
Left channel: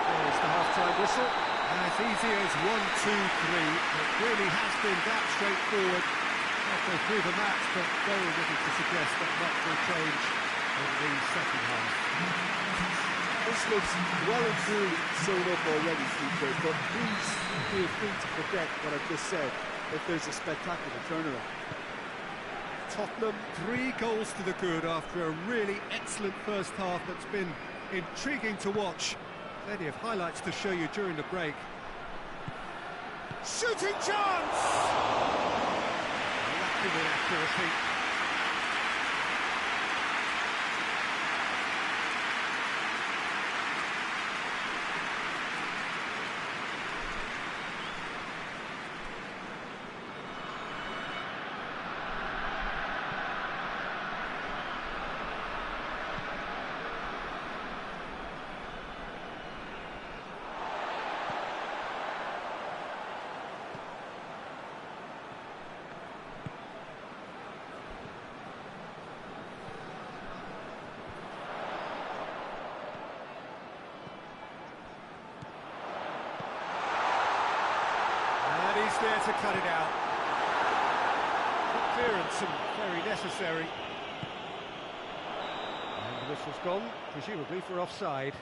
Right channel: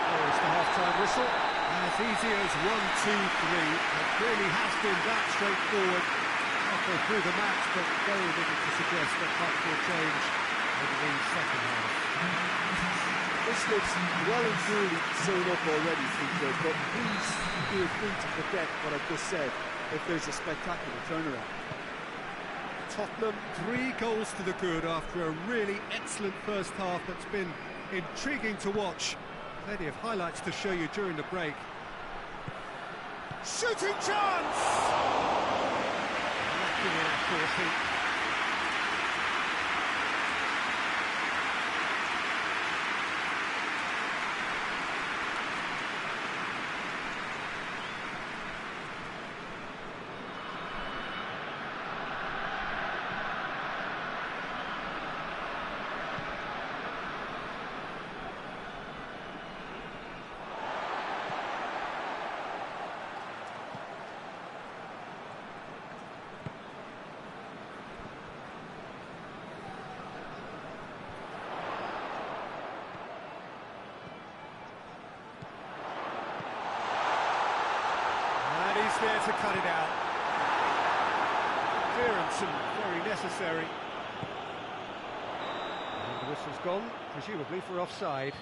There's the half-time whistle. As easy as 1, 2, 3. It really has been that straightforward halfway through the match, but very little to suggest that much will change over the second half. This looks well and truly sewn up already, TJ, but please feel free to forget what I've just said if there's a spectacular turnaround. Tottenham 3 goals to the good after a really excellent first half that's been intriguing to watch. Plenty of highlights to show you during the break. Shooting chance! Lacking in accuracy. He's there to cut it out. Good clearance and very necessary. And the whistle's gone, presumably for offside.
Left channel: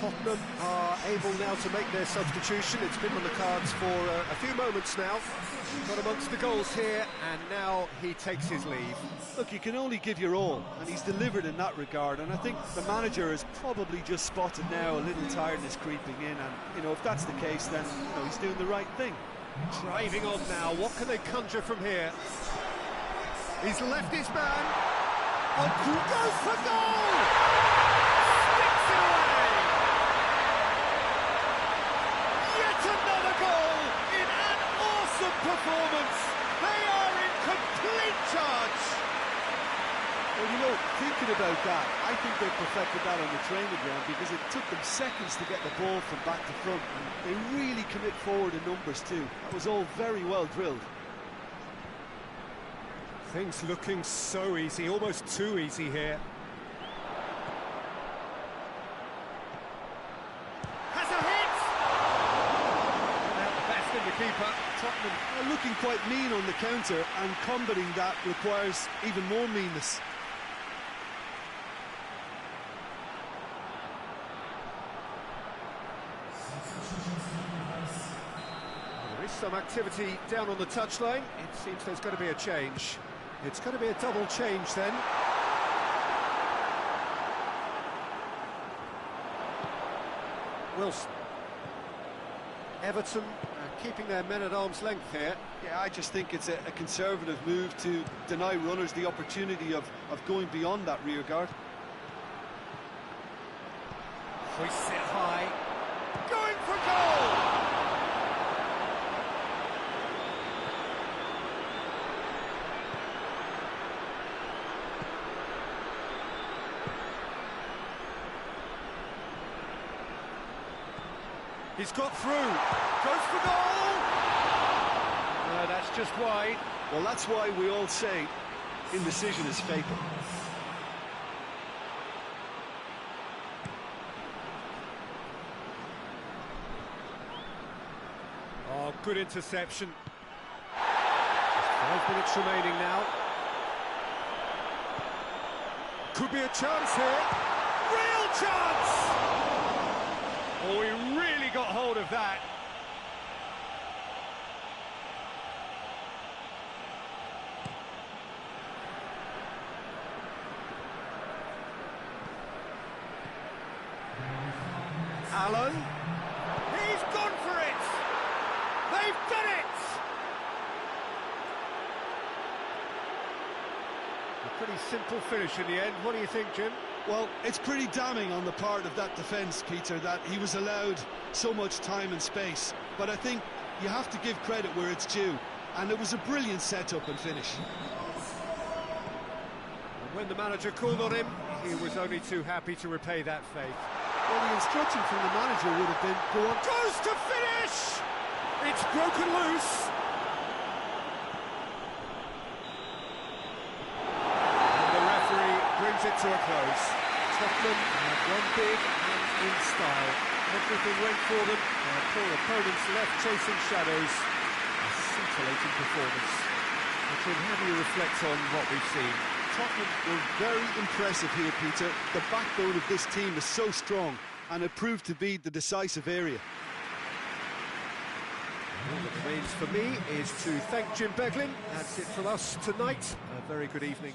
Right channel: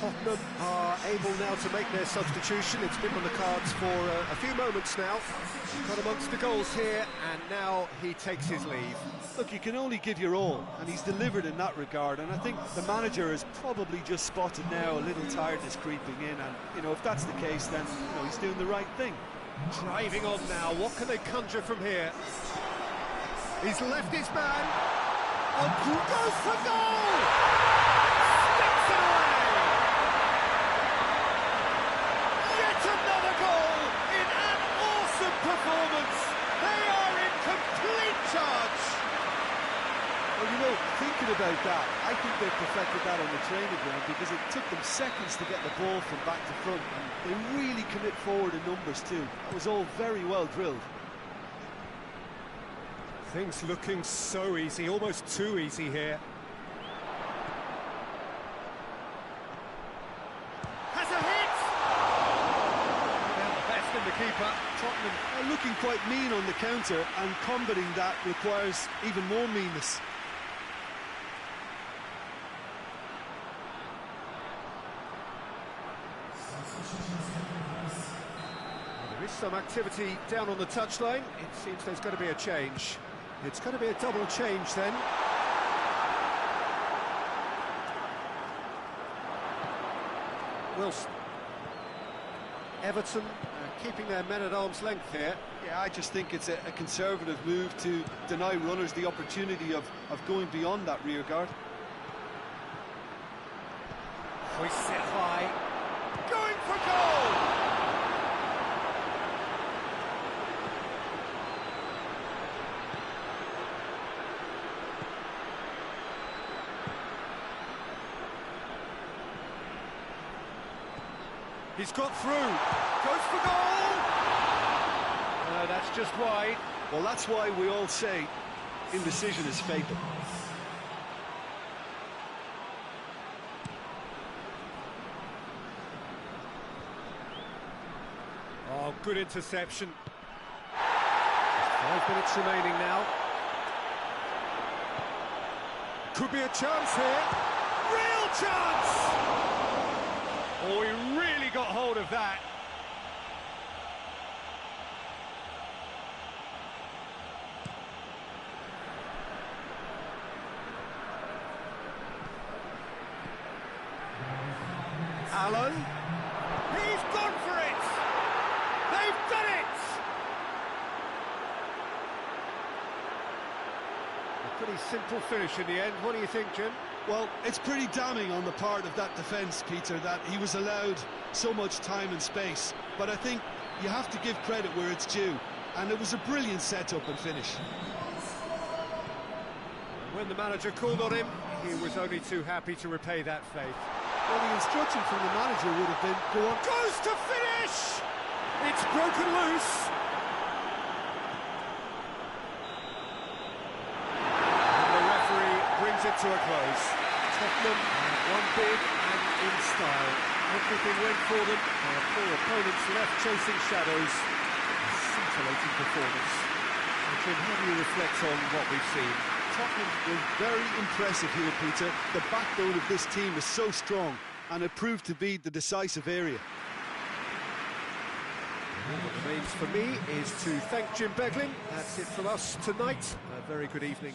Tottenham are able now to make their substitution. It's been on the cards for a few moments now. He got amongst the goals here, and now he takes his leave. Look, you can only give your all, and he's delivered in that regard, and I think the manager has probably just spotted now a little tiredness creeping in, and, you know, if that's the case, then, you know, he's doing the right thing. Driving on now, what can they conjure from here? He's left his man. Oh, goes for goal! Sticks it away! Yet another goal in an awesome performance. They are in complete charge. Well, you know, thinking about that, I think they perfected that on the training ground because it took them seconds to get the ball from back to front, and they really commit forward in numbers too. That was all very well drilled. Things looking so easy, almost too easy here. Has a hit! Without the best in the keeper. Tottenham are looking quite mean on the counter, and combating that requires even more meanness. There is some activity down on the touchline. It seems there's going to be a change. It's going to be a double change then. Wilson. Everton keeping their men at arm's length here. Yeah, I just think it's a conservative move to deny runners the opportunity of going beyond that rear guard. Hoists it high. Going for goal! He's got through. Goes for goal! That's just wide. Well, that's why we all say indecision is fatal. Oh, good interception. Just 5 minutes remaining now. Could be a chance here. Real chance! Oh, he really got hold of that. Allen. He's gone for it! They've done it! A pretty simple finish in the end. What do you think, Jim? Well, it's pretty damning on the part of that defence, Peter, that he was allowed so much time and space. But I think you have to give credit where it's due, and it was a brilliant setup and finish. And when the manager called on him, he was only too happy to repay that faith. Well, the instruction from the manager would have been, go on. Goes to finish! It's broken loose. And the referee brings it to a close. Tottenham have won big and in style. Everything went for them. Our poor opponents left chasing shadows. A scintillating performance. Jim, how do you reflect on what we've seen? Tottenham were very impressive here, Peter. The backbone of this team is so strong, and it proved to be the decisive area. All that remains for me is to thank Jim Beglin. That's it from us tonight. A very good evening.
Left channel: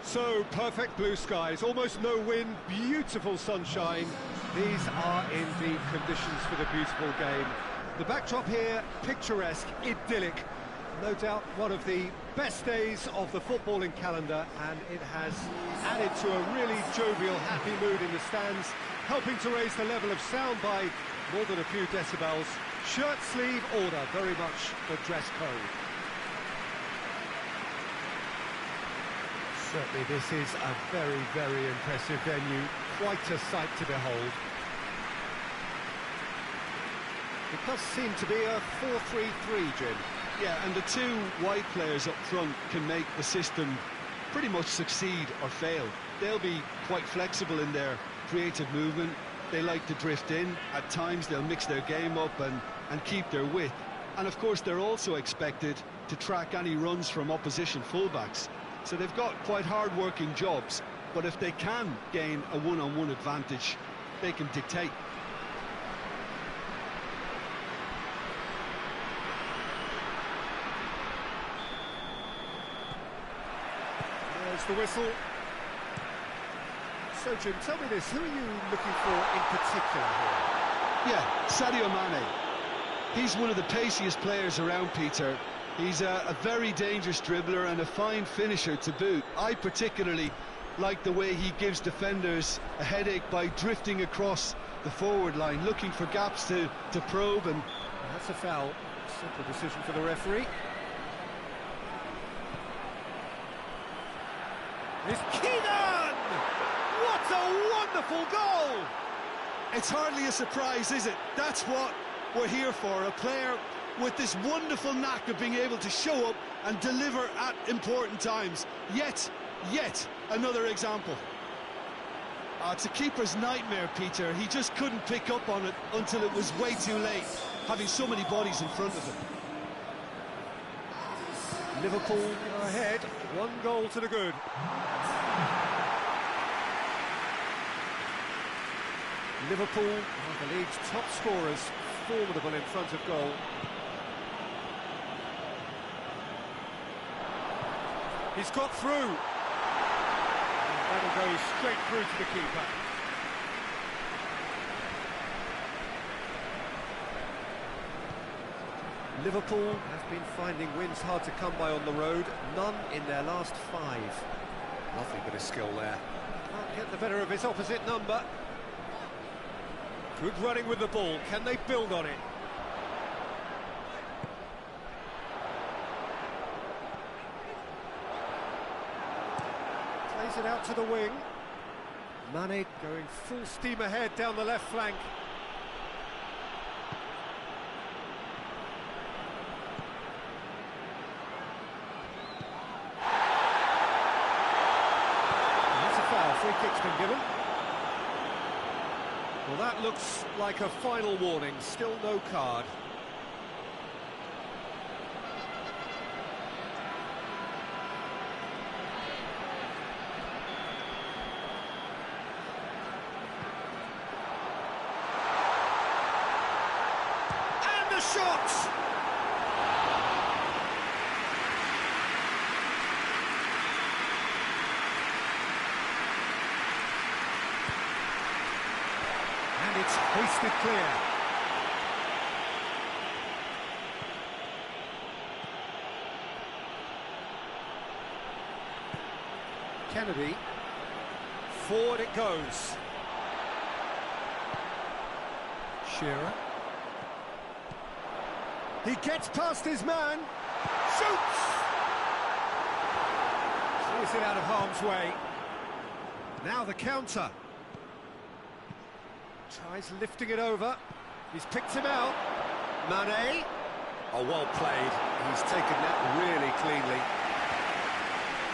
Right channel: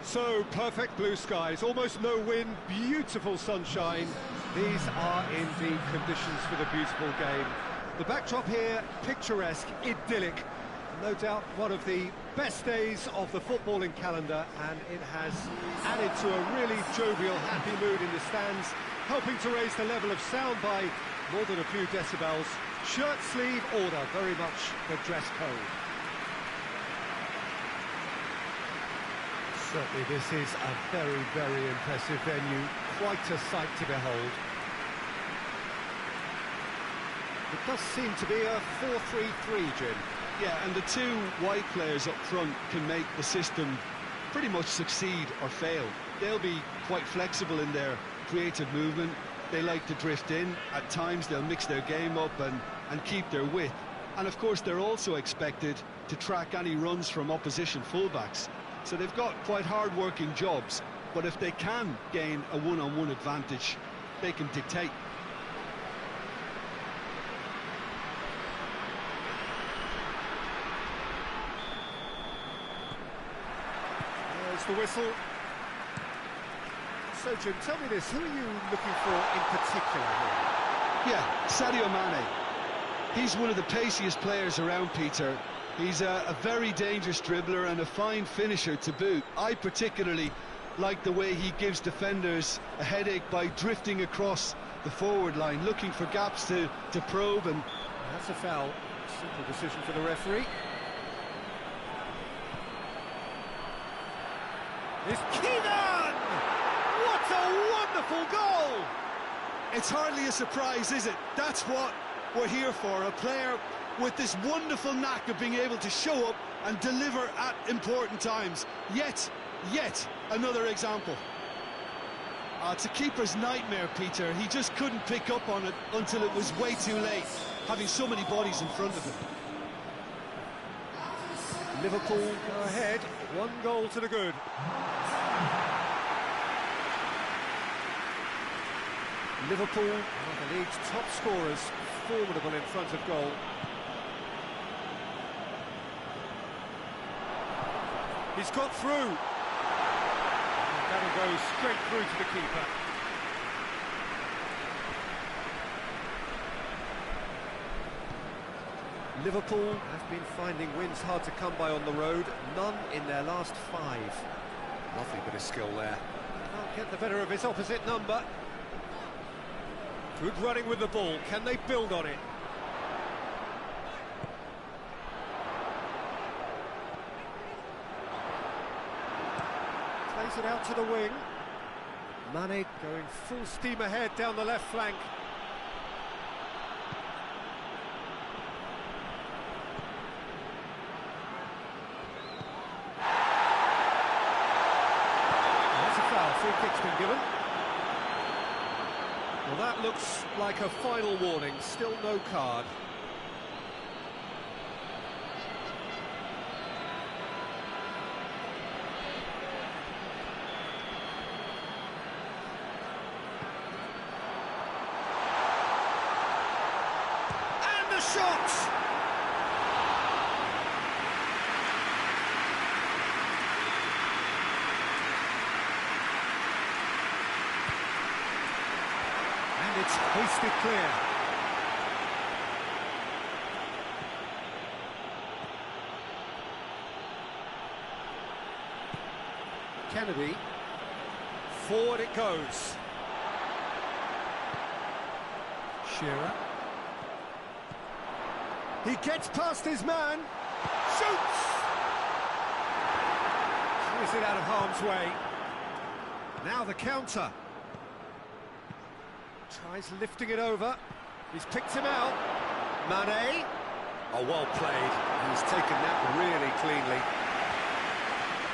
So, perfect blue skies, almost no wind, beautiful sunshine. These are indeed conditions for the beautiful game. The backdrop here, picturesque, idyllic. No doubt one of the best days of the footballing calendar, and it has added to a really jovial, happy mood in the stands, helping to raise the level of sound by more than a few decibels. Shirt sleeve order, very much the dress code. Certainly this is a very, very impressive venue, quite a sight to behold. It does seem to be a 4-3-3, Jim. Yeah, and the two wide players up front can make the system pretty much succeed or fail. They'll be quite flexible in their creative movement. They like to drift in. At times they'll mix their game up and keep their width. And of course they're also expected to track any runs from opposition fullbacks. So they've got quite hard-working jobs, but if they can gain a one-on-one advantage, they can dictate. There's the whistle. So, Jim, tell me this, who are you looking for in particular here? Yeah, Sadio Mane. He's one of the paciest players around, Peter. He's a very dangerous dribbler and a fine finisher to boot. I particularly like the way he gives defenders a headache by drifting across the forward line, looking for gaps to probe. And that's a foul. Simple decision for the referee. It's Keegan! What a wonderful goal! It's hardly a surprise, is it? That's what we're here for, a player with this wonderful knack of being able to show up and deliver at important times. Yet another example. It's a keeper's nightmare, Peter. He just couldn't pick up on it until it was way too late, having so many bodies in front of him. Liverpool go ahead, 1 goal to the good. Liverpool are the league's top scorers, formidable in front of goal. He's got through. And that'll go straight through to the keeper. Liverpool have been finding wins hard to come by on the road, none in their last 5. Lovely bit of skill there. Can't get the better of his opposite number. Good running with the ball, can they build on it? Plays it out to the wing. Mane going full steam ahead down the left flank. That's a foul, free kick's been given. Well, that looks like a final warning, still no card. And the shot! And it's hoisted clear. Kennedy. Forward it goes. Shearer. He gets past his man. Shoots! Clears it out of harm's way. Now the counter. Tries lifting it over. He's picked him out. Mane. Oh, well played. He's taken that really cleanly.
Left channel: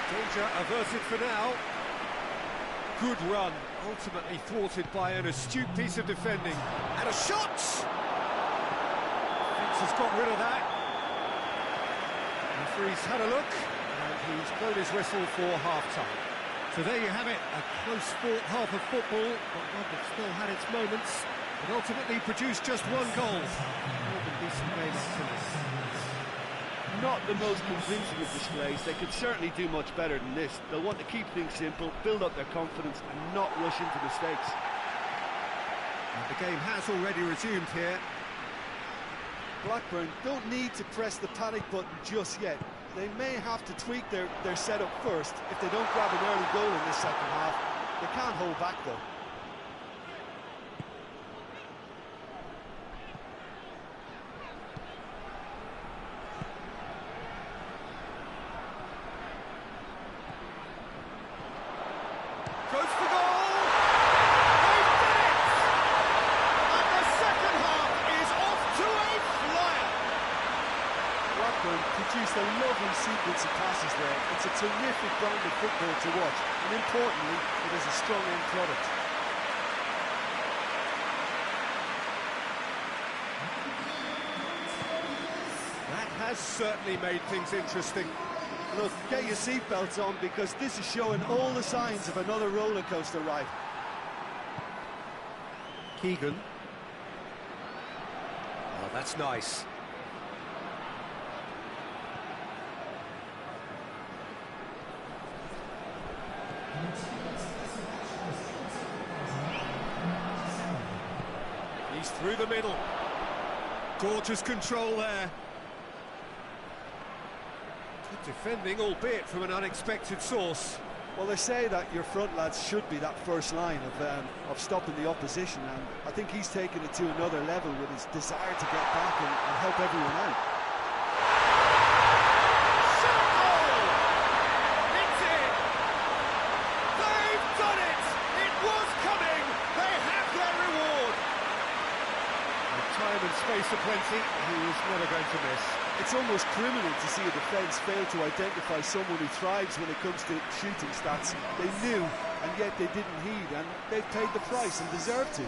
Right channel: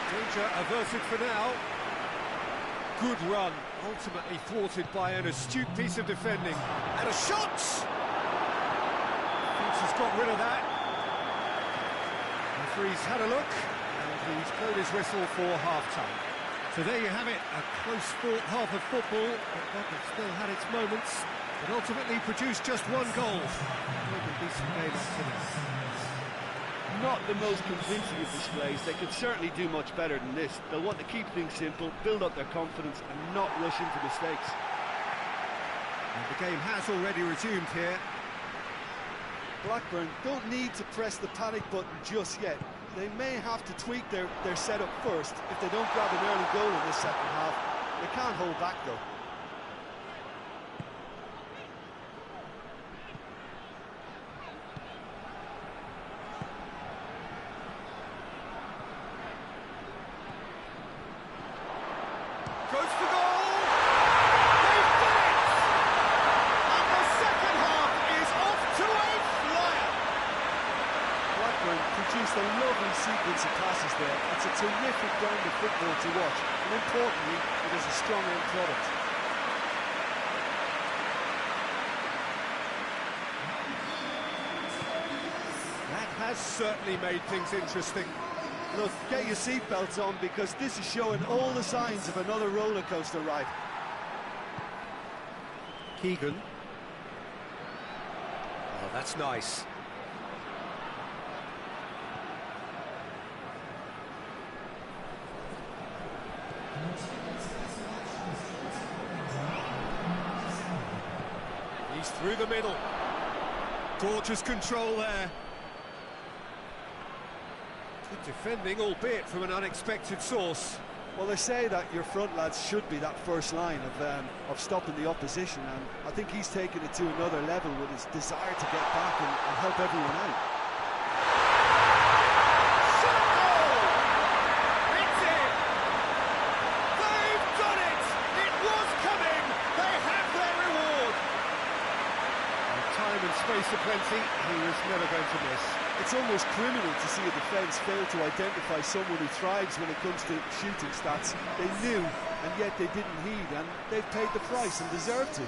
Danger averted for now. Good run. Ultimately thwarted by an astute piece of defending. And a shot! Finch has got rid of that. Referee's had a look. And he's blown his whistle for half-time. So there you have it, a close-fought half of football, but one that still had its moments, but ultimately produced just 1 goal. More than decent game up to now. Not the most convincing of displays. They could certainly do much better than this. They'll want to keep things simple, build up their confidence and not rush into mistakes. And the game has already resumed here. Blackburn don't need to press the panic button just yet. They may have to tweak their setup first if they don't grab an early goal in this second half. They can't hold back though. Goes for goal! They've done it! And the second half is off to a flyer! Blackburn produced a lovely sequence of passes there. It's a terrific brand of football to watch, and importantly, it is a strong end product. That has certainly made things interesting. Look, get your seatbelts on because this is showing all the signs of another roller coaster ride. Keegan. Oh, that's nice. He's through the middle. Gorgeous control there. Good defending, albeit from an unexpected source. Well, they say that your front lads should be that first line of stopping the opposition, and I think he's taken it to another level with his desire to get back and help everyone out. Shot goal! It's in! They've done it! It was coming! They have their reward! And time and space aplenty, he was never going to miss. It's almost criminal to see a defence fail to identify someone who thrives when it comes to shooting stats. They knew, and yet they didn't heed, and they've paid the price and deserve to.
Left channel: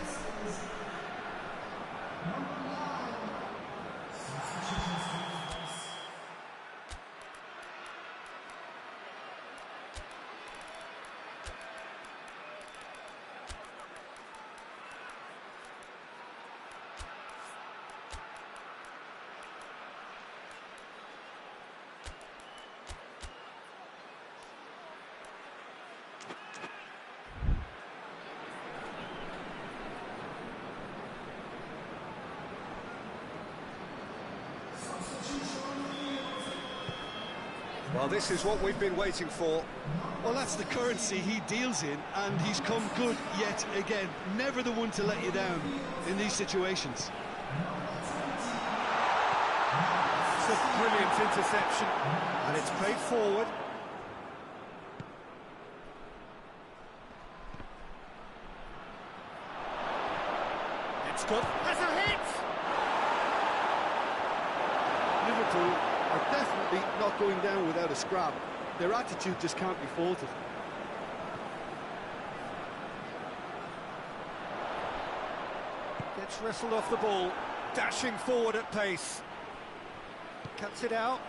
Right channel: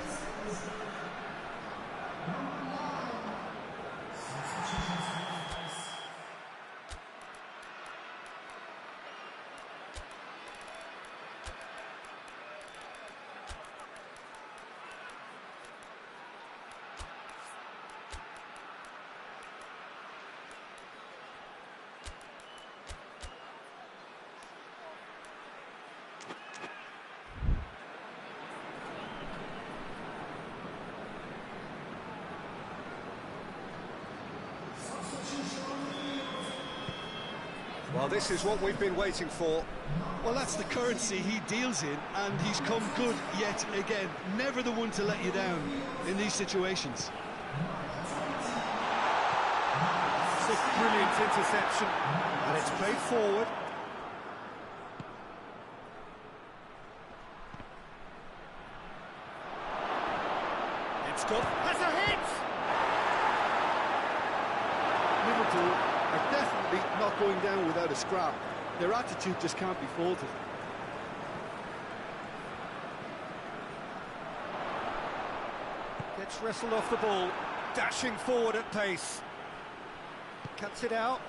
Well, this is what we've been waiting for. Well, that's the currency he deals in, and he's come good yet again. Never the one to let you down in these situations. It's a brilliant interception, and it's played forward. It's good. Has a hit! Liverpool are definitely not going down without a scrap. Their attitude just can't be faulted. Gets wrestled off the ball, dashing forward at pace. Cuts it out.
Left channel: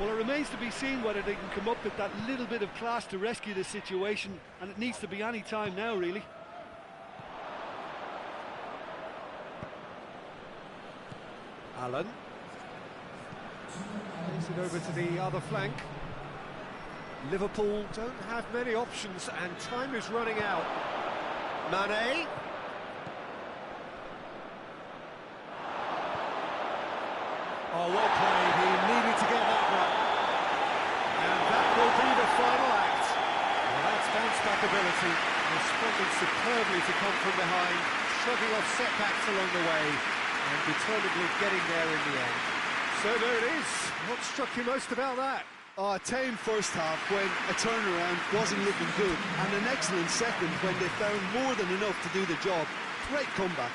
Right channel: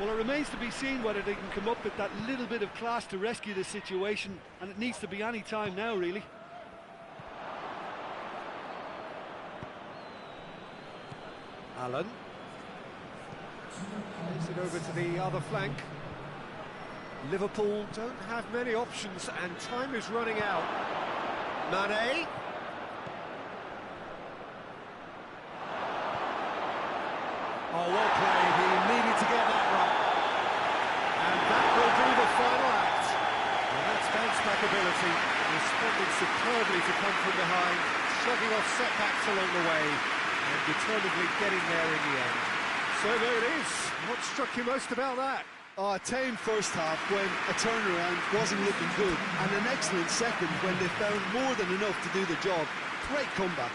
Well, it remains to be seen whether they can come up with that little bit of class to rescue the situation, and it needs to be any time now, really. Allen. Plays it over to the other flank. Liverpool don't have many options, and time is running out. Mane. Oh, well played. He needed to get that right. And that will be the final act. Well, that's bounce-back ability, responding superbly to come from behind, shrugging off setbacks along the way, and determinedly getting there in the end. So there it is. What struck you most about that? Oh, a tame first half when a turnaround wasn't looking good, and an excellent second when they found more than enough to do the job. Great comeback.